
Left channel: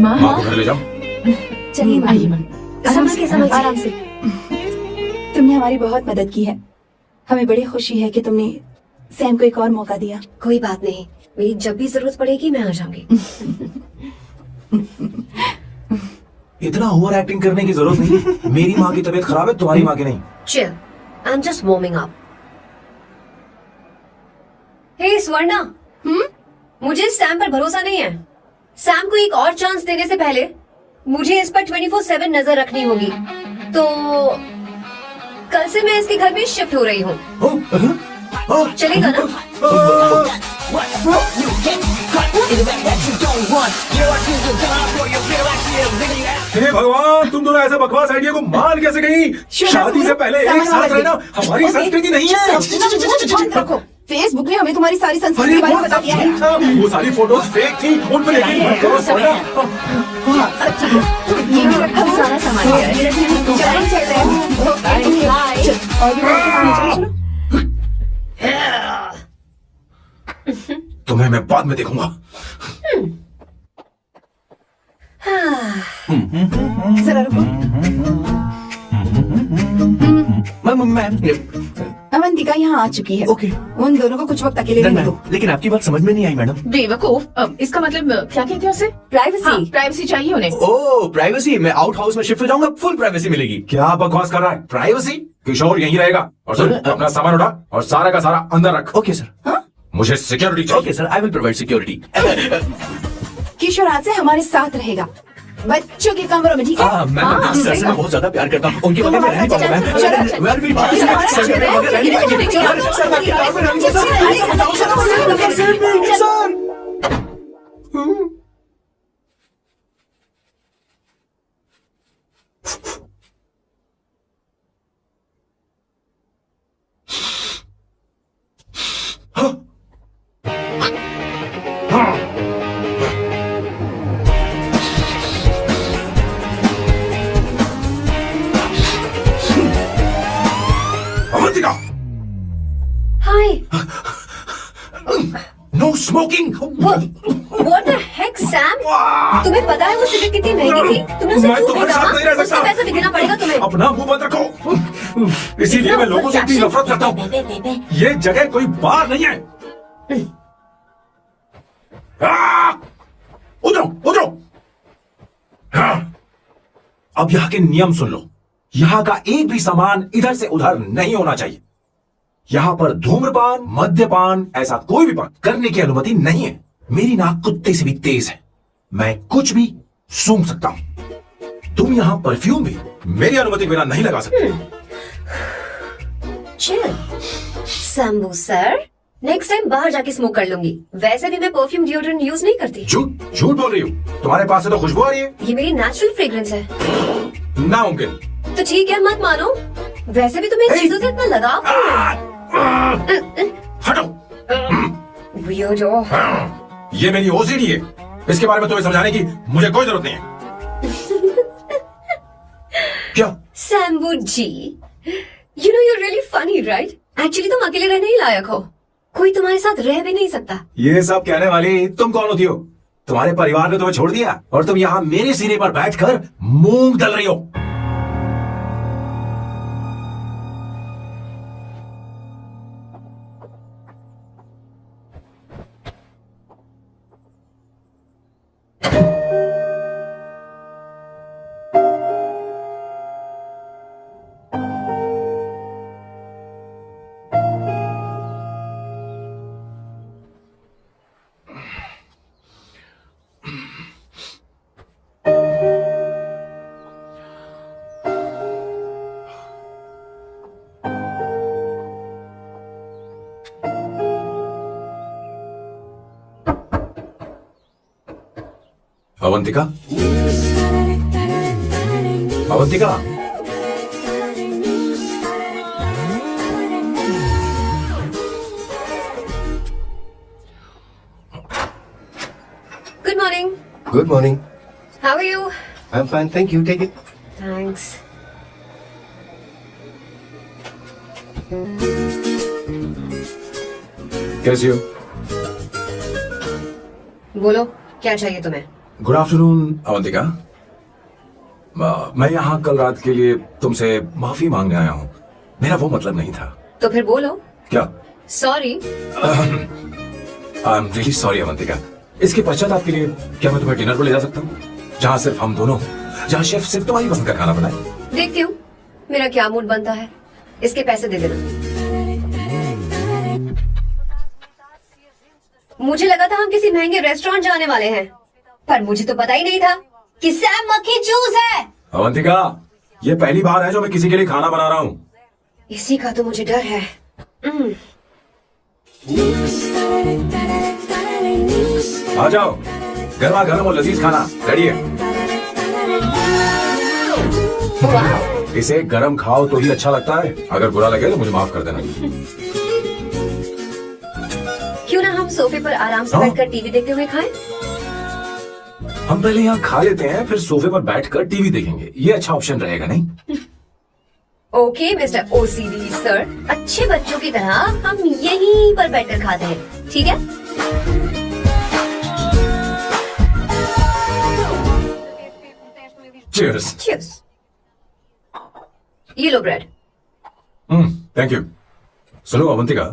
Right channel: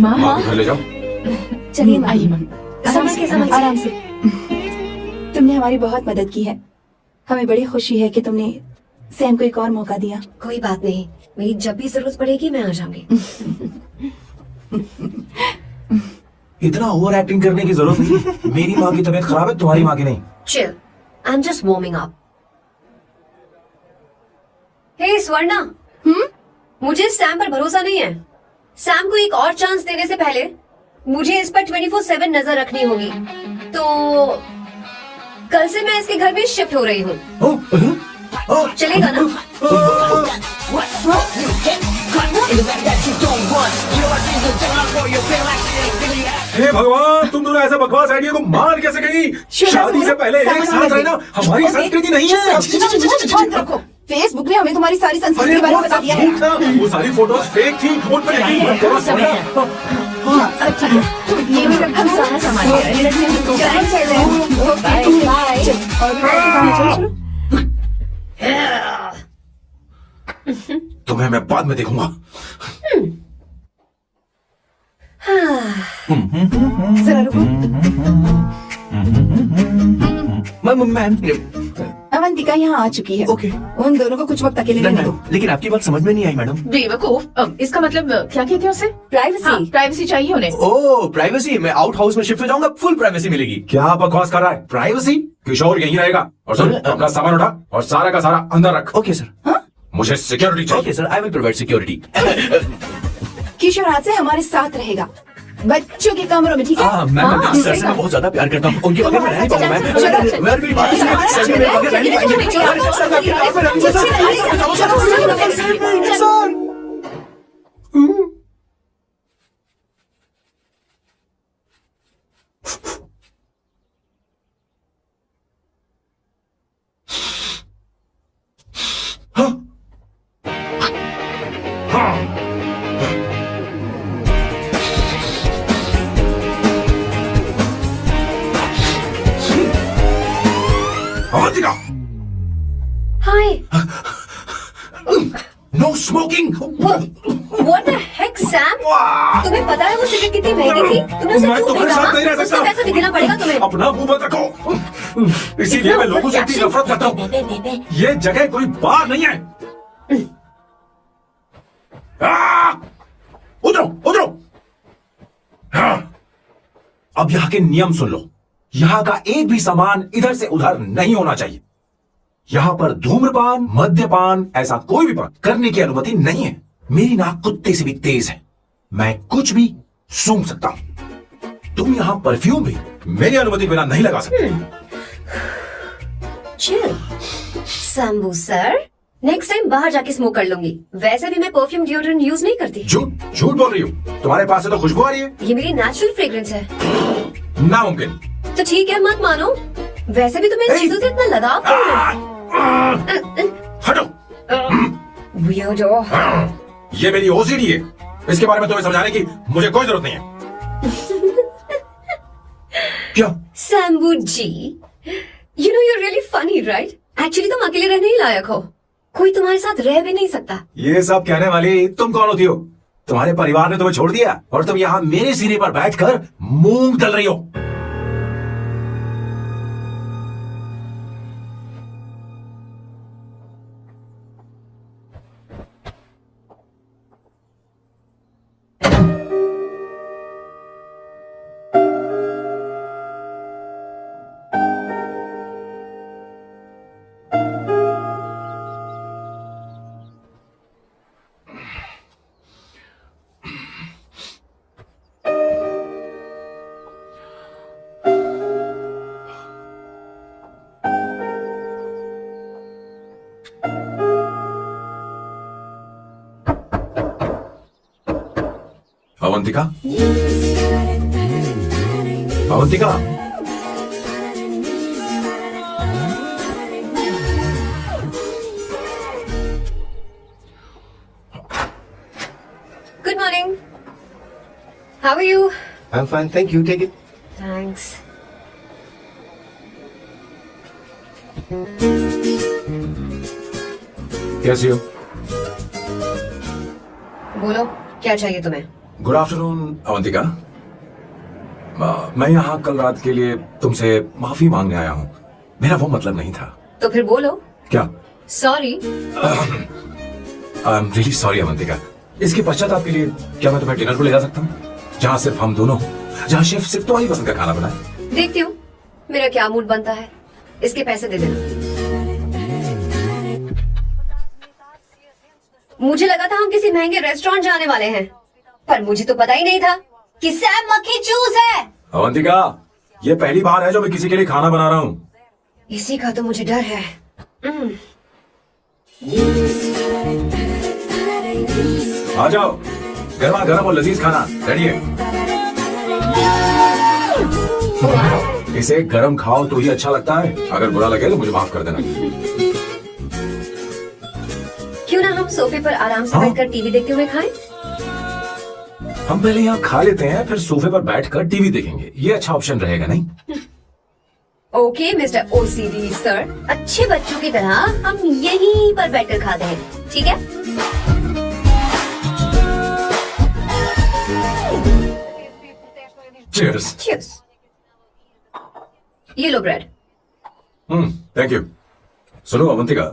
माँ, माँ को घर ले जाओ। चलिए ना, आइए माँ। आराम से। तुमने हमारी बहुत मदद की है। हमें बड़ी खुशी है कि तुमने सैम को एक और मौका दिया। कोई बात नहीं, मेरी जब भी जरूरत पड़ेगी मैं आ जाऊंगी। इतना ओवर एक्टिंग करने की जरूरत नहीं है। मेरी माँ की तबीयत खराब है, तुम्हारी माँ की नहीं। Chill, I am just warming up. Hey Swarna, मुझे सैम पर भरोसा नहीं है। सैम को एक और चांस देने से पहले मुझे इस पर 24/7 नजर रखनी होगी। तो कल से मैं इसके घर में शिफ्ट हो रही हूँ। चलेगा ना? हे भगवान, तुम दोनों ऐसा बकवास आइडिया को मान कैसे गई? शादी से पहले एक साथ रहना हमारी संस्कृति नहीं है। बंद रखो। फेसबुक ने हमें तुम्हारी सारी संस्कृति अरे के बारे में वो बता सब दिया है। ठीक था, वो सारी फोटोज फेक थी, उन पर यकीन मत करो स्वर्ण। ये भी रखा, सारा सामान ये रखने हम लोग चल रहे हैं। बाय। और भी पैसे कमाने चलो। तुम्हें मैं बाद में देखूंगा। जरा रुको। मैम, अवंतिका यहाँ आ चुकी है। ओके। उन दोनों को कुछ वक्त अकेले रहने दो। लेकिन आपकी बात समझ में नहीं आई मैडम। बेवकूफ, इसका मतलब क्या कहते हैं उसे? प्राइवेसी। प्राइवेसी चाहिए उन्हें। ओह प्राइवेसी, मैं आउट हाउस में शिफ्ट हो जाऊंगा, फुल प्राइवेसी मिलेगी। क्या बकवास कर रहा है? प्राइवेसी? किशोर यहीं रहेगा। और सुन, अपना सामान उठा और सारा का सारा अंदर रख। Okay sir. मुझे सिक्योरिटी चाहिए। Okay sir, I will provide security. Kishore आज से हमारे साथ रहेगा, बच्चों के कमरों में, ठीक है? मैम, सर से मैं बहुत ज्यादा प्यार करता हूँ, उनके बगैर मैं रह नहीं पाऊंगा मैम। मैं मेरी बात सुनिए, सर के बगैर रह नहीं पाएंगे। सर मैं आपके काम में रहूंगा sir. Hi. No smoking. What the heck, Sam? तुम्हें पता है वो सिगरेट कितनी महंगी थी? तुमने उसे मैं क्यों तुम्हारे साथ नहीं रह फेंका? सकता। उसका पैसा भी देना पड़ेगा तुम्हें। अपना मुंह बंद रखो। इसीलिए मैं लोगों से इतनी नफरत करता हूँ। ये जगह कोई बार नहीं है। उधरो उधरो। अब यहाँ के नियम सुन लो। यहाँ का एक भी सामान इधर से उधर नहीं होना चाहिए। यहाँ पर धूम्रपान, मद्यपान, ऐसा कोई भी पान करने की अनुमति नहीं है। मेरी नाक कुत्ते से भी तेज है, मैं कुछ भी सूंघ सकता हूँ। तुम यहाँ परफ्यूम भी मेरी अनुमति बिना नहीं लगा सकते। Chill. Shambhu sir, next time बाहर जाके स्मोक कर लूंगी। वैसे भी मैं परफ्यूम डिओड्रेंट यूज नहीं करती। झूठ झूठ बोल रही हो। तुम्हारे पास से तो खुशबू आ रही है। ये मेरी नेचुरल फ्रेग्रेंस है। नामुमकिन। तो ठीक है, मत मानो। वैसे भी तुम्हें इन चीजों से इतना लगाव क्यों है? हटो। Weirdo। ये मेरी ओसीडी है। इसके बारे में तुम्हें समझाने की मुझे कोई जरूरत नहीं है। क्या? शंभू जी, you know you're really funny, right? Actually तुम अकेले रहने ही लायक हो। कोई तुम्हारे साथ रह भी नहीं सकता। ये सब कहने वाली तुम कौन होती हो? तुम्हारे परिवार ने तुम्हें छोड़ दिया और तुम यहाँ मेरे सिरे पर बैठकर मूंग दल रही हो। Avantika, Avantika, good morning. Good morning. How are you? I am fine, thank you, take it. Thanks. कैसी हो? बोलो, क्या चाहिए तुम्हें? Good afternoon Avantika. मैं यहाँ कल रात के लिए तुमसे माफी मांगने आया हूँ। मेरा वो मतलब नहीं था। तो फिर बोलो। क्या? Sorry. I am really sorry Avantika. इसके पश्चाताप के लिए क्या मैं तुम्हें डिनर पर ले जा सकता हूँ, जहाँ सिर्फ हम दोनों, जहाँ शेफ सिर्फ तुम्हारी पसंद का खाना बनाए? देखती हूँ मेरा क्या मूड बनता है। इसके पैसे दे देना। मुझे लगा था हम किसी महंगे रेस्टोरेंट जाने वाले हैं, पर मुझे तो पता ही नहीं था कि सैम मक्खी चूज है। अवंतिका, ये पहली बार है जो मैं किसी के लिए खाना बना रहा हूँ। इसी का तो मुझे डर है। आ जाओ, गर्मा गर्म और लजीज खाना रेडी है। इसे गरम खाओ तो ही अच्छा लगता है। अगर बुरा लगे तो मुझे माफ कर देना। क्यों ना हम सोफे पर आराम से बैठकर टीवी देखते हुए खाएं? हम पहले यहाँ खा लेते हैं, फिर सोफे पर बैठकर टीवी देखेंगे। ये अच्छा ऑप्शन रहेगा नहीं? ओके मिस्टर ओसीडी सर, अच्छे बच्चों की तरह हम यहीं पर बैठकर खाते हैं, ठीक है? Cheers. Cheers. ये लो ब्रेड। Thank you. सुनो अवंतिका,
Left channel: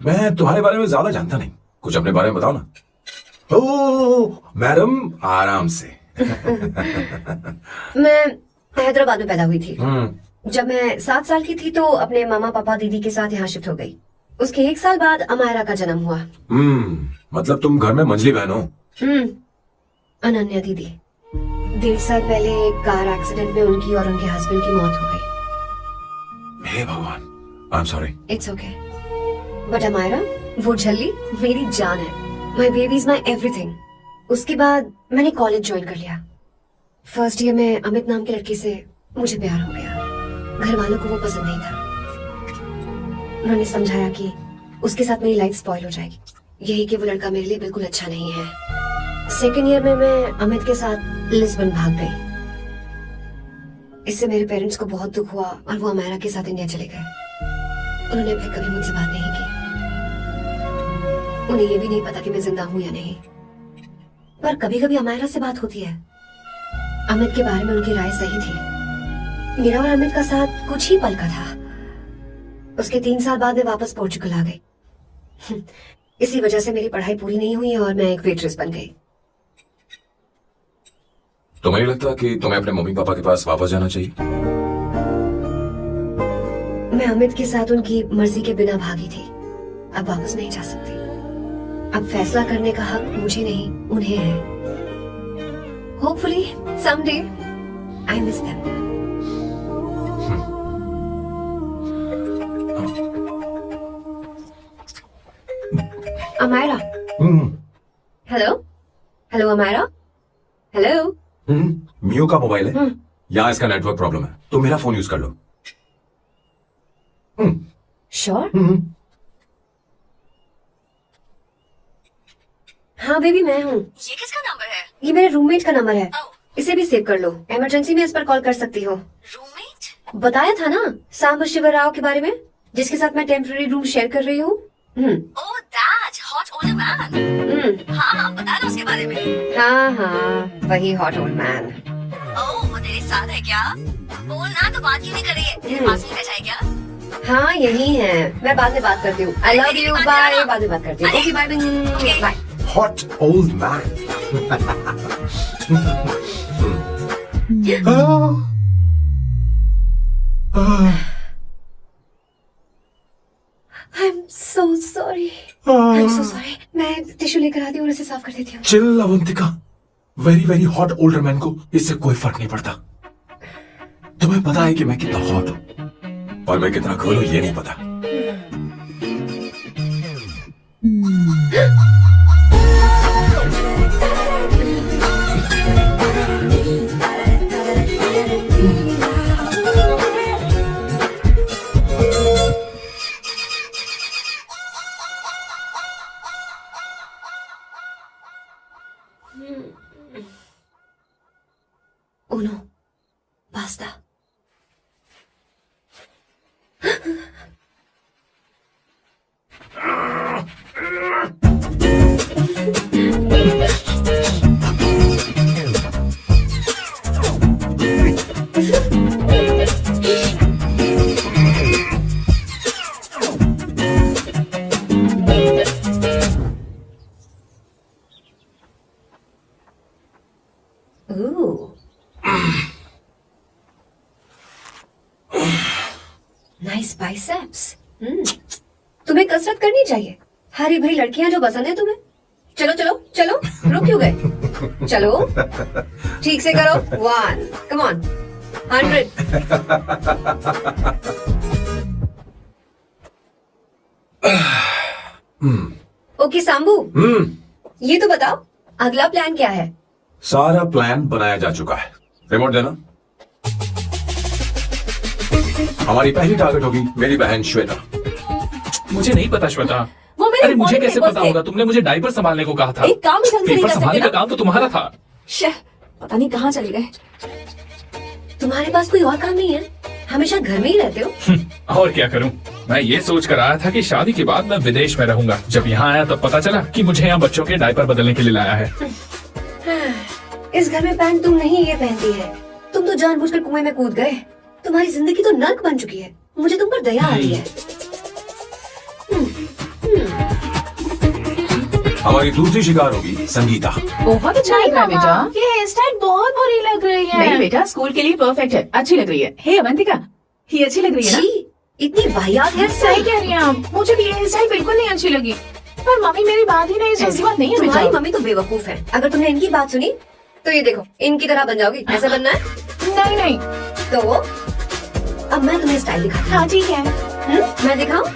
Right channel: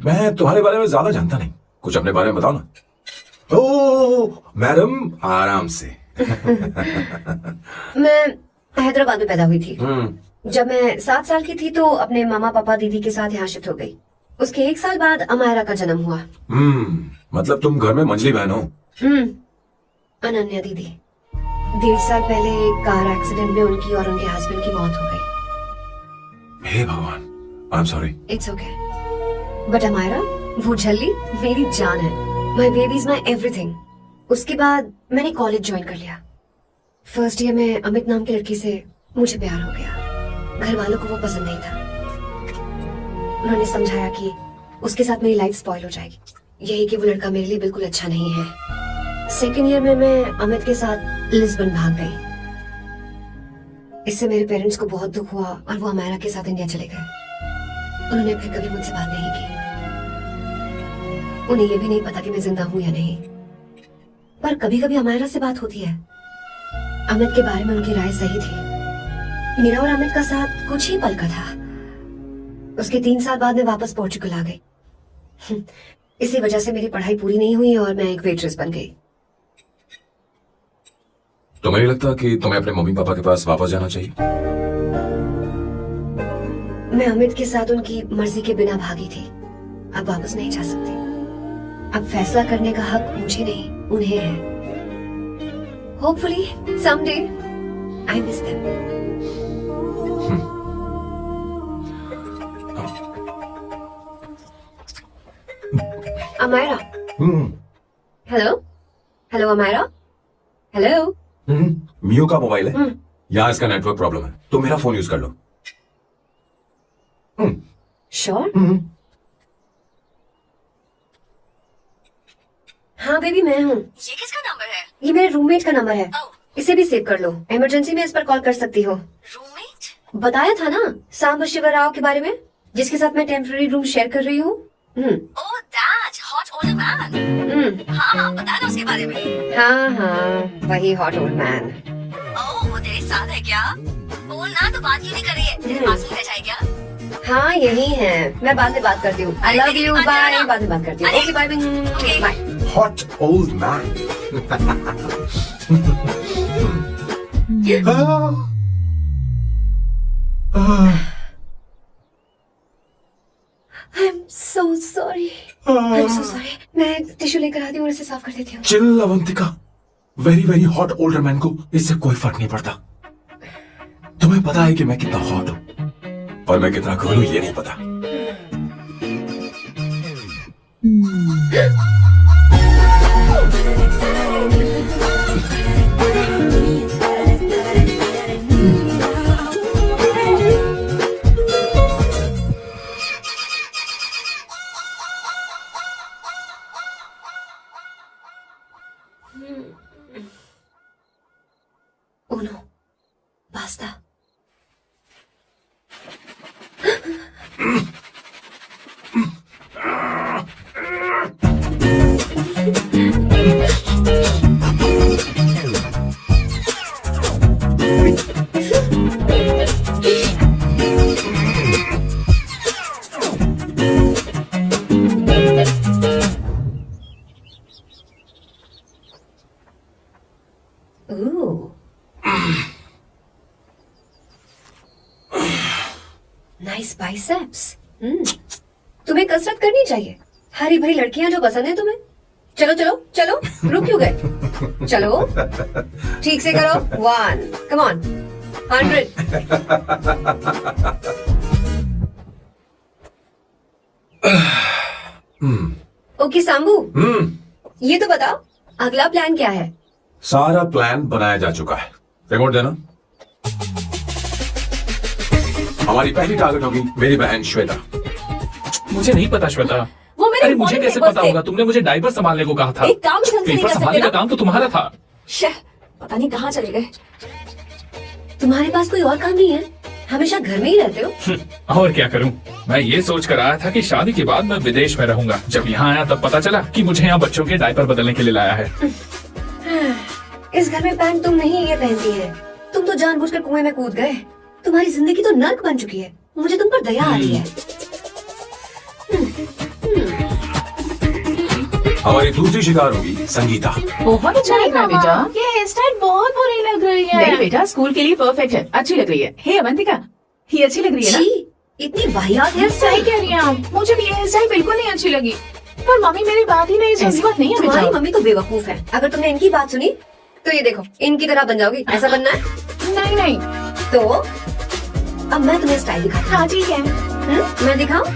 मैं तुम्हारे बारे में ज्यादा जानता नहीं, कुछ अपने बारे में बताओ ना। ओह मैडम, आराम से। मैं हैदराबाद में पैदा हुई थी। जब मैं 7 साल की थी तो अपने मामा पापा दीदी के साथ यहाँ शिफ्ट हो गई। उसके 1 साल बाद अमायरा का जन्म हुआ। मतलब तुम घर में मंझली बहन हो? अनन्या दीदी। 1.5 साल पहले एक कार एक्सीडेंट में उनकी और उनके हस्बैंड की मौत हो गई। हे भगवान, I am sorry. It's okay. But Amaira, वो झल्ली मेरी जान है। My baby is my everything. उसके बाद मैंने कॉलेज ज्वाइन कर लिया। फर्स्ट ईयर में अमित नाम के लड़के से मुझे प्यार हो गया। घर वालों को वो पसंद नहीं था। उन्होंने समझाया कि उसके साथ मेरी लाइफ स्पॉइल हो जाएगी, यही कि वो लड़का मेरे लिए बिल्कुल अच्छा नहीं है। सेकेंड ईयर में मैं अमित के साथ लिस्बन भाग गई। इससे मेरे पेरेंट्स को बहुत दुख हुआ और वो अमायरा के साथ इंडिया चले गए। उन्होंने फिर कभी मुझसे बात नहीं की। उन्हें ये भी नहीं पता कि मैं जिंदा हूं या नहीं। पर कभी कभी अमायरा से बात होती है। अमित के बारे में उनकी राय सही थी। मेरा और अमित का साथ कुछ ही पल का था। उसके 3 साल बाद मैं वापस पोर्चुगल आ गई। इसी वजह से मेरी पढ़ाई पूरी नहीं हुई और मैं एक वेट्रेस बन गई। तो मुझे लगता कि तुम्हें अपने मम्मी पापा के पास वापस जाना चाहिए। मैं अमित के साथ उनकी मर्जी के बिना भागी थी। अब वापस नहीं जा सकती। अब फैसला करने का हक मुझे नहीं, उन्हें है। Hopefully someday I miss them. Amaira. Hello hello Amaira. Hello. मियो का मोबाइल है। यहाँ इसका नेटवर्क प्रॉब्लम है, तो मेरा फोन यूज कर लो। श्योर? हाँ बेबी, मैं हूँ। ये किसका नंबर है? ये मेरे रूममेट का नंबर है। इसे भी सेव कर लो। इमरजेंसी में इस पर कॉल कर सकती हो। रूममेट? बताया था ना सांब शिवराव के बारे में, जिसके साथ मैं टेम्पररी रूम शेयर कर रही हूँ। Oh that hot old man. हाँ, बता दो उसके बारे में। हाँ, वही हॉट ओल्ड मैन। ओह, वो तेरे साथ है क्या? बोलना तो बात ही नहीं करे। तेरे पास ही बैठा है क्या? हाँ, यही है। मैं बाद में बात करती हूँ। I love you, bye. बाद में बात करती हूँ। Okay, bye bye. Hot old man. I'm so sorry. I'm so sorry. मैं टिश्यू लेकर आती हूँ और इसे साफ कर देती हूँ। Chill Avantika, very very hot older man को इससे कोई फर्क नहीं पड़ता। तुम्हें पता है कि मैं कितना हॉट हूँ और मैं कितना कूल हूँ, ये नहीं पता। ओनो पास्ता। Nice biceps. तुम्हें कसरत करनी चाहिए। हरी भरी लड़कियां जो पसंद है तुम्हें। चलो चलो चलो, रुक क्यों गए? चलो ठीक से करो। 1 कम ऑन 100। ओके सांबू, ये तो बताओ अगला प्लान क्या है? सारा प्लान बनाया जा चुका है। रिमोट देना। हमारी पहली टारगेट होगी मेरी बहन श्वेता। मुझे नहीं पता श्वेता। वो मेरे अरे मुझे morning कैसे papers पता थे। होगा? तुमने मुझे डायपर संभालने को कहा था। एक काम भी ढंग से नहीं पेपर कर संभालने सकते का काम तो तुम्हारा था। शह, पता नहीं कहाँ चले गए। तुम्हारे पास कोई और काम नहीं है? हमेशा घर में ही रहते हो। और क्या करूं? मैं ये सोच कर आया था कि शादी के बाद मैं विदेश में रहूंगा। जब यहाँ आया तब पता चला कि मुझे यहाँ बच्चों के डायपर बदलने के लिए लाया है। इस घर में पैंट तुम नहीं ये पहनती है। तुम तो जानबूझकर कुएं में कूद गए। तुम्हारी जिंदगी तो नर्क बन चुकी है। मुझे तुम पर दया आती है। हमारी दूसरी शिकार होगी संगीता। बहुत अच्छा लग रहा है बेटा। ये हेयर स्टाइल बहुत बुरी लग रही है। नहीं बेटा, स्कूल के लिए परफेक्ट है, अच्छी लग रही है। हे अवंतिका, ये अच्छी लग रही है ना? छी, इतनी वाहियात हेयर सही स्टाइल। कह रही हैं आप। मुझे भी ये हेयर स्टाइल बिल्कुल नहीं अच्छी लगी। पर मम्मी मेरी बात ही नहीं सुन ऐसी बात नहीं है तुम्हारी बेटा। मम्मी तो बेवकूफ है। अगर तुमने इनकी बात सुनी तो ये देखो इनकी तरह बन जाओगी। ऐसा बनना है नहीं नहीं। तो अब मैं तुम्हें स्टाइल दिखाती हाँ ठीक है। हूँ। मैं दिखाऊं?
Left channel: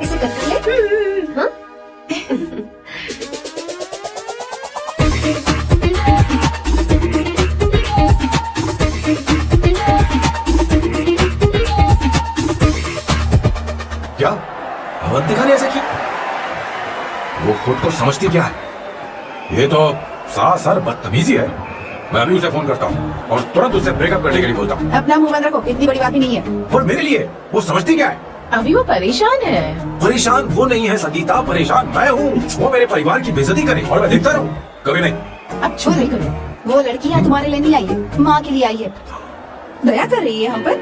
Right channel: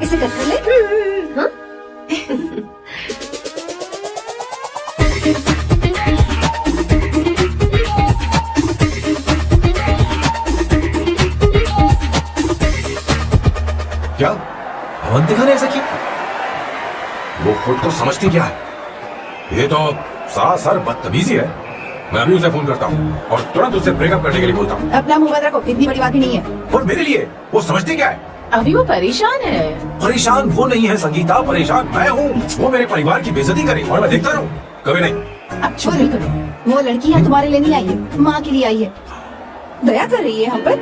इसे कट कर ले। हाँ? क्या अवंतिका ने ऐसा किया? वो खुद को समझती क्या है? ये तो सरासर बदतमीजी है। मैं अभी उसे फोन करता हूँ और तुरंत उससे ब्रेकअप करने के लिए बोलता हूँ। अपना मुंह बंद रखो, इतनी बड़ी बात भी नहीं है। और मेरे लिए वो समझती क्या है? अभी वो परेशान है। परेशान वो नहीं है संगीता, परेशान मैं हूँ। वो मेरे परिवार की बेइज्जती करे और मैं देखता रहूँ। कभी नहीं। अब चुप नहीं करो। वो लड़की यहाँ तुम्हारे लिए नहीं आई है, माँ के लिए आई है। दया कर रही है हम पर।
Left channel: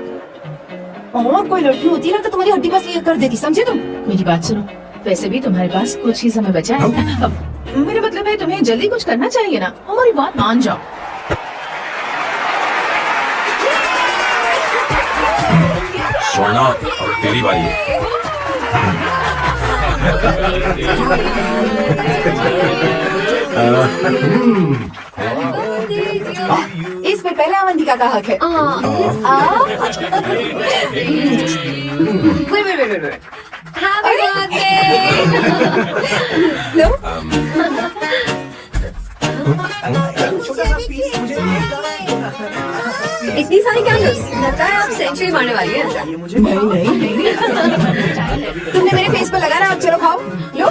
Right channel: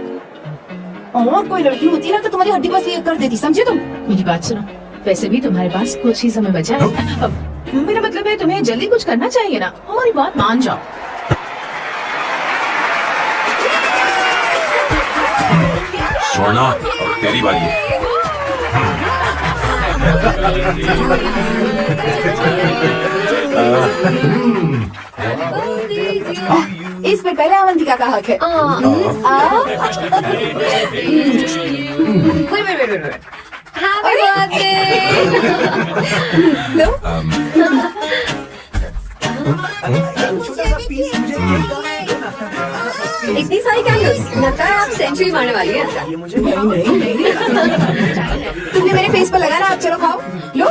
और कोई लड़की होती ना तो तुम्हारी हड्डी बस ये कर देती, समझे तुम? मेरी बात सुनो, वैसे भी तुम्हारे पास कुछ ही समय बचा है। मेरा मतलब है तुम्हें जल्दी कुछ करना चाहिए ना। हमारी बात मान जाओ। सोना, और तेरी बारी है। इस पे पहले अवंतिका का हक है। Wait. Happy birthday! इतनी सारी कैंडल्स, लगता है आप सेंचुरी मारने वाली हैं। नहीं। तुमने मेरे फेस पर लगा ना, अब चलो खाओ लो।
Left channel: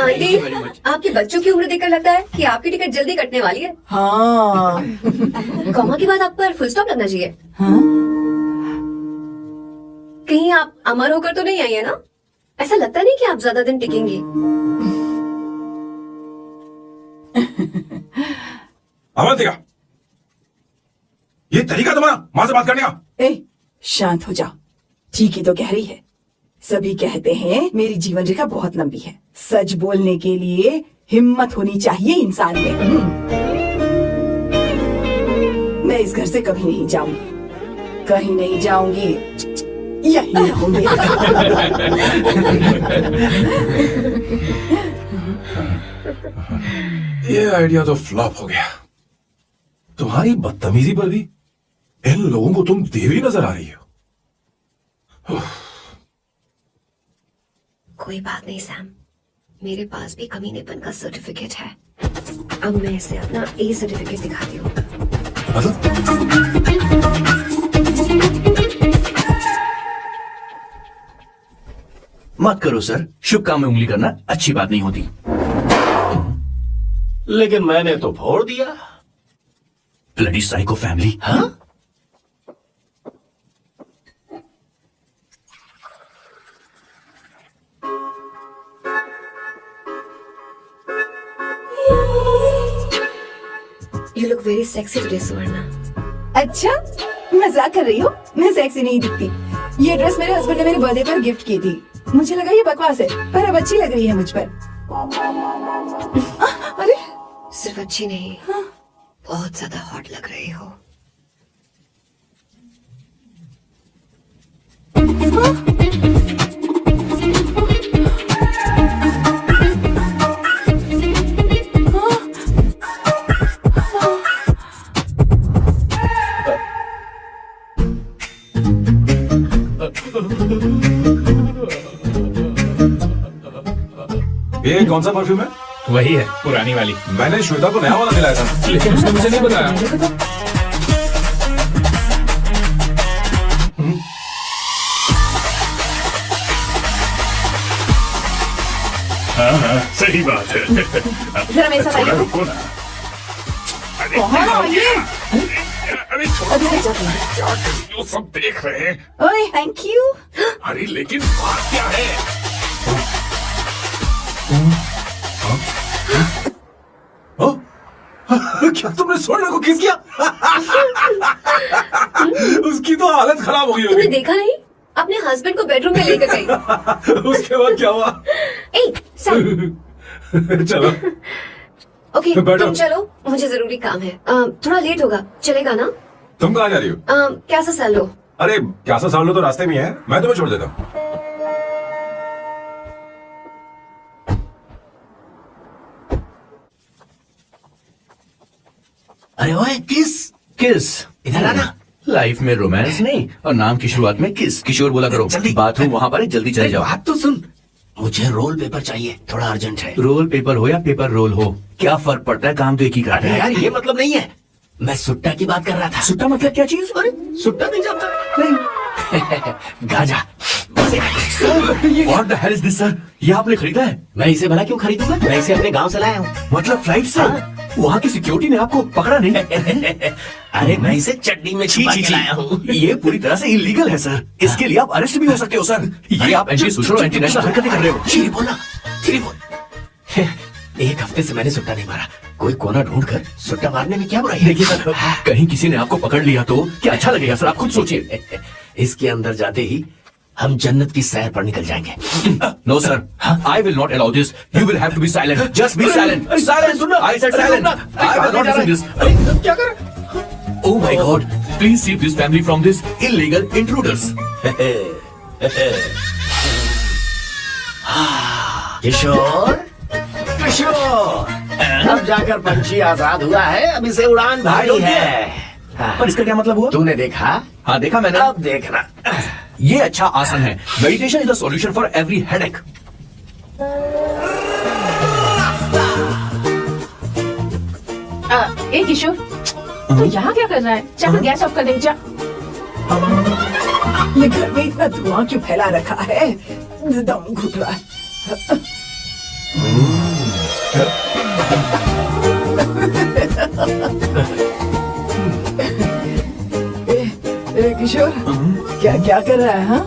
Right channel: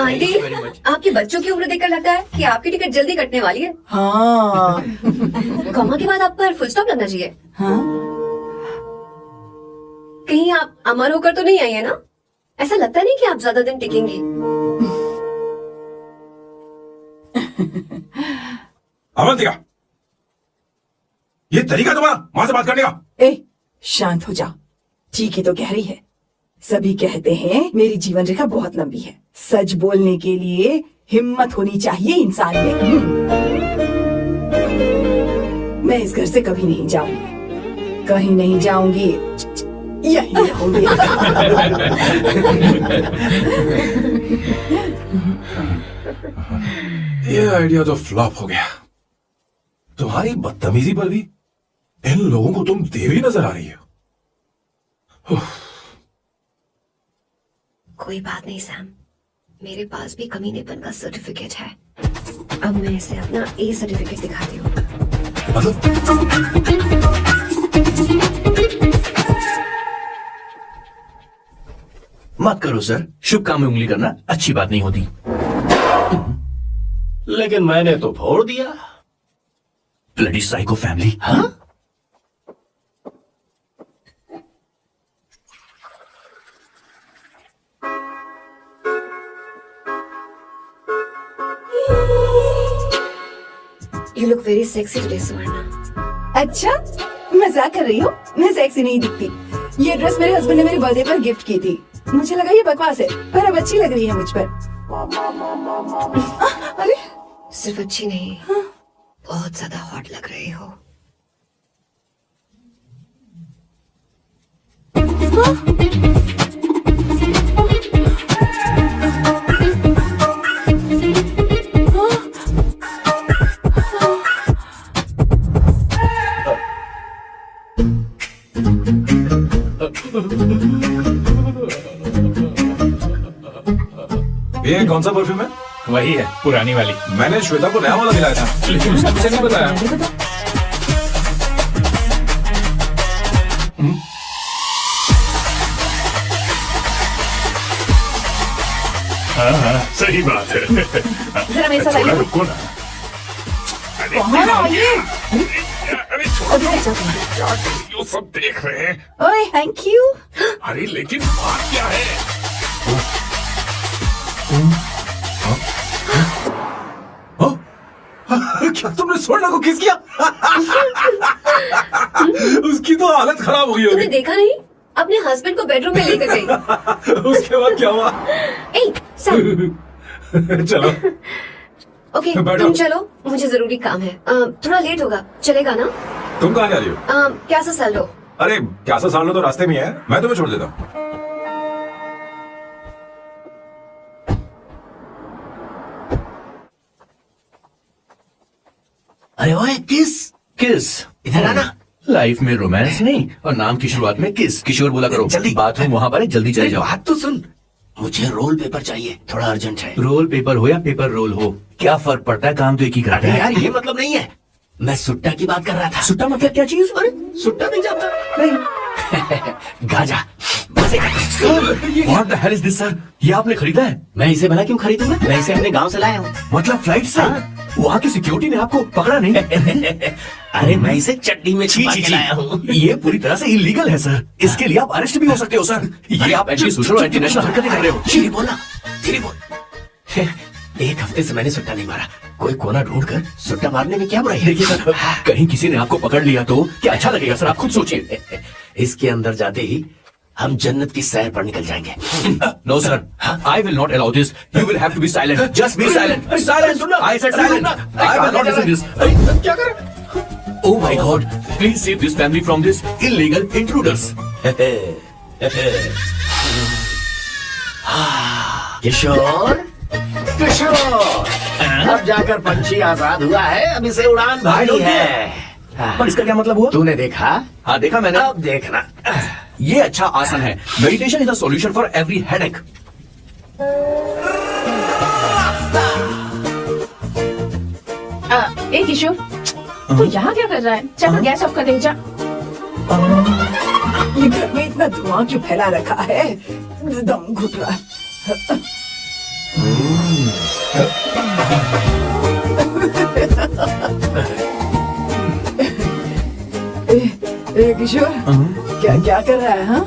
आंटी, आपके बच्चों की उम्र देखकर लगता है कि आपकी टिकट जल्दी कटने वाली है। हाँ कॉमा के बाद आप पर फुल स्टॉप लगना चाहिए। हाँ। कहीं आप अमर होकर तो नहीं आई है ना? ऐसा लगता नहीं कि आप ज्यादा दिन टिकेंगी। अवंतिका, ये तरीका तुम्हारा माँ से बात करने का? ए, शांत हो जाओ। ठीक ही तो कह रही है। सभी कहते हैं मेरी जीवन रेखा बहुत लंबी है। सच बोलने के लिए हिम्मत होनी चाहिए इंसान में। मैं इस घर से कभी नहीं जाऊंगी, कहीं नहीं जाऊंगी, यहीं रहूंगी। ये आइडिया तो फ्लॉप हो गया। तुम्हारी बदतमीजी पर भी इन लोगों को तुम देवी नजर आ रही हो। कोई बात नहीं सैम, मेरे पास भी कमीनेपन का सर्टिफिकेट है। अब मैं इसे अपना ए सर्टिफिकेट दिखाती हूँ। मत करो सर, शुभ काम में उंगली करना अच्छी बात नहीं होती। लेकिन मैंने तो फोड़ दिया। Bloody psycho family. हाँ? You look very sexy today, सुवर्णा। अच्छा, मजाक कर रही हो? मैं सेक्सी नहीं दिखती। ये ड्रेस मेरे हस्बैंड ने मेरे बर्थडे पर गिफ्ट की थी। मुझे लगा ये बकवास है, पर अब अच्छी लग रही है मुझ पर। अरे सिर्फ अच्छी नहीं, बहुत ज्यादा हॉट लग रही हो। ये कौन सा परफ्यूम है? वही है, पुरानी वाली। मैंने श्वेता को नया वाला दिलाया था। लेकिन उसने मुझे नहीं बताया। हाँ, सही बात है। जरा मेरे साथ आइए। रुको ना। कहाँ आइए? अरे छोड़ो, क्या कर रही हो? सब देख रहे हैं। ओए, थैंक यू। अरे लेकिन बात क्या है? क्या तुमने स्वर्ण को किस किया? उसकी तो हालत खराब हो गई तुमने होगी। देखा नहीं? अपने हस्बैंड को बेडरूम में लेकर गई। उसके बाद क्या हुआ? ए, सर। चलो। ओके, बैठो। तुम चलो, मुझे जरूरी काम है। थोड़ा लेट होगा, चलेगा ना? तुम कहाँ जा रही हो? क्या सा सैल लो। अरे क्या सा सामने तो रास्ते में ही है, मैं तुम्हें छोड़ देता हूँ। अरे ओए किस किस इधर आना। लाइफ में रोमांस नहीं और नाम की शुरुआत में किस। किशोर बोला करो। जल्दी बाथरूम वहाँ पर है, जल्दी चले जाओ। बात तो सुन, मुझे रोल पेपर चाहिए, थोड़ा अर्जेंट है। रोल पेपर हो या पेपर रोल हो, क्या फर्क पड़ता है? काम तो एक ही करते अरे हैं। यार ये मतलब नहीं है, मैं सुट्टा की बात कर रहा था। सुट्टा मतलब क्या चीज? अरे सुट्टा नहीं जानता? नहीं। Gaza. What the hell is this, sir? ये आपने खरीदा है? मैं इसे भला क्यों खरीदूंगा? मैं इसे अपने गांव से लाया हूँ। मतलब फ्लाइट से? वहाँ की सिक्योरिटी ने आपको पकड़ा नहीं? अरे मैं इसे चड्डी में छुपा के लाया हूँ। ये पूरी तरह से इलीगल है सर। इसके लिए आप अरेस्ट भी हो सकते हो सर। ये आप एंटी सोशल और एंटी नेशनल हरकतें कर रहे हो। धीरे बोला, धीरे बोल। एक हफ्ते से मैंने सुट्टा नहीं मारा। कोई कोना ढूंढ कर सुट्टा मारने में क्या बुराई है? देखिए सर, कहीं किसी ने आपको पकड़ लिया तो क्या अच्छा लगेगा सर? आप खुद सोचिए। इसके अंदर जाते ही हम जन्नत की सैर पर निकल जाएंगे। No sir, I will not allow this. You will have to be silent. Just be silent. Silent. I said silent. I will not allow this. क्या कर? Oh my God! Please save this family from this illegal intruders. किशोर, किशोर, अब जाकर पंछी आजाद हुआ है, अब इसे उड़ान भारी है। पर इसका क्या मतलब हुआ? तूने देखा? हाँ देखा मैंने। अब देखना। ये अच्छा आसन है। Meditation is the solution for every headache. ए किशोर, तू यहाँ क्या कर रहा है? चल गैस ऑफ कर दे जा। ये घर में इतना धुआं क्यों फैला रखा है? दम घुट रहा है। ए किशोर, क्या क्या कर रहा है? हाँ,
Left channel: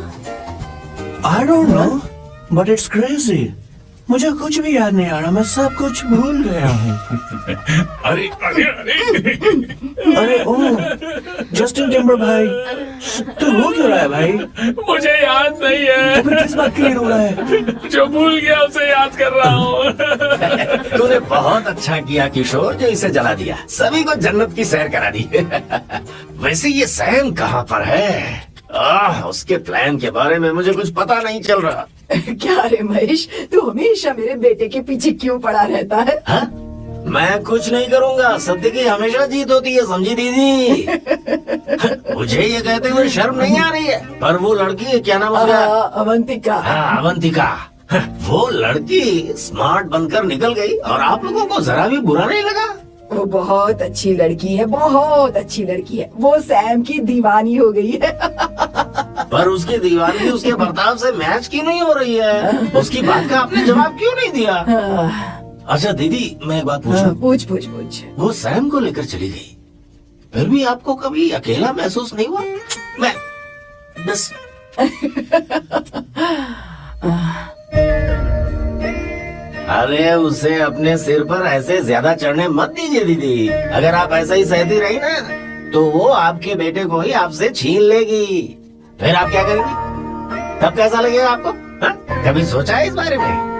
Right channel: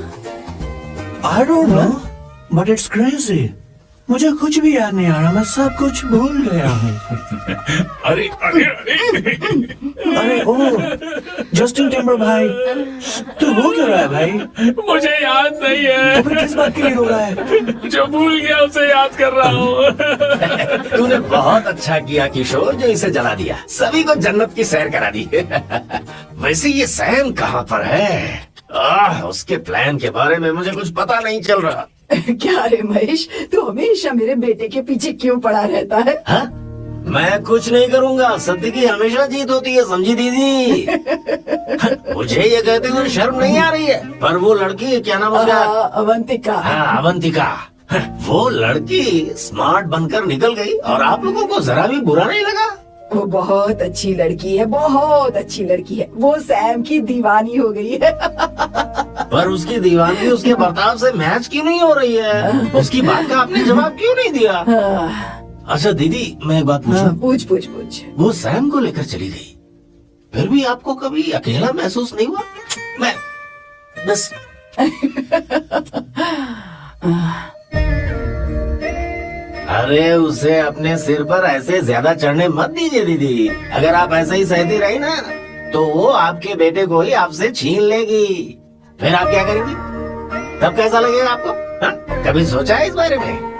I don't know, but it's crazy. मुझे कुछ भी याद नहीं आ रहा, मैं सब कुछ भूल गया हूँ। अरे अरे अरे अरे ओ, जस्टिन टिम्बर भाई, तू रो क्यों रहा है भाई? मुझे याद नहीं है। तो फिर किस बात के लिए रो रहा है? जो भूल गया उसे याद कर रहा हूँ। तूने बहुत अच्छा किया किशोर जो इसे जला दिया, सभी को जन्नत की सैर करा दी। वैसे ये सैम कहाँ पर है? उसके प्लान के बारे में मुझे कुछ पता नहीं चल रहा। क्या रे महेश, तू हमेशा मेरे बेटे के पीछे क्यों पड़ा रहता है? हा? मैं कुछ नहीं करूंगा, सत्य की हमेशा जीत होती है, समझी दीदी? मुझे ये कहते हुए शर्म नहीं आ रही है, पर वो लड़की क्या नाम उसका? अवंतिका। हाँ अवंतिका, वो लड़की स्मार्ट बनकर निकल गई और आप लोगों को जरा भी बुरा नहीं लगा? वो बहुत अच्छी लड़की है, बहुत अच्छी लड़की है। वो सैम की दीवानी हो गई है। पर उसकी दीवानी उसके बर्ताव से मैच क्यों नहीं हो रही है? उसकी बात का आपने जवाब क्यों नहीं दिया? अच्छा दीदी, मैं एक बात पूछूं? पूछ पूछ पूछ। वो सैम को लेकर चली गई, फिर भी आपको कभी अकेला महसूस नहीं हुआ? मैं बस अरे उसे अपने सिर पर ऐसे ज्यादा चढ़ने मत दीजिए दीदी। अगर आप ऐसा ही सहती रही ना तो वो आपके बेटे को ही आपसे छीन लेगी। फिर आप क्या करेंगी? तब कैसा लगेगा आपको? हा? कभी सोचा है इस बारे में?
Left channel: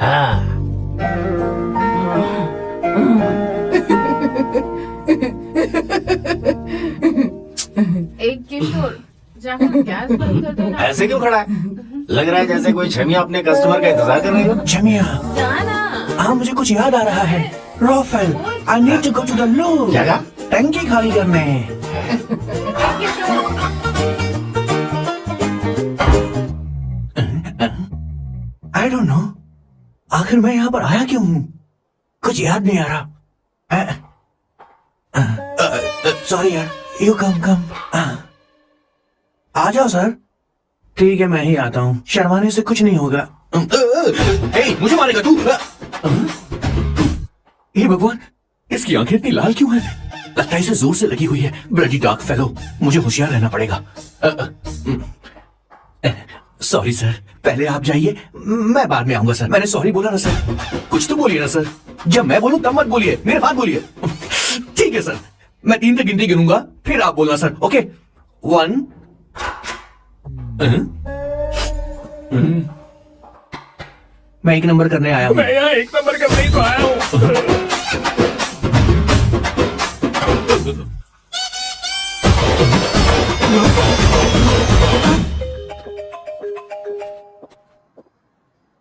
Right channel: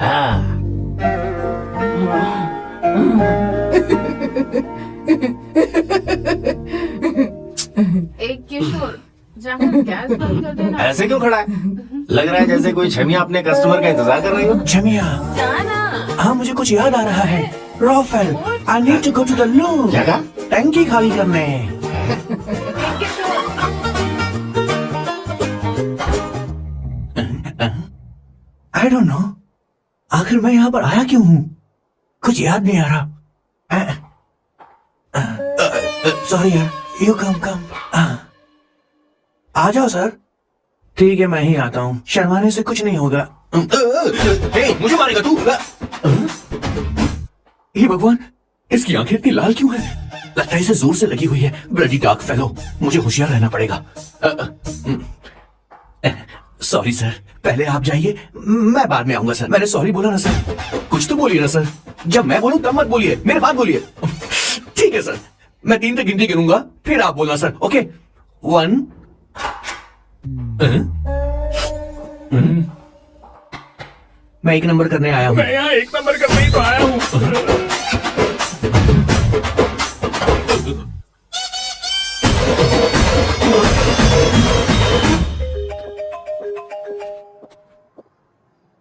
हाँ। एक किशोर, जाकर गैस बंद कर देना। ऐसे क्यों खड़ा है? लग रहा है जैसे कोई छमिया अपने कस्टमर का इंतजार कर रही हो। छमिया, हाँ मुझे कुछ याद आ रहा है। रोफेल, I need to go to the loo. क्या? टंकी खाली करने। आई डोंट नो, आखिर मैं यहाँ पर आया क्यों हूँ? कुछ याद नहीं आ रहा। सॉरी यार, यू कम। आ जाओ सर। ठीक है, मैं ही आता हूँ। शर्माने से कुछ नहीं होगा। मुझे मारेगा तू? हे भगवान, इसकी आंखें इतनी लाल क्यों हैं? लगता है इसे जोर से लगी हुई है। ब्लडी डार्क फेलो, मुझे होशियार रहना पड़ेगा। सॉरी सर, पहले आप जाइए, मैं बाद में आऊंगा सर। मैंने सॉरी बोला ना सर। कुछ तो बोलिए ना सर। जब मैं बोलूं तब मत बोलिए, मेरे बाद बोलिए। ठीक है सर, मैं 3 तक गिनती गिनूंगा, फिर आप बोलना सर। ओके, 1। मैं 1 नंबर करने आया हूँ। मैं यहाँ 1 नंबर करने ही तो आया हूँ।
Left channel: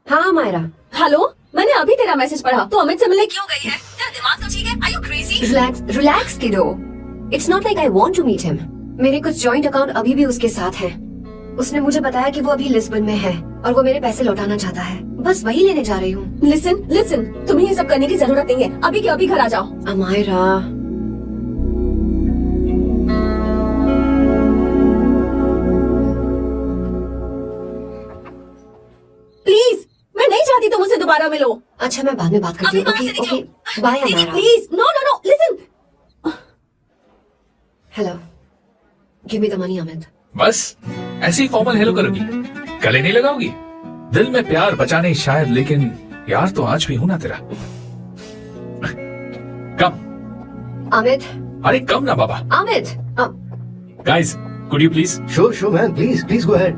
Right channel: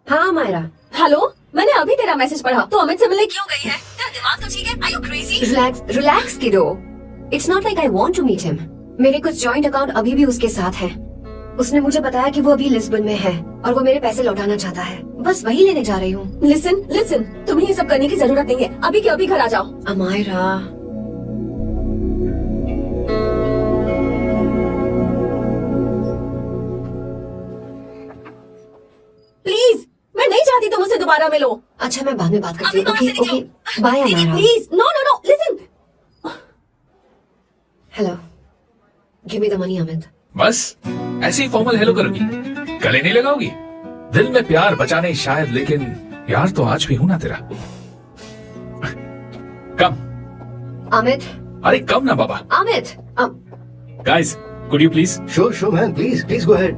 हाँ मायरा। हेलो, मैंने अभी तेरा मैसेज पढ़ा। तो अमित से मिलने क्यों गई है? तेरा दिमाग तो ठीक है? Are you crazy? Relax kiddo. It's not like I want to meet him. मेरे कुछ जॉइंट अकाउंट अभी भी उसके साथ हैं। उसने मुझे बताया कि वो अभी लिस्बन में है और वो मेरे पैसे लौटाना चाहता है। बस वही लेने जा रही हूँ। लिसन, तुम्हें ये सब करने की जरूरत नहीं है। अभी के अभी घर आ जाओ। अमायरा, प्लीज, मैं नहीं चाहती तुम मुझसे दोबारा मिलो। अच्छा मैं बाद में बात करती हूँ। Okay, bye Amaira. Please, no, listen. Hello, give me the money Amit. बस ऐसे ही फॉर्मल हेलो करोगी, गले नहीं लगाओगी? दिल में प्यार बचाने शायद, लेकिन यार तो आज भी हूं ना तेरा। कम अमित। अरे कम ना बाबा। Amit. Guys, could you please? Sure, man. Please go ahead.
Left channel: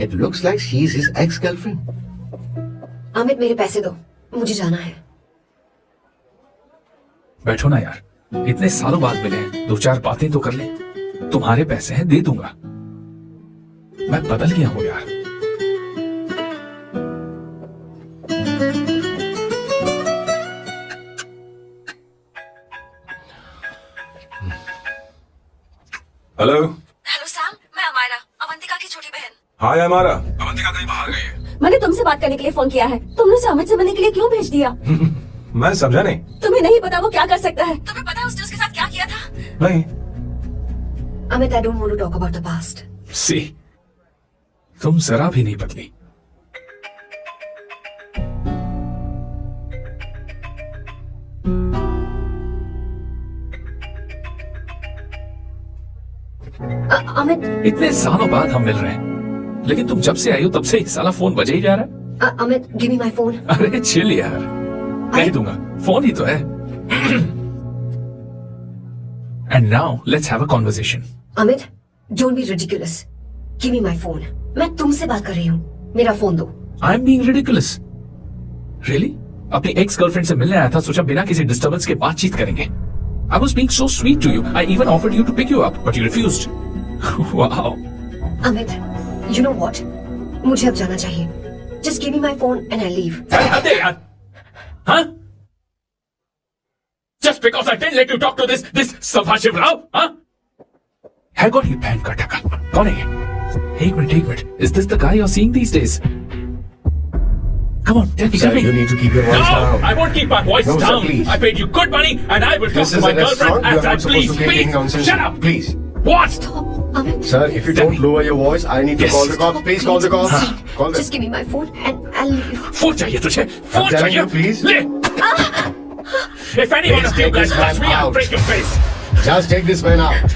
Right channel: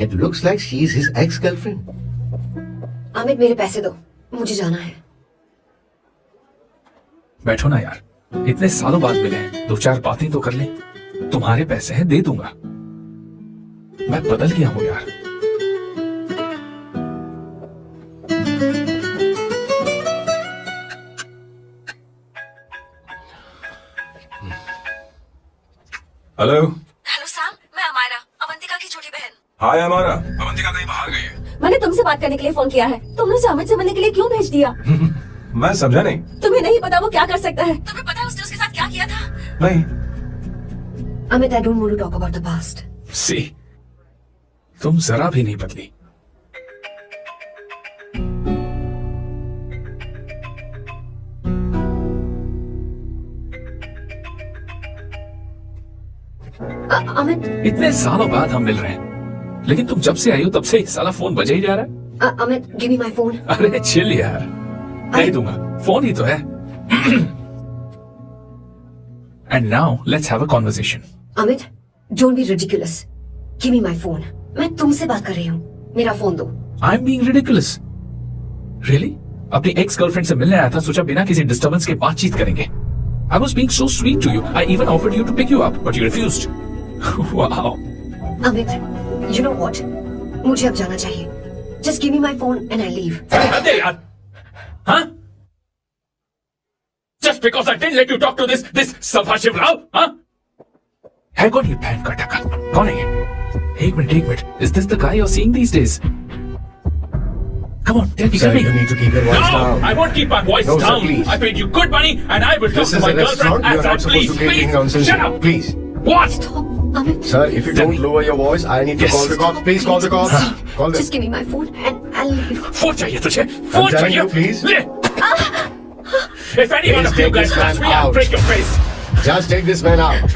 It looks like she is his ex-girlfriend. Amit मेरे पैसे दो, मुझे जाना है। बैठो ना यार, इतने सालों बाद मिले हैं, 2-4 बातें तो कर ले। तुम्हारे पैसे हैं, दे दूंगा। मैं बदल गया हूं यार। हेलो सैम, मैं अमायरा, अवंतिका की छोटी बहन। हाय हमारा, अवंतिका कहीं बाहर गई है। मैंने तुमसे बात करने के लिए फोन किया है। तुमने उसे अमित से मिलने के लिए क्यों भेज दिया? मैं समझा नहीं। तुम्हें नहीं पता वो क्या कर सकता है? तुम्हें पता है उसने उसके साथ क्या किया था? नहीं। Amit, I don't want to talk about the past. See, तुम जरा भी नहीं बदली। अमित, इतने सालों बाद हम मिल रहे हैं, लेकिन तुम जब से आई हो तब से साला फोन बजा ही जा रहा है। Amit, give me my phone. अरे चिल यार, नहीं दूंगा, फोन ही तो है। And now let's have a conversation. Amit, don't be ridiculous. Give me my phone. मैं तुमसे बात कर रही हूँ, मेरा फोन दो। I am being ridiculous? Really? अपनी एक्स गर्लफ्रेंड से मिलने आया था, सोचा बिना किसी डिस्टर्बेंस के बातचीत करेंगे। I was being so sweet to you. I even offered you to pick you up, but you refused. Wow. Amit, you know what? मुझे अब जाना चाहिए. Just give me my phone and I leave. अरे यार, हाँ? Just because I didn't let you talk to this Subhashiv Rao, हाँ? है कौन ये बहन का टका? कौन है ये? एक minute. Is this the guy you're seeing these days? Come on, tell me. Sir, you need to keep your voice down. No, I won't keep my voice No, sir, down. please. I paid you good money, and I will talk This to is my a girlfriend restaurant. You as are I not supposed please. to be Please, making nonsense. shut up. Please. What? Amit. Sir, if you don't lower your voice, I need to Yes. call the cops. Please call the cops. Call them. Just give me my phone and I'll leave. Phone चाहिए तुझे, phone चाहिए, please ले। If any one of you guys touch me, I'll break your face. Just take this man out.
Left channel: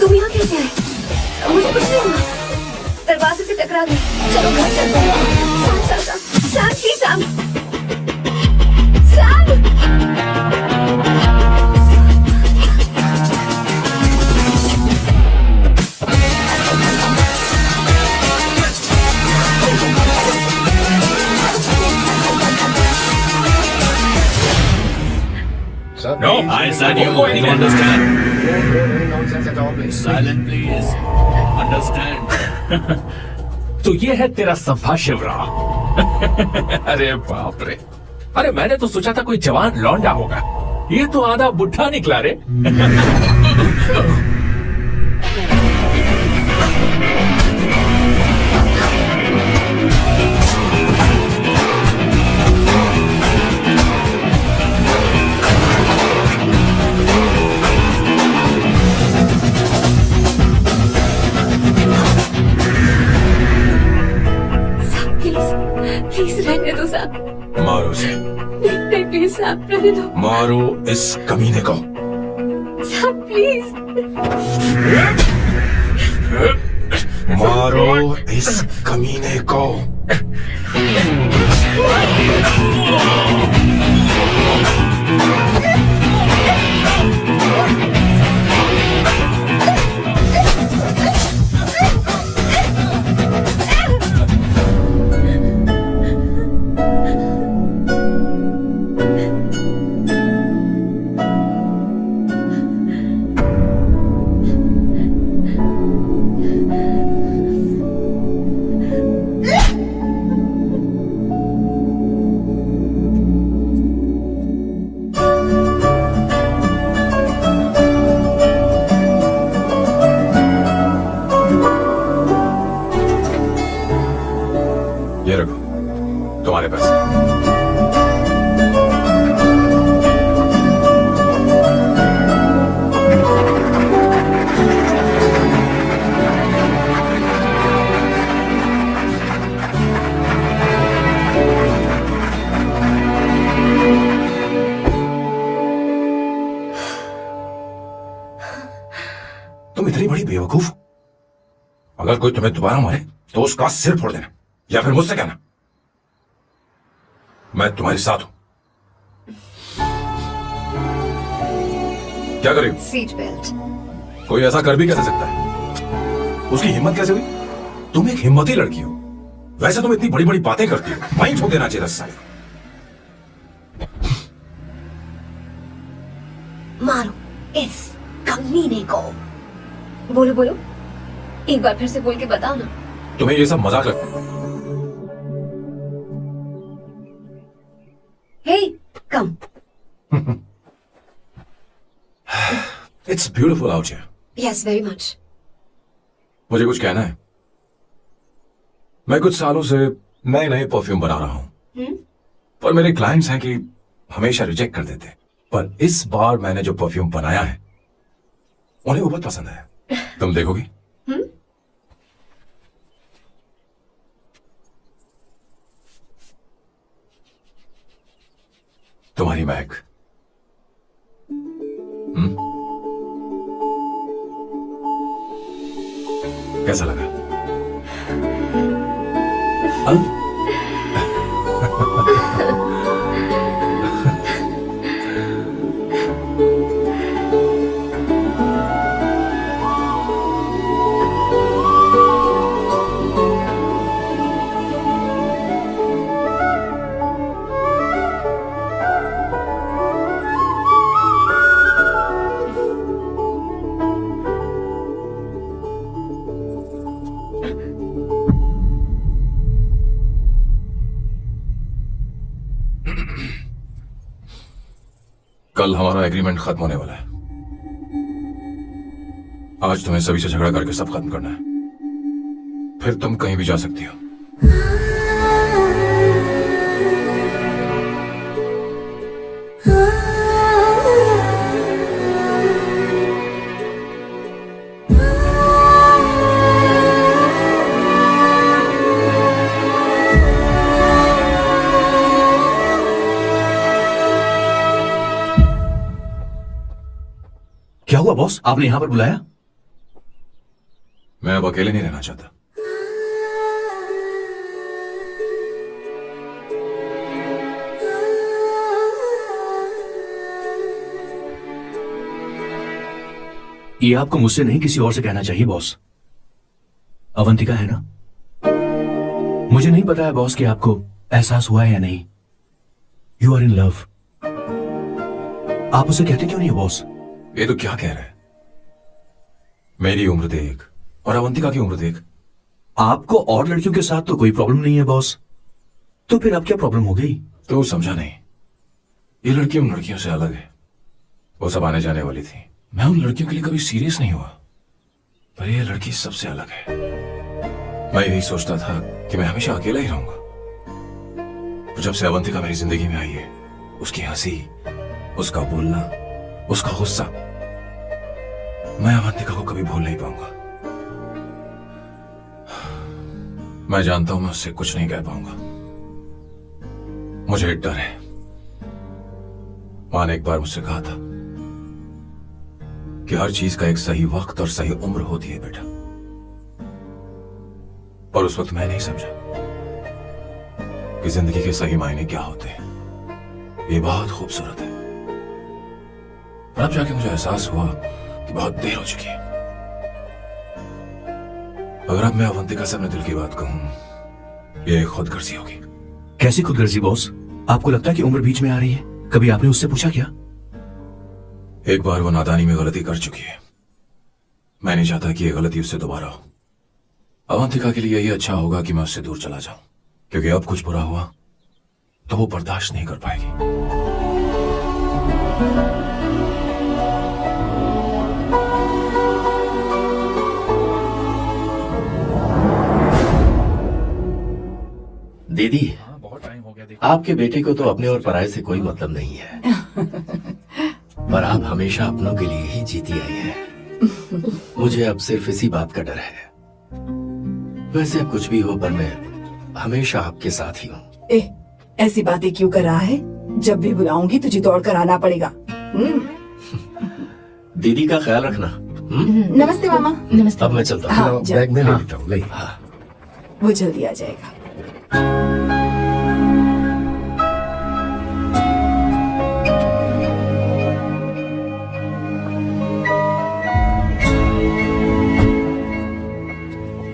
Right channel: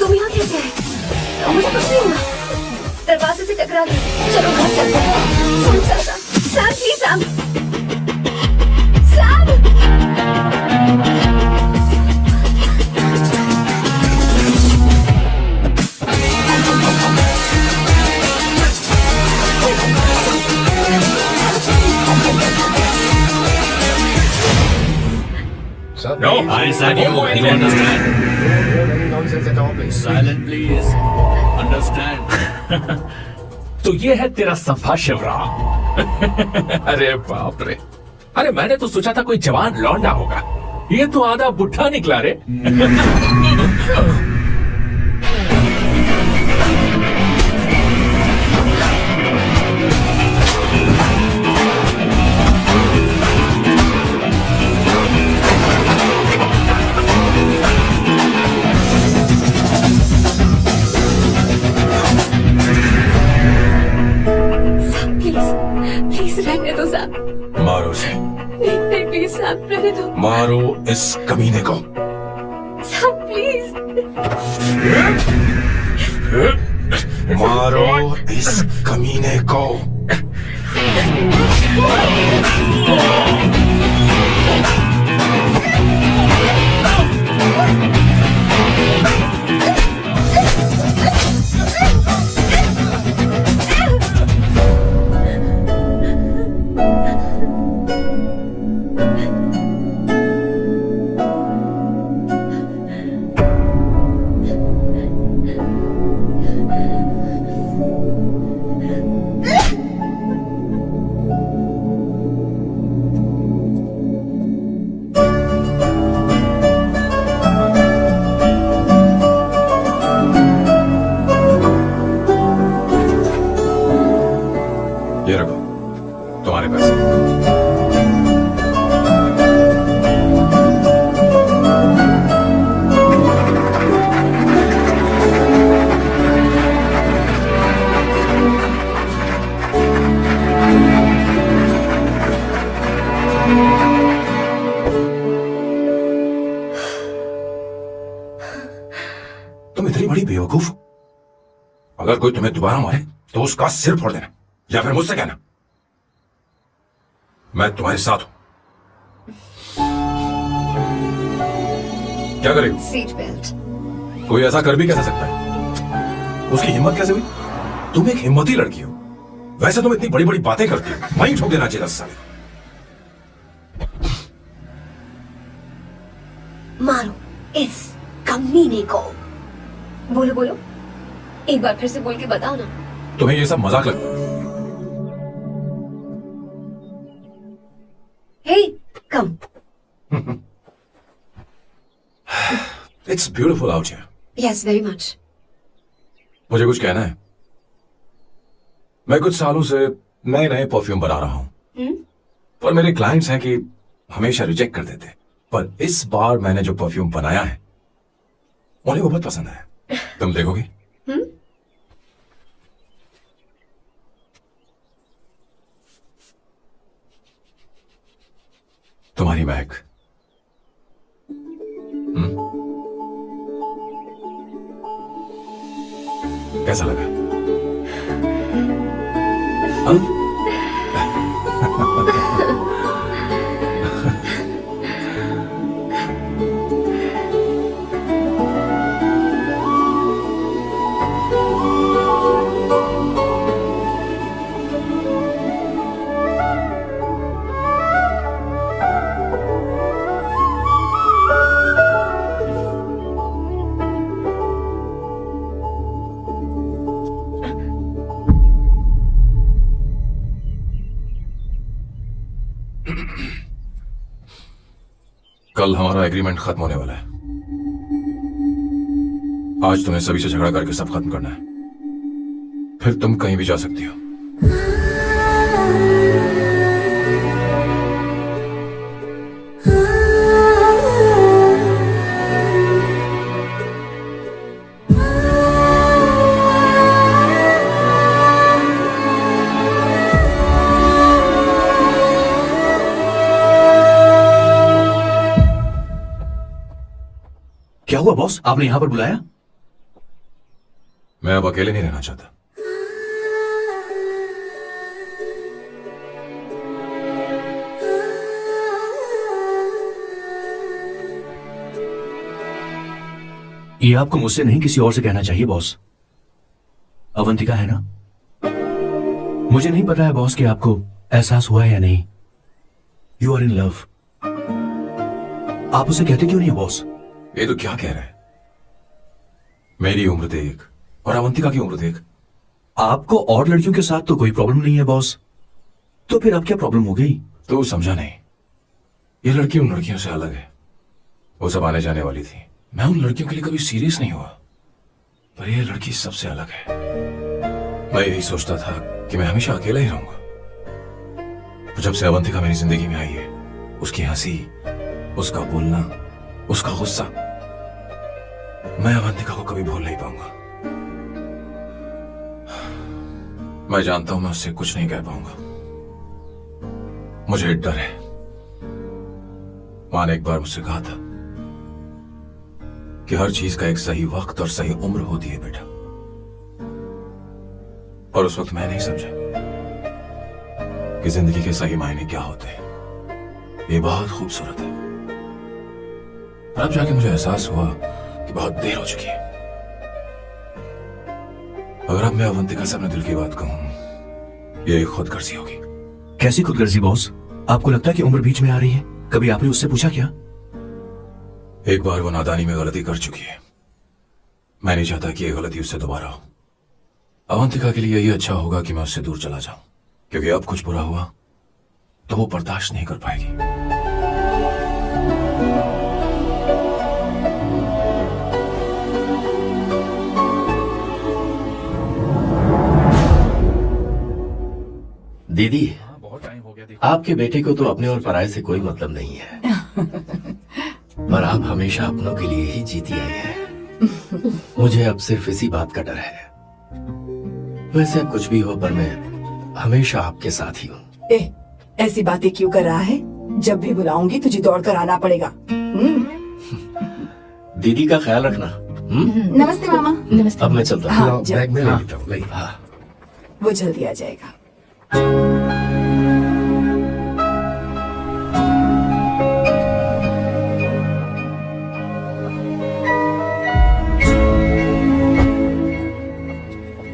तुम यहाँ कैसे आए? मुझे कुछ नहीं हुआ। दरवाजे से टकरा गई। चलो घर चलते हैं। Sam please Sam. No, I said you understand. Silent, please. Understand. तो ये है तेरा सभा शिवराव। अरे बाप रे, अरे मैंने तो सोचा था कोई जवान लौंडा होगा, ये तो आधा बुढ़ा निकला रे। प्लीज रहने दो सैम। मारो उसे, नहीं प्लीज सैम रहने दो। मारो इस कमीने को। Sam please. मारो इस कमीने को। ये रखो तुम्हारे पैसे। तुम इतनी बड़ी बेवकूफ हो। अगर कोई तुम्हें दोबारा मारे तो उसका सिर फोड़ देना, या फिर मुझसे कहना मैं तुम्हारे साथ हूं। क्या करेगी? Seat belt. कोई ऐसा कर भी कैसे सकता है? उसकी हिम्मत कैसे हुई? तुम एक हिम्मती लड़की हो, वैसे तुम इतनी बड़ी बड़ी बातें करती हो, वहीं ठोक देना चाहिए 10 साल। मारो इस कमीने को। बोलो बोलो, एक बार फिर से बोल के बताओ ना। तुम्हें ये सब मजाक लगता है? Hey, come. It's beautiful out here. Yes, very much. मुझे कुछ कहना है। मैं कुछ सालों से नए नए परफ्यूम बना रहा हूं, पर मेरे क्लाइंट्स हैं कि हमेशा रिजेक्ट कर देते, पर इस बार मैंने जो परफ्यूम बनाया है उन्हें वो बहुत पसंद है। तुम देखोगी? तुम्हारी महक। कैसा लगा? कल हमारा एग्रीमेंट खत्म होने वाला है। आज तुम्हें सभी से झगड़ा करके सब खत्म करना है, फिर तुम कहीं भी जा सकती हो। क्या हुआ बॉस, आपने यहां पर बुलाया? मैं अब अकेले नहीं रहना चाहता। ये आपको मुझसे नहीं किसी और से कहना चाहिए बॉस। अवंतिका है ना? मुझे नहीं पता है बॉस कि आपको एहसास हुआ है या नहीं। You are in love. आप उसे कहते क्यों नहीं है बॉस? ये तो क्या कह रहे हैं? मेरी उम्र देख और अवंतिका की उम्र देख। आपको और लड़कियों के साथ तो कोई प्रॉब्लम नहीं है बॉस, तो फिर अब क्या प्रॉब्लम हो गई? तो समझा नहीं, ये लड़की उन लड़कियों से अलग है। वो सब आने जाने वाली थी। मैं उन लड़कियों के लिए कभी सीरियस नहीं हुआ, पर ये लड़की सबसे अलग है। मैं यही सोचता था कि मैं हमेशा अकेला ही रहूंगा, पर जब से अवंतिका मेरी जिंदगी में आई है, उसकी हंसी, उसका बोलना, उसका गुस्सा, मैं अवंतिका को कभी भूल नहीं पाऊंगा। मैं जानता हूं मैं उससे कुछ नहीं कह पाऊंगा। मुझे डर है। मां ने एक बार मुझसे कहा था कि हर चीज का एक सही वक्त और सही उम्र होती है बेटा, और उस वक्त मैं नहीं समझा कि जिंदगी के सही मायने क्या होते हैं। ये बहुत खूबसूरत है, पर अब जाके मुझे एहसास हुआ कि बहुत देर हो चुकी है। अगर अब मैं अवंतिका से अपने दिल की बात कहूं, ये खुदगर्जी होगी। कैसी खुदगर्जी बॉस? आपको लगता है कि उम्र बीच में आ रही है? कभी आपने उससे पूछा क्या? एक बार वो नादानी में गलती कर चुकी है। मैं नहीं चाहता कि ये गलती उससे दोबारा हो। अवंतिका के लिए यही अच्छा होगा कि मैं उससे दूर चला जाऊं, क्योंकि अब कुछ बुरा हुआ तो वो बर्दाश्त नहीं कर पाएगी। दीदी, आपके बेटे को तो अपने और पराये से कोई मतलब नहीं है, पर आप हमेशा अपनों के लिए ही जीती आई हैं। मुझे अब सिर्फ इसी बात का डर है। वैसे अब कुछ भी हो, पर मैं हमेशा आपके साथ ही हूँ। ऐसी बातें क्यों कर रहा है? जब भी बुलाऊंगी तुझे दौड़ कर आना पड़ेगा। दीदी का ख्याल रखना। नमस्ते मामा। नमस्ते। अब मैं चलता हूँ। हाँ, बैग में ले लेता हूँ। हाँ। वो जल्दी आ जाएगा।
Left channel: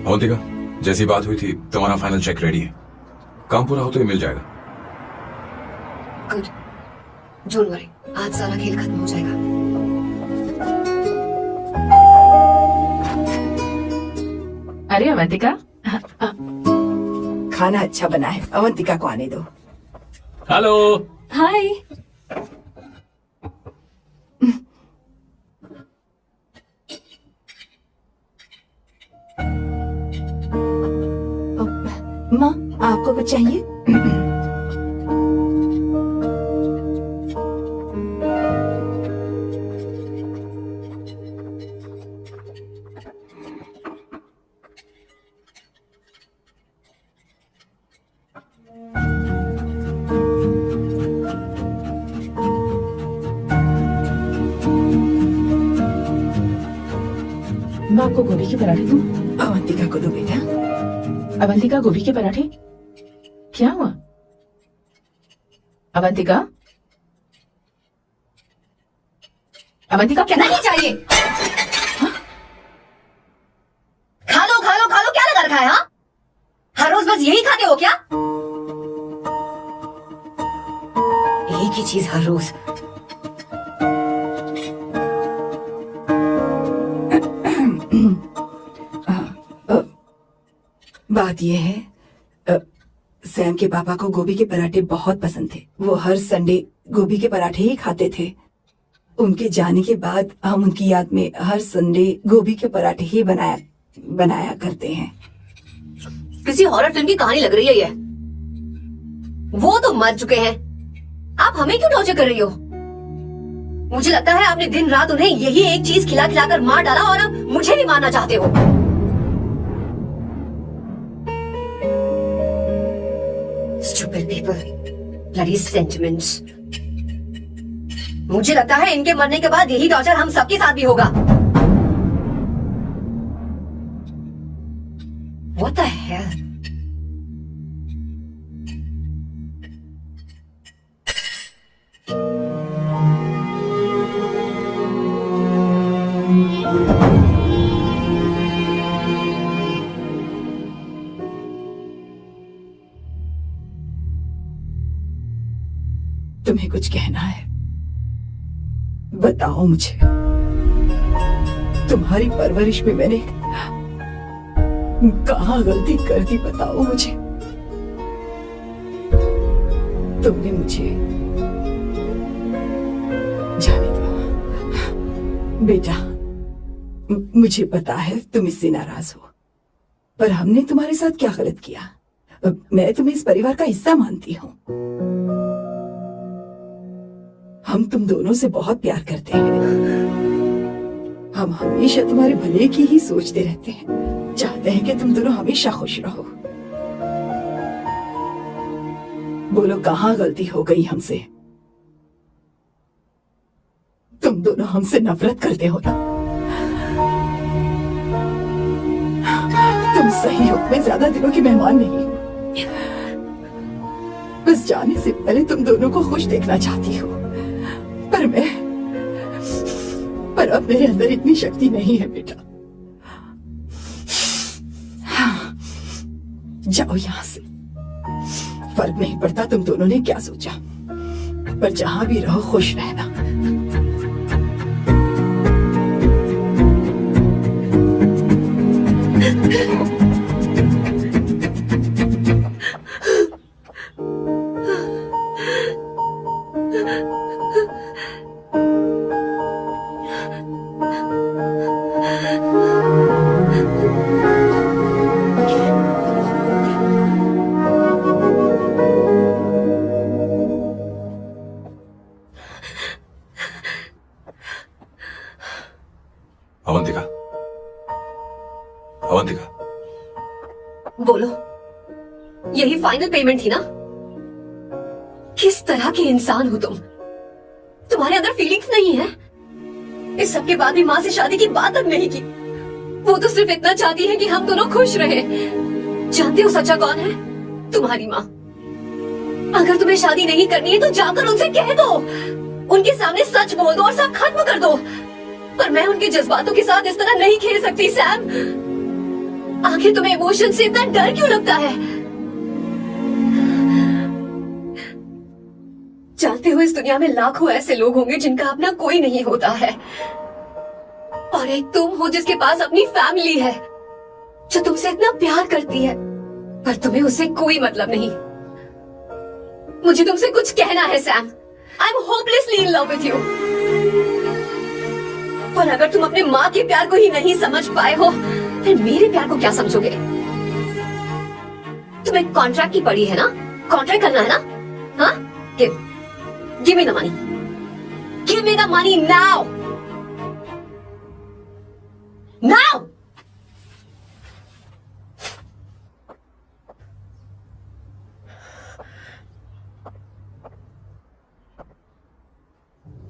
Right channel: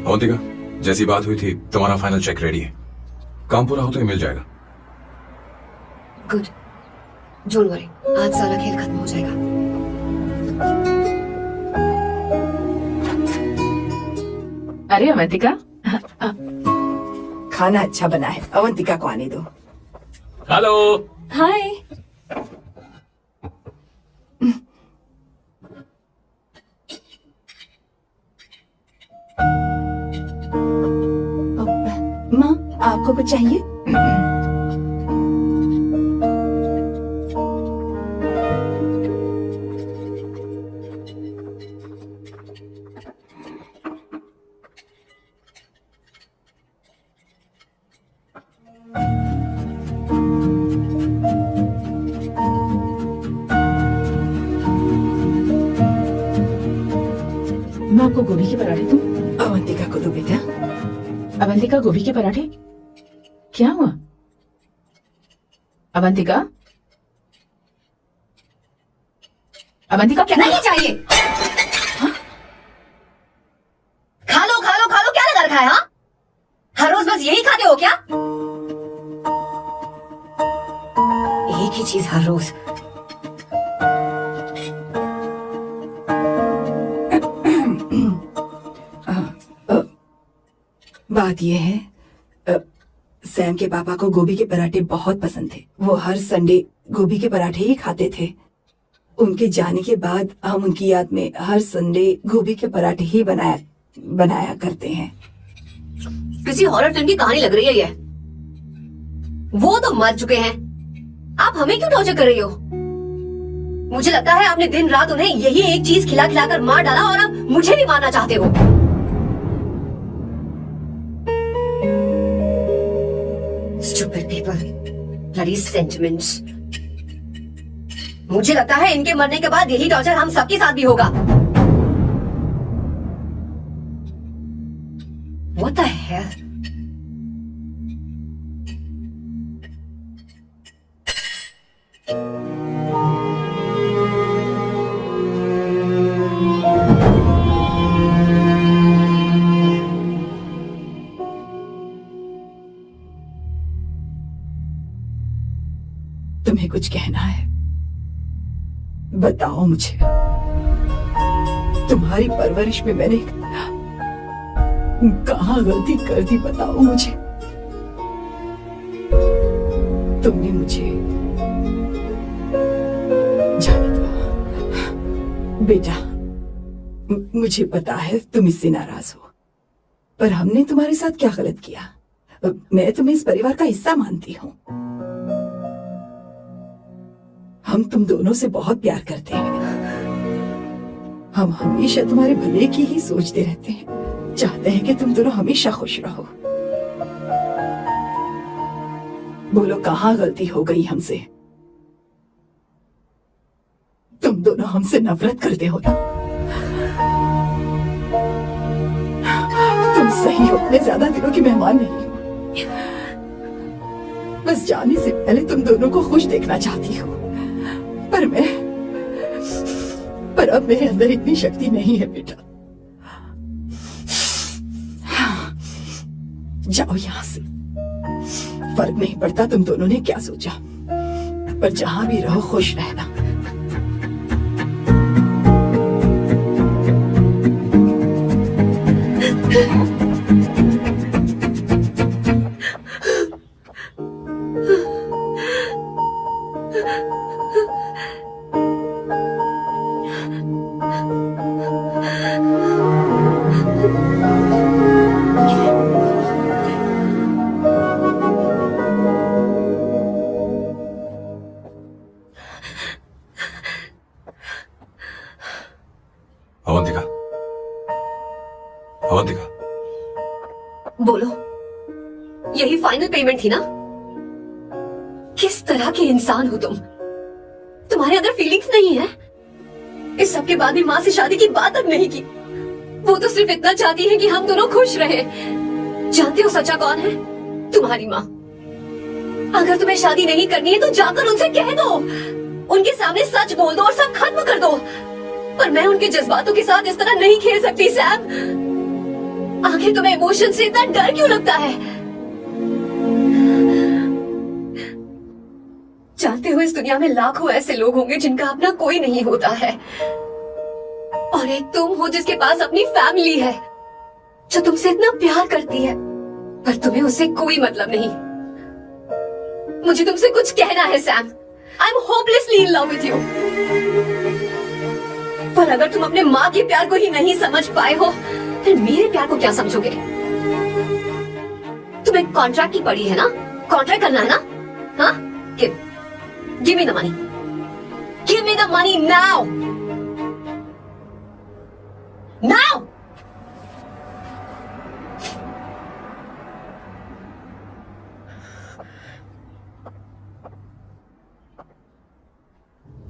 अवंतिका, जैसी बात हुई थी तुम्हारा फाइनल चेक रेडी है। काम पूरा हो तो ये मिल जाएगा। गुड, डोंट वरी, आज सारा खेल खत्म हो जाएगा। अरे अवंतिका, खाना अच्छा बना है, अवंतिका को आने दो। हेलो। हाय। माँ, आपको कुछ चाहिए? मैं आपको गोभी के पराठे दूं? अवंतिका को दो बेटा। अवंतिका, गोभी के पराठे? क्या हुआ अवंतिका? अवंतिका, क्या नहीं चाहिए। खा लो खा लो खा लो, क्या लगा रखा है? हाँ, हर रोज बस यही खाते हो क्या? एक ही चीज हर रोज। बात यह है, सैम के पापा को गोभी के पराठे बहुत पसंद थे। वो हर संडे गोभी के पराठे ही खाते थे। उनके जाने के बाद हम उनकी याद में हर संडे गोभी के पराठे ही बनाया करते हैं। किसी हॉरर फिल्म की कहानी लग रही है ये। वो तो मर चुके हैं, आप हमें क्यों टॉर्चर कर रही हो? मुझे लगता है आपने दिन रात उन्हें यही एक चीज खिला खिलाकर मार डाला और अब मुझे भी मारना चाहते हो। Stupid people, bloody sentiments। मुझे लगता है इनके मरने के बाद यही टॉर्चर हम सबके साथ भी होगा। What the hell? तुम्हें कुछ कहना है? बताओ मुझे। तुम्हारी परवरिश में मैंने कहाँ गलती कर दी, बताओ मुझे। तुमने मुझे जाने दो बेटा। मुझे पता है तुम इससे नाराज हो, पर हमने तुम्हारे साथ क्या गलत किया? मैं तुम्हें इस परिवार का हिस्सा मानती हूँ। हम तुम दोनों से बहुत प्यार करते हैं। हम हमेशा तुम्हारे भले की ही सोचते रहते हैं, चाहते हैं कि तुम दोनों हमेशा खुश रहो। बोलो कहाँ गलती हो गई हमसे? तुम दोनों हमसे नफरत करते हो ना? तुम सहयोग में ज्यादा दिनों की मेहमान नहीं हो। बस जाने से पहले तुम दोनों को खुश देखना चाहती हो, पर अब मेरे अंदर इतनी शक्ति नहीं है बेटा। जाओ यहाँ से। फर्क नहीं पड़ता तुम दोनों ने क्या सोचा, पर जहाँ भी रहो खुश रहना। अवंतिका, अवंतिका, बोलो, यही फाइनल पेमेंट थी ना? किस तरह के इंसान हो तुम? तुम्हारे अंदर फीलिंग्स नहीं है? इस सब के बाद भी माँ से शादी की बात तक नहीं की। वो तो सिर्फ इतना चाहती है कि हम दोनों खुश रहे। जानते हो सच्चा कौन है? तुम्हारी माँ। अगर तुम्हें शादी नहीं करनी है तो जाकर उनसे कह दो, उनके सामने सच बोल दो और सब खत्म कर दो। पर मैं उनके जज्बातों के साथ इस तरह नहीं खेल सकती सैम। आखिर तुम्हें इमोशन से इतना डर क्यों लगता है? जानते हो इस दुनिया में लाखों ऐसे लोग होंगे जिनका अपना कोई नहीं होता है, और एक तुम हो जिसके पास अपनी फैमिली है जो तुमसे इतना प्यार करती है, पर तुम्हें उससे कोई मतलब नहीं। मुझे तुमसे कुछ कहना है Sam. I am hopelessly in love with you. पर अगर तुम अपने माँ के प्यार को ही नहीं समझ पाए हो, फिर मेरे प्यार को क्या समझोगे? तुम्हें कॉन्ट्रैक्ट की पड़ी है ना? कॉन्ट्रैक्ट करना है ना? हाँ? Give me the money. Give me the money now. Now.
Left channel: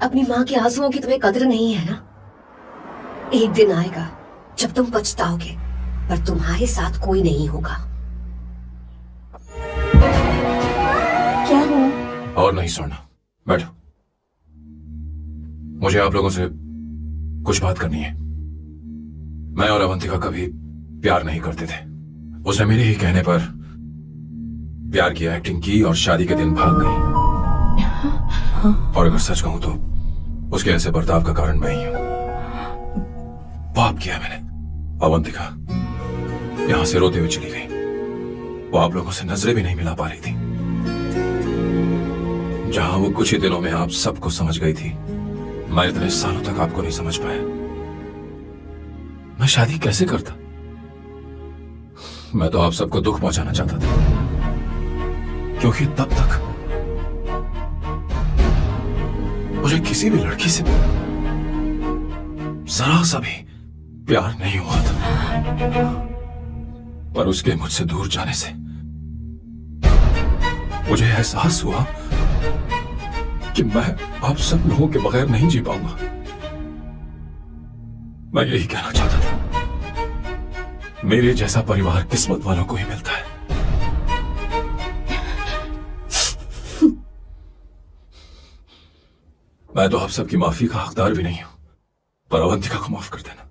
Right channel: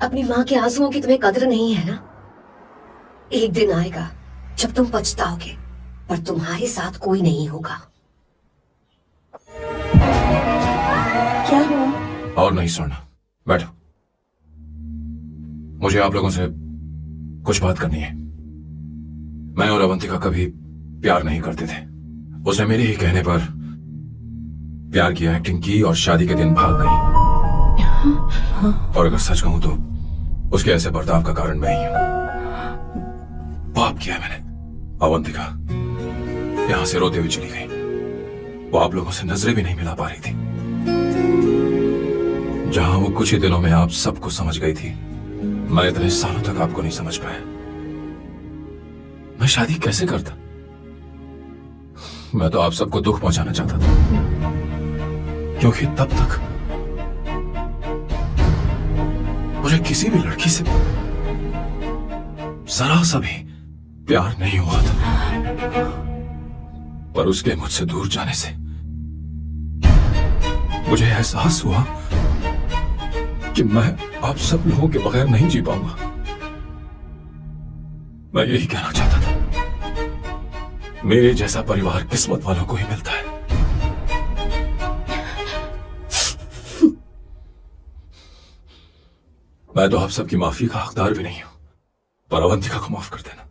अपनी माँ के आंसुओं की तुम्हें कदर नहीं है ना? एक दिन आएगा जब तुम पछताओगे, पर तुम्हारे साथ कोई नहीं होगा। क्या हुआ? और नहीं सुनना। बैठो। मुझे आप लोगों से कुछ बात करनी है। मैं और अवंतिका कभी प्यार नहीं करते थे। उसने मेरे ही कहने पर प्यार की एक्टिंग की और शादी के दिन भाग गई। और अगर सच कहूं तो उसके ऐसे बर्ताव का कारण मैं ही हूं। पाप किया मैंने। अवंतिका यहां से रोते हुए चली गई। वो आप लोगों से नजरें भी नहीं मिला पा रही थी। जहां वो कुछ ही दिनों में आप सबको समझ गई थी, मैं इतने सालों तक आपको नहीं समझ पाया। मैं शादी कैसे करता? मैं तो आप सबको दुख पहुंचाना चाहता था, क्योंकि तब तक मुझे किसी भी लड़की से जरा सा भी प्यार नहीं हुआ था। पर उसके मुझसे दूर जाने से मुझे एहसास हुआ कि मैं आप सब लोगों के बगैर नहीं जी पाऊंगा। मैं यही कहना चाहता था, मेरे जैसा परिवार किस्मत वालों को ही मिलता है। मैं तो आप सबकी माफी का हकदार भी नहीं हूं, पर अवंतिका को माफ कर देना।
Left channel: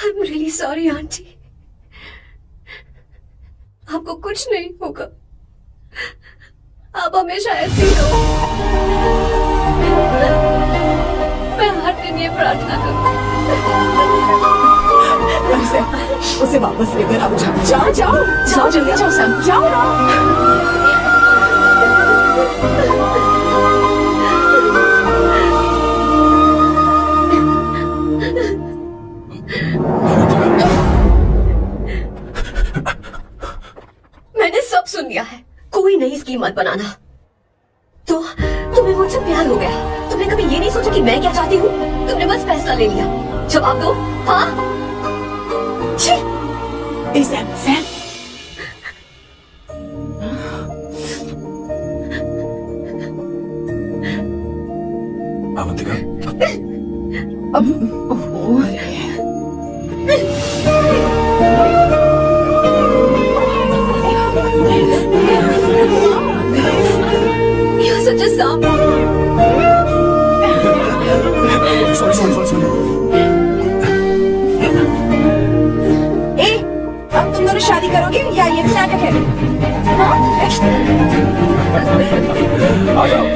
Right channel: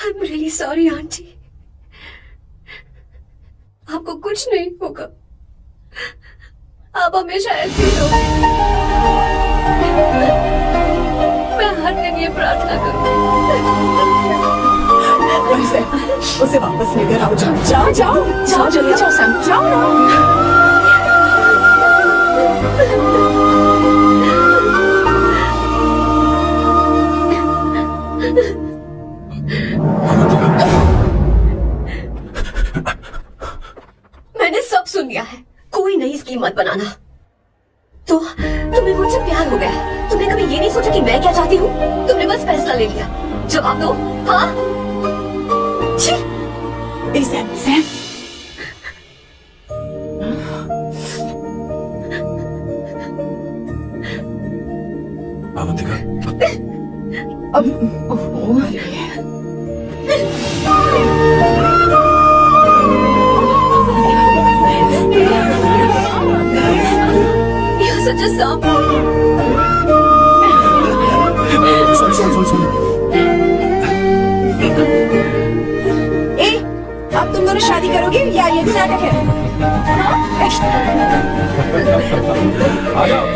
I'm really sorry, aunty. आपको कुछ नहीं होगा, आप हमेशा ऐसे ही रहो। मैं हर दिन ये प्रार्थना करूंगी। उसे वापस लेकर आओ। जाओ जाओ जाओ जल्दी जाओ सैम, जाओ ना। मैंने सब सुन लिया है, कोई नई स्कीम मत बनाना। तो तुम्हें मुझसे प्यार हो गया, तुमने कभी ये नहीं सोचा कि मैं क्या चाहती हूँ? तुमने बस फैसला ले लिया। जवाब दो। हाँ? Sam, Avantika, You're such a sub. sorry. अब तुम दोनों शादी करोगे या ये नाटक है? आ जाओ।